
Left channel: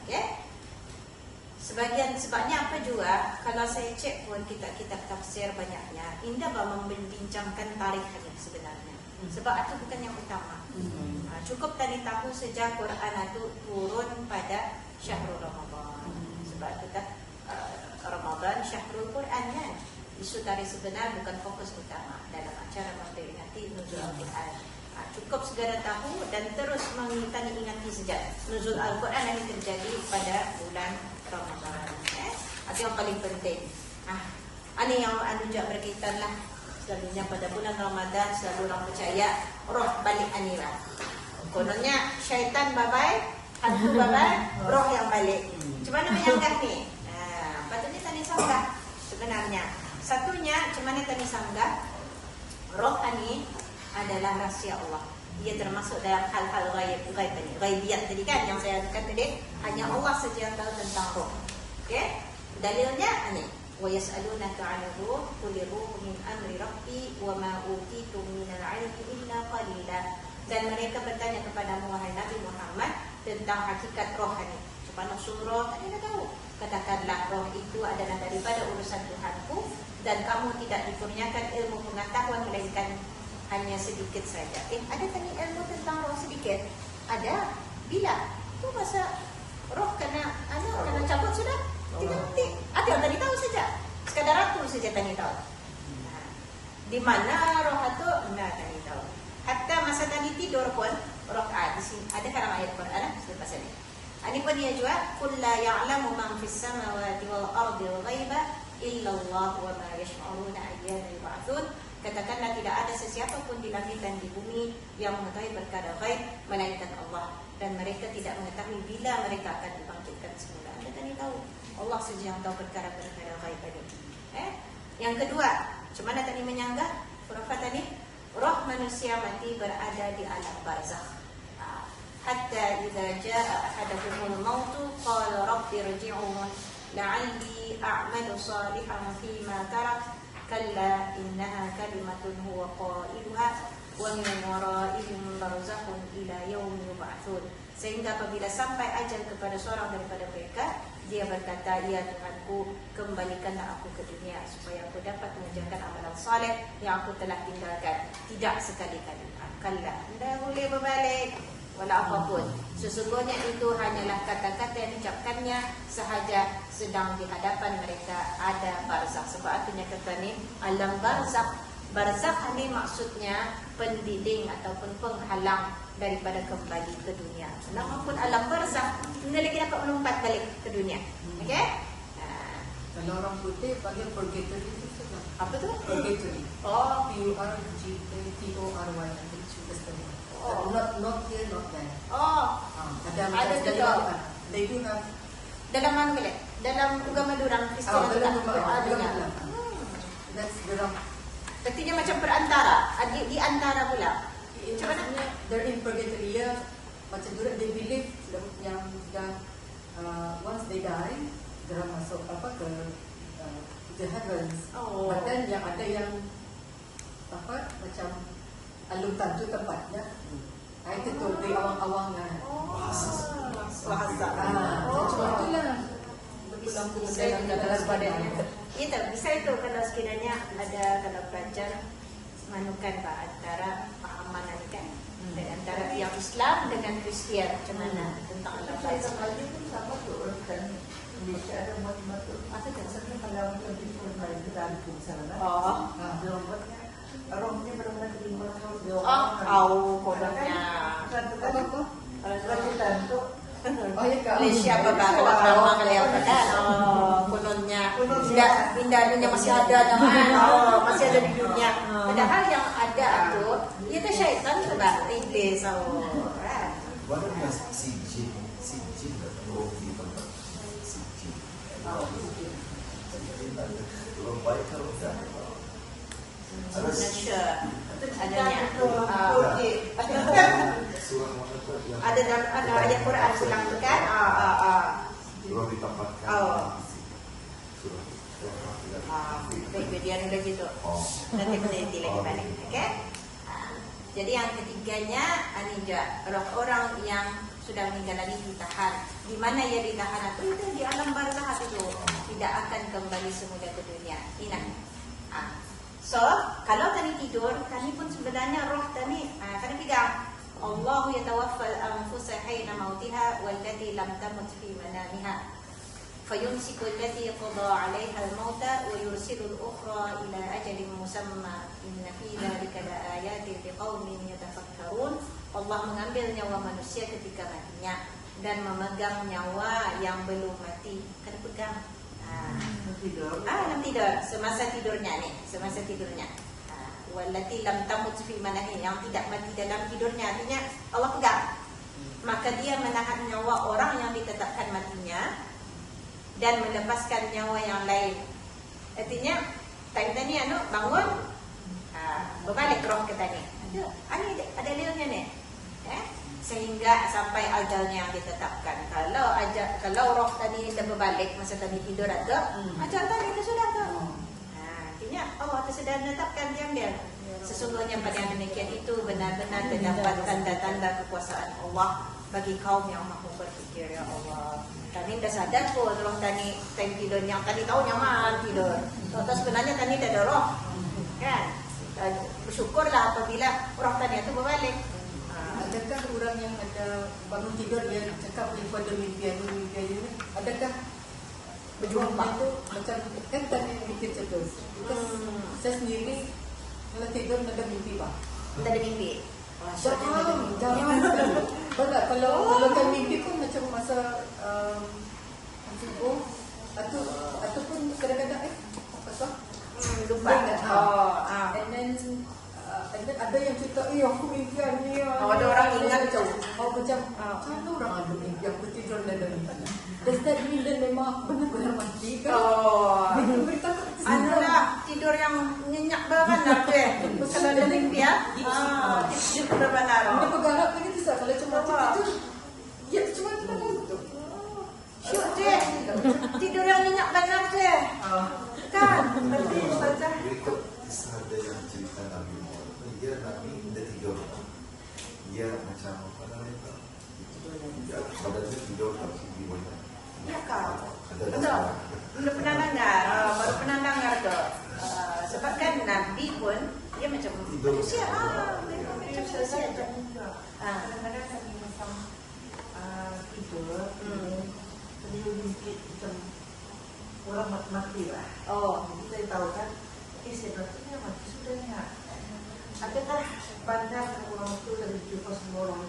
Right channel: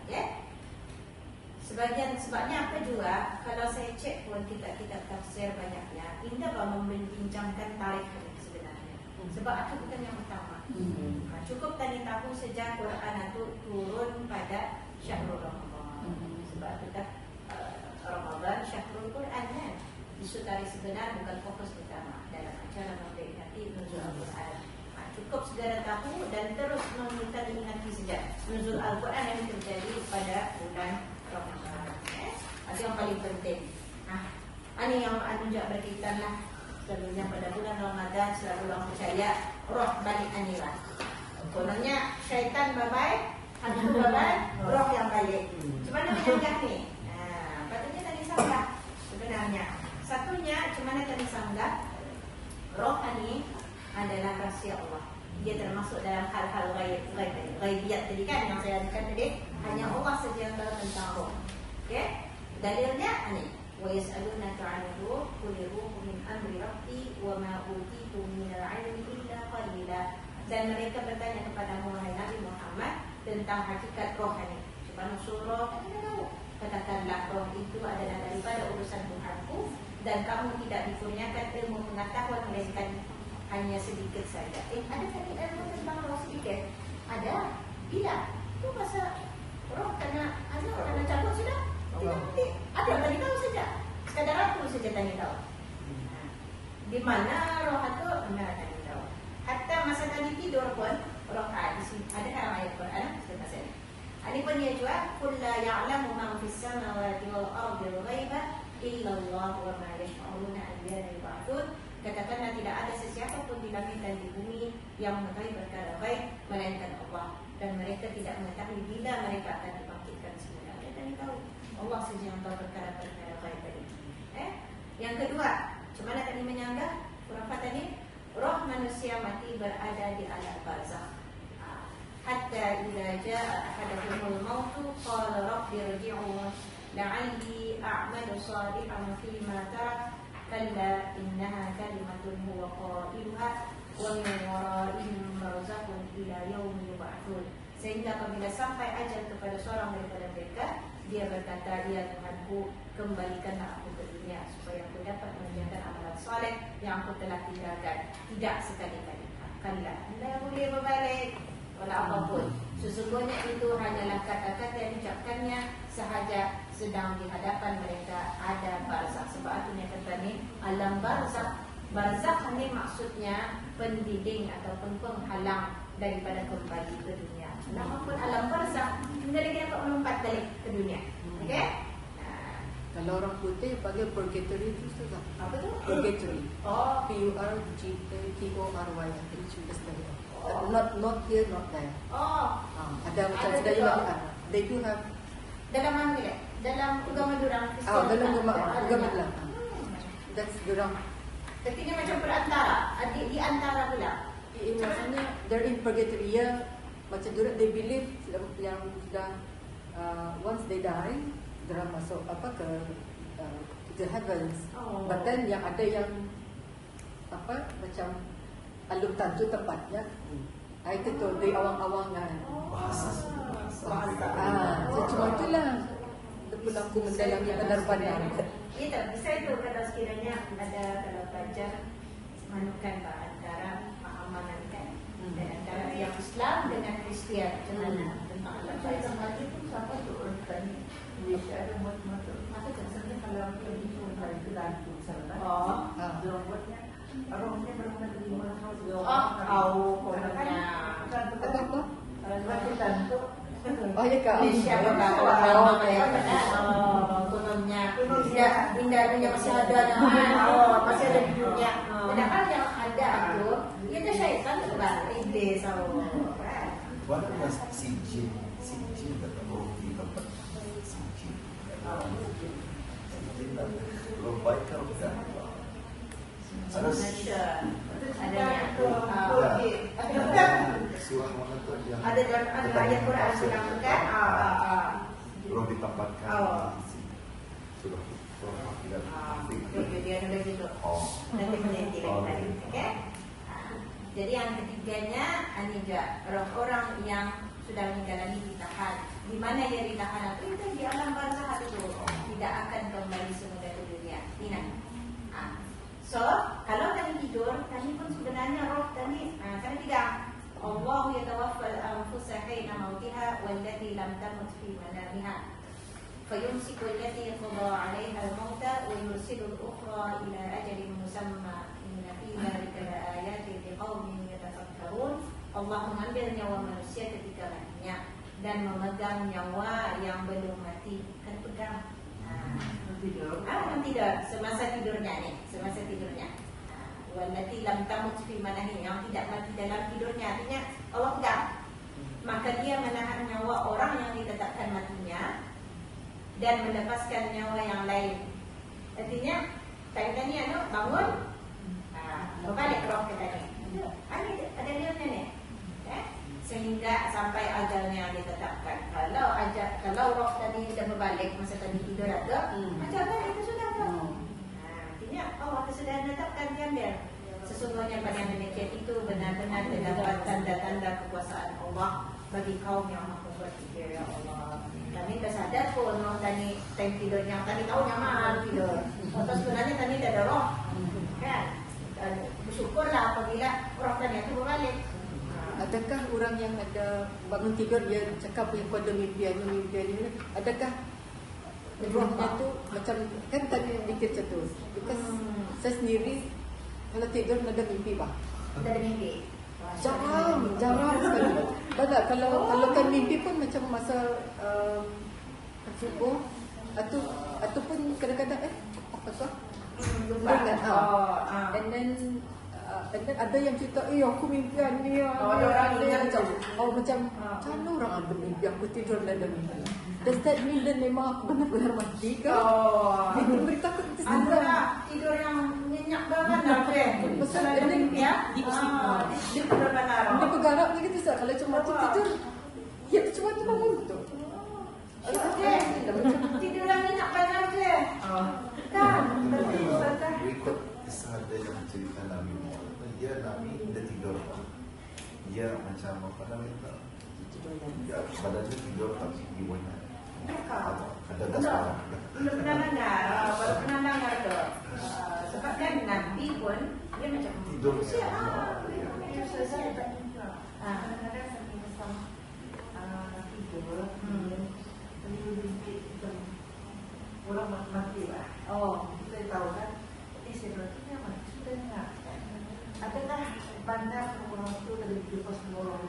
Okey? Sebabnya apa juga, kalau saya cek pun kitab-kitab tafsir banyaknya, tidak membincangkan tarikh sebenarnya. Sebab itu bukan yang utama. Cukup tadi tahu sejak Quran itu turun pada Syahrul Ramadan. Sebab kita Ramadan Syahrul Quran kan. Isu tarikh sebenar bukan fokus utama dalam acara memperingati nuzul Al-Quran. Cukup segera tahu dan terus mengingati saja nuzul Al-Quran yang terjadi pada bulan Ramadan. Itu yang paling penting. Ini yang juga berkaitan lah. Sebenarnya pada bulan Ramadan, setiap bulan percaya roh balik anila. Kononnya syaitan babai, hantu babai, roh yang balik. Cuma mana menyanggah nih? Nah, patutnya tadi sanggah sebenarnya. Satunya, cuma tadi sanggah, roh ini adalah rahasia Allah. Dia termasuk dalam hal-hal ghaibiyat tadi kan yang saya katakan tadi, hanya Allah saja yang tahu tentang roh. Okey? Dalilnya ini, wa yas'alunaka 'anil ruh qul ruhu min amri rabbi wa ma utitum minal 'ilmi illa qalila. Dan mereka bertanya kepada Muhammad Nabi Muhammad tentang hakikat roh ini. Cuma usul roh kita tahu. Katakanlah roh itu adalah daripada urusan Tuhanku dan kamu tidak dikurniakan ilmu pengetahuan melainkan hanya sedikit saja. Ada tadi ilmu tentang roh sedikit? Ada. Bila? Itu masa roh kena cabut sudah. Ada yang tadi tahu saja. Sekadar aku saja tadi tahu. Di mana roh itu enggak tadi tahu. Hatta masa tadi tidur pun roh di sini ada dalam ayat Quran selepas ini. Ini pun dia juga qul la ya'lamu man fis samawati wal ardi ghaiba illa Allah wa ma yash'uruna ayyana yub'atsun. Katakanlah tidak ada sesiapa pun di langit dan di bumi yang mengetahui perkara gaib melainkan Allah, dan mereka tidak mengetahui bila mereka akan dibangkitkan semula. Mereka tidak tahu. Allah saja yang tahu perkara-perkara gaib ini. Yang kedua, cuma tadi menyanggah khurafat tadi, roh manusia mati berada di alam barzakh. Hatta idza jaa ahaduhumul maut qala rabbi irji'un la'alli a'malu shalihan fima tarak kalla innaha kalimatun huwa qailuha wa min wara'ihim barzakhun ila yaumi yub'atsun. Sehingga apabila sampai ajal kepada seorang daripada mereka, dia berkata, ya Tuhanku, kembalikanlah aku ke dunia supaya aku dapat mengerjakan amalan saleh yang aku telah tinggalkan. Tidak sekali-kali. Kalla, tidak boleh berbalik walau apapun. Sesungguhnya itu hanyalah kata-kata yang diucapkannya sahaja sedang di hadapan mereka ada barzakh. Sebab artinya kata ni alam barzakh. Barzakh ini maksudnya pendinding ataupun penghalang daripada kembali ke dunia. Walaupun alam barzakh, kita lagi dapat melompat balik ke dunia. Okey? Kalau orang putih panggil purgatory itu saja. Apa tu? Purgatory. Oh, P-U-R-G-T-O-R-Y. Not here, not there. oh. Ada juga. They do have. Dalam mana ni? Dalam agama orang Kristian. Dalam agama adanya. That's dorang. Artinya macam perantara, di antara pula. Maksudnya they're in purgatory. Ya, macam dorang they believe yang sudah once they die, dorang masuk ke the heavens. Oh. But then yang ada yang macam alun tanjung tempatnya. Itu tu di awang-awangan. Bahasa. Cuma itulah. Ya tak bisa itu kalau sekiranya ada kalau pelajar manukan antara mana kan antara yang Islam dengan Kristian macam mana tentang alam barzakh. Kononnya. Oh ya Kak. Siapa kalau kononnya indahnya masih ada masih ada di dunia. Padahal yang ada tu itu syaitan sebab iblis. Wala na si Jin betul di tempat si Jin. Ada dalam ayat Quran bilang kan? Dia ada gitu. Nanti meneliti lagi balik. Okey. Jadi yang ketiganya ini juga orang yang sudah menjalani ditahan. Di mana ia ditahan itu di alam barzakh itu tidak akan kembali semula ke dunia. Ingat. So, kalau tadi tidur, kami pun sebenarnya roh tadi kami tidak. Allah yatawaffal anfusa hina mautiha wallati lam tamut fi manamiha. Fayumsiku allati qada 'alayha al-mauta wa yursilu al-ukhra ila ajalin musamma. Inna fi dhalika laayatin liqaumin yatafakkarun. Allah mengambil nyawa manusia ketika matinya dan memegang nyawa yang belum mati. Ada pegang. Yang tidur semasa tidurnya nih, semasa tidurnya. wallati lam tamut fi manami, yang tidak mati dalam tidurnya, artinya Allah pegang. Maka dia menahan nyawa orang yang ditetapkan matinya dan melepaskan nyawa yang lain. Artinya tadi bangun, berbalik roh ke tadi. Ada realnya nih, sehingga sampai ajalnya yang ditetapkan. Kalau roh tadi kita berbalik masa tadi tidur atau ajal tadi itu sudah tuh. Artinya Allah sudah menetapkan diambil. Sesungguhnya pada yang demikian itu benar-benar terdapat tanda-tanda kekuasaan Allah bagi kaum yang mampu berfikir. Ya Allah, kami dah sadar pun roh tadi time tidur yang tadi tahu nyaman tidur. Terus sebenarnya tadi ada roh, kan? Bersyukurlah apabila roh tadi itu berbalik. Adakah orang yang ada bangun tidur dia cakap yang ada mimpi ini? Adakah rohnya itu macam kan tadi mimpi terus? Because saya sendiri kalau tidur ada mimpi pak. Ada mimpi. Jangan. Bapak kalau tak mimpi pun macam masa subuh ataupun kadang-kadang apa Lupa. and then ada yang cerita, aku mimpian ni. Ada orang ingat macam orang ada mimpi, aku tidur dan ada mimpi. Dan tadi dan memang aku benar-benar mati ke. Benar-benar takut. Ada tidur yang minyak banget tu. Kalau ada mimpi ya. Tidur benar. Ini pegangan begitu sah. Kalau cuma tidur, ya cuma tidur tu. Tidur yang minyak banget tu. Kan? Berikut kisah dalam cerita Nabi Muhammad. Dia Nabi dia tidur. Dia macam apa namanya? Badannya tidur kalau gimana? Ya kau. Belum pernah dengar tu. Sebab kan Nabi pun dia macam manusia. Manusia tu. Orang mati lah. Kita tahu kan, sebenarnya mati sudah nak. Ada tak pandang orang mati kalau dijual semua orang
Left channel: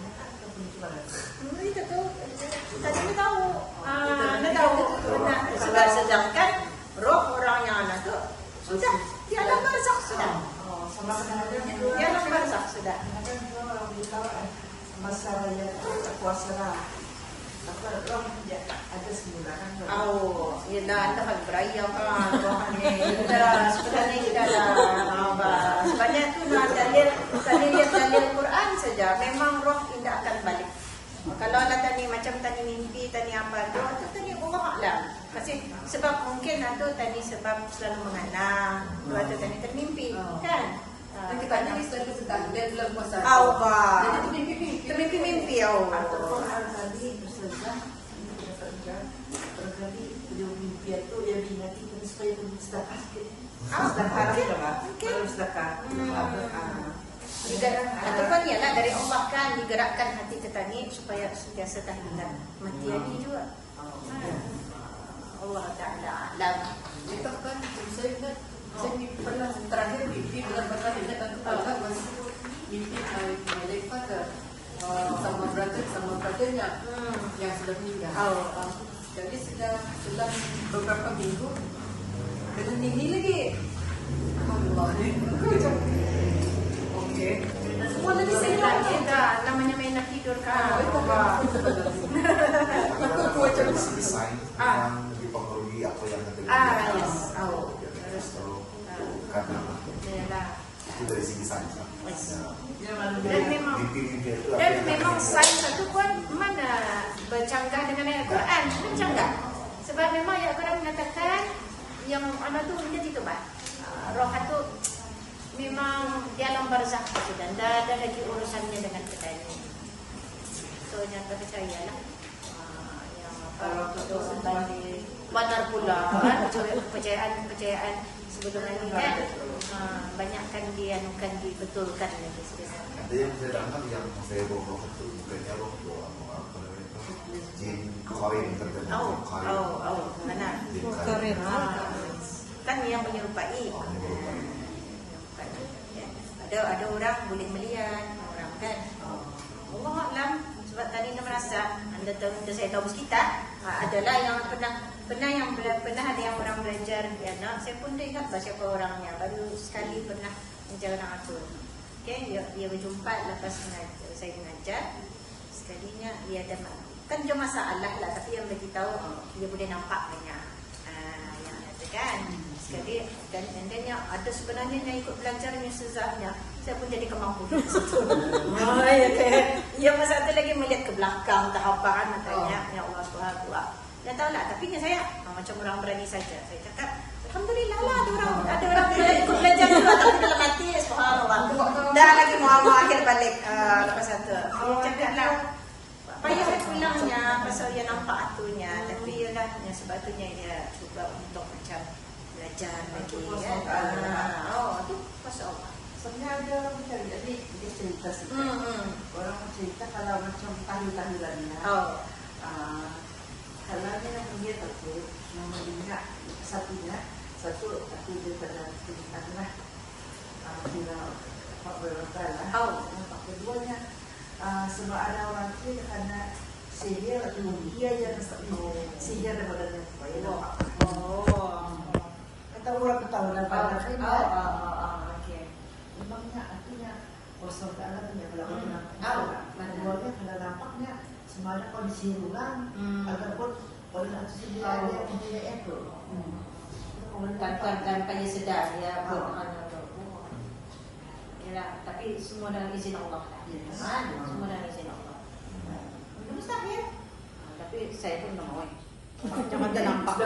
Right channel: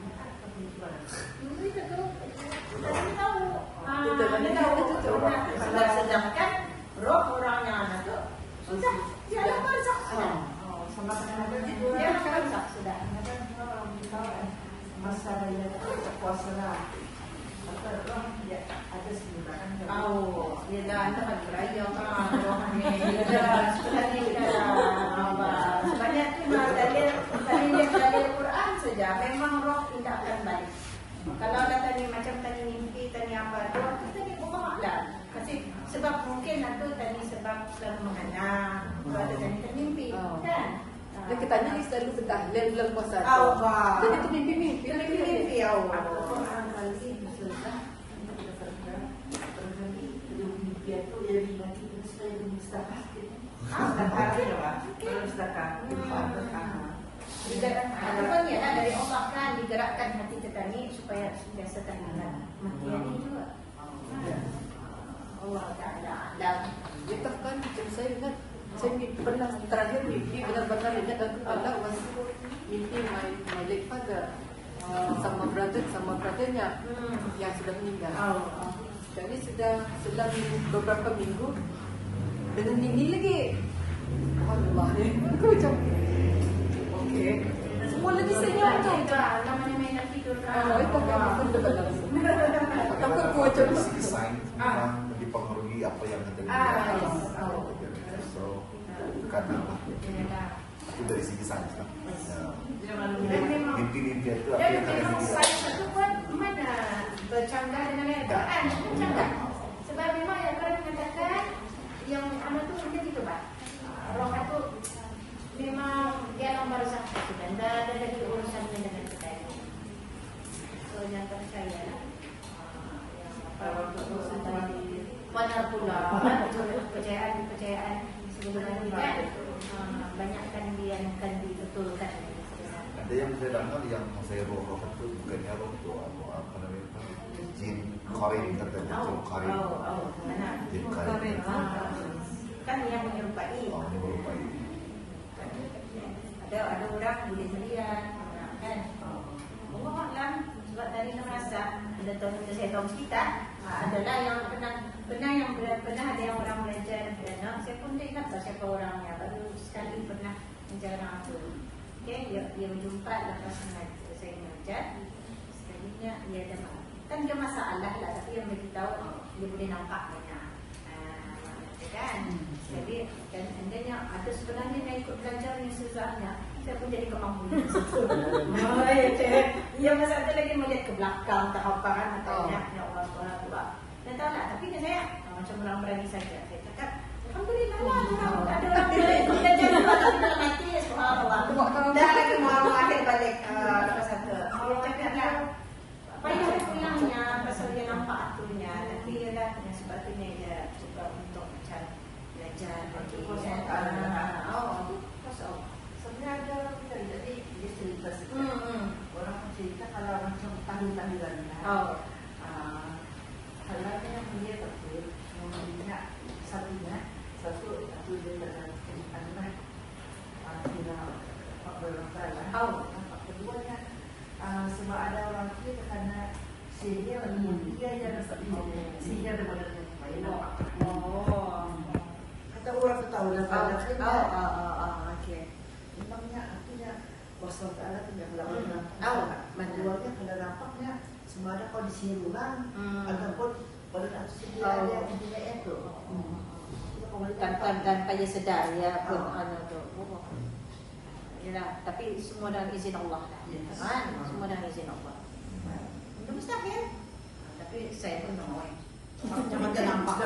Kita tahu. Sedangkan roh orang yang anak tu sudah dia alam barzakh sudah. Dia alam barzakh sudah. Masa yang kuasa Yelah, anda kan berayam kan. Sebenarnya kita sebenarnya dalil Quran saja. Memang roh tidak akan balik. Kalau ada tadi macam tadi mimpi, tadi apa tu, itu tadi Allah lah. Sebab mungkin itu tadi sebab selalu mengenang. Ada tadi termimpi, kan? Dan katanya dia selalu sedang dan bulan puasa. Allah. Jadi itu mimpi. Termimpi Allah. Ataupun ialah dari Allah kan digerakkan hati kita ni supaya biasa tahan mati hati juga. Allah Ta'ala dan Kita kan saya pernah terakhir mimpi benar-benar ingat dan kepala mimpi my father sama brothernya yang sudah meninggal. Jadi sudah beberapa minggu dengan ini lagi. Allah ni. Okey. Semua lagi sedang namanya main nak tidur kan. itu apa sebenarnya? Takut gua macam Desain yang dipengaruhi apa yang kita lihat. Itu dari segi sains. Dan memang sains itu pun mana bercanggah dengan ayat Quran, bercanggah. Sebab memang ayat Quran mengatakan yang anak tu menjadi kebal. Roh itu memang di alam barzakh dan ada lagi urusannya dengan kita. So yang percaya benar pula kepercayaan sebelum Nabi kan banyakkan dianukan dibetulkan. Ada yang terangkan yang saya bawa itu bukannya roh jin kawin Mana? Kan yang menyerupai. Ada orang boleh melihat orang kan. Allah Alam sebab tadi anda merasa anda tahu saya tahu kita adalah yang pernah ada yang orang belajar saya pun tak ingat siapa orangnya baru sekali pernah menjaga orang atur. Okay, dia berjumpa lepas saya mengajar. Sekalinya dia ada kan dia masalah lah, tapi yang bagi tahu dia boleh nampak banyak. Kan? Jadi dan endingnya ada sebenarnya yang ikut belajar Ustazahnya. Saya pun jadi kemampuan situ. Ya masa itu lagi melihat ke belakang tak apa kan katanya ya Allah Subhanahu wa. Ya tahu lah, tapi saya macam orang berani saja. Saya cakap alhamdulillah lah ada orang ikut belajar tapi dalam hati subhanallah. Dah lagi mau akhir balik lepas satu. Cakaplah payah pulangnya pasal dia nampak atunya, tapi ialah yang sebetulnya dia cuba untuk macam belajar lagi kan. Oh, tu pasal Sebenarnya ada orang macam jadi dia cerita sikit. Orang cerita kalau macam tahun-tahunannya. Kalau kita punya tu yang punya satu aku dia pernah ceritakan lah. Kita nak berbicara lah. Keduanya sebab ada orang tu karena sihir atau dia yang sihir daripada dia. Kita orang tahu lah kalau memangnya artinya kosong ada tidak kalau orang nampak. Nah keluarga kalau nampaknya semuanya kalau disihir ulang ataupun pada saat sebelah dia intinya itu. Dan kaya sedar ya tu. Ya, tapi semua dengan izin Allah lah. Semua dengan izin Allah. Itu mustahil. Tapi saya pun mau. Jangan nampak.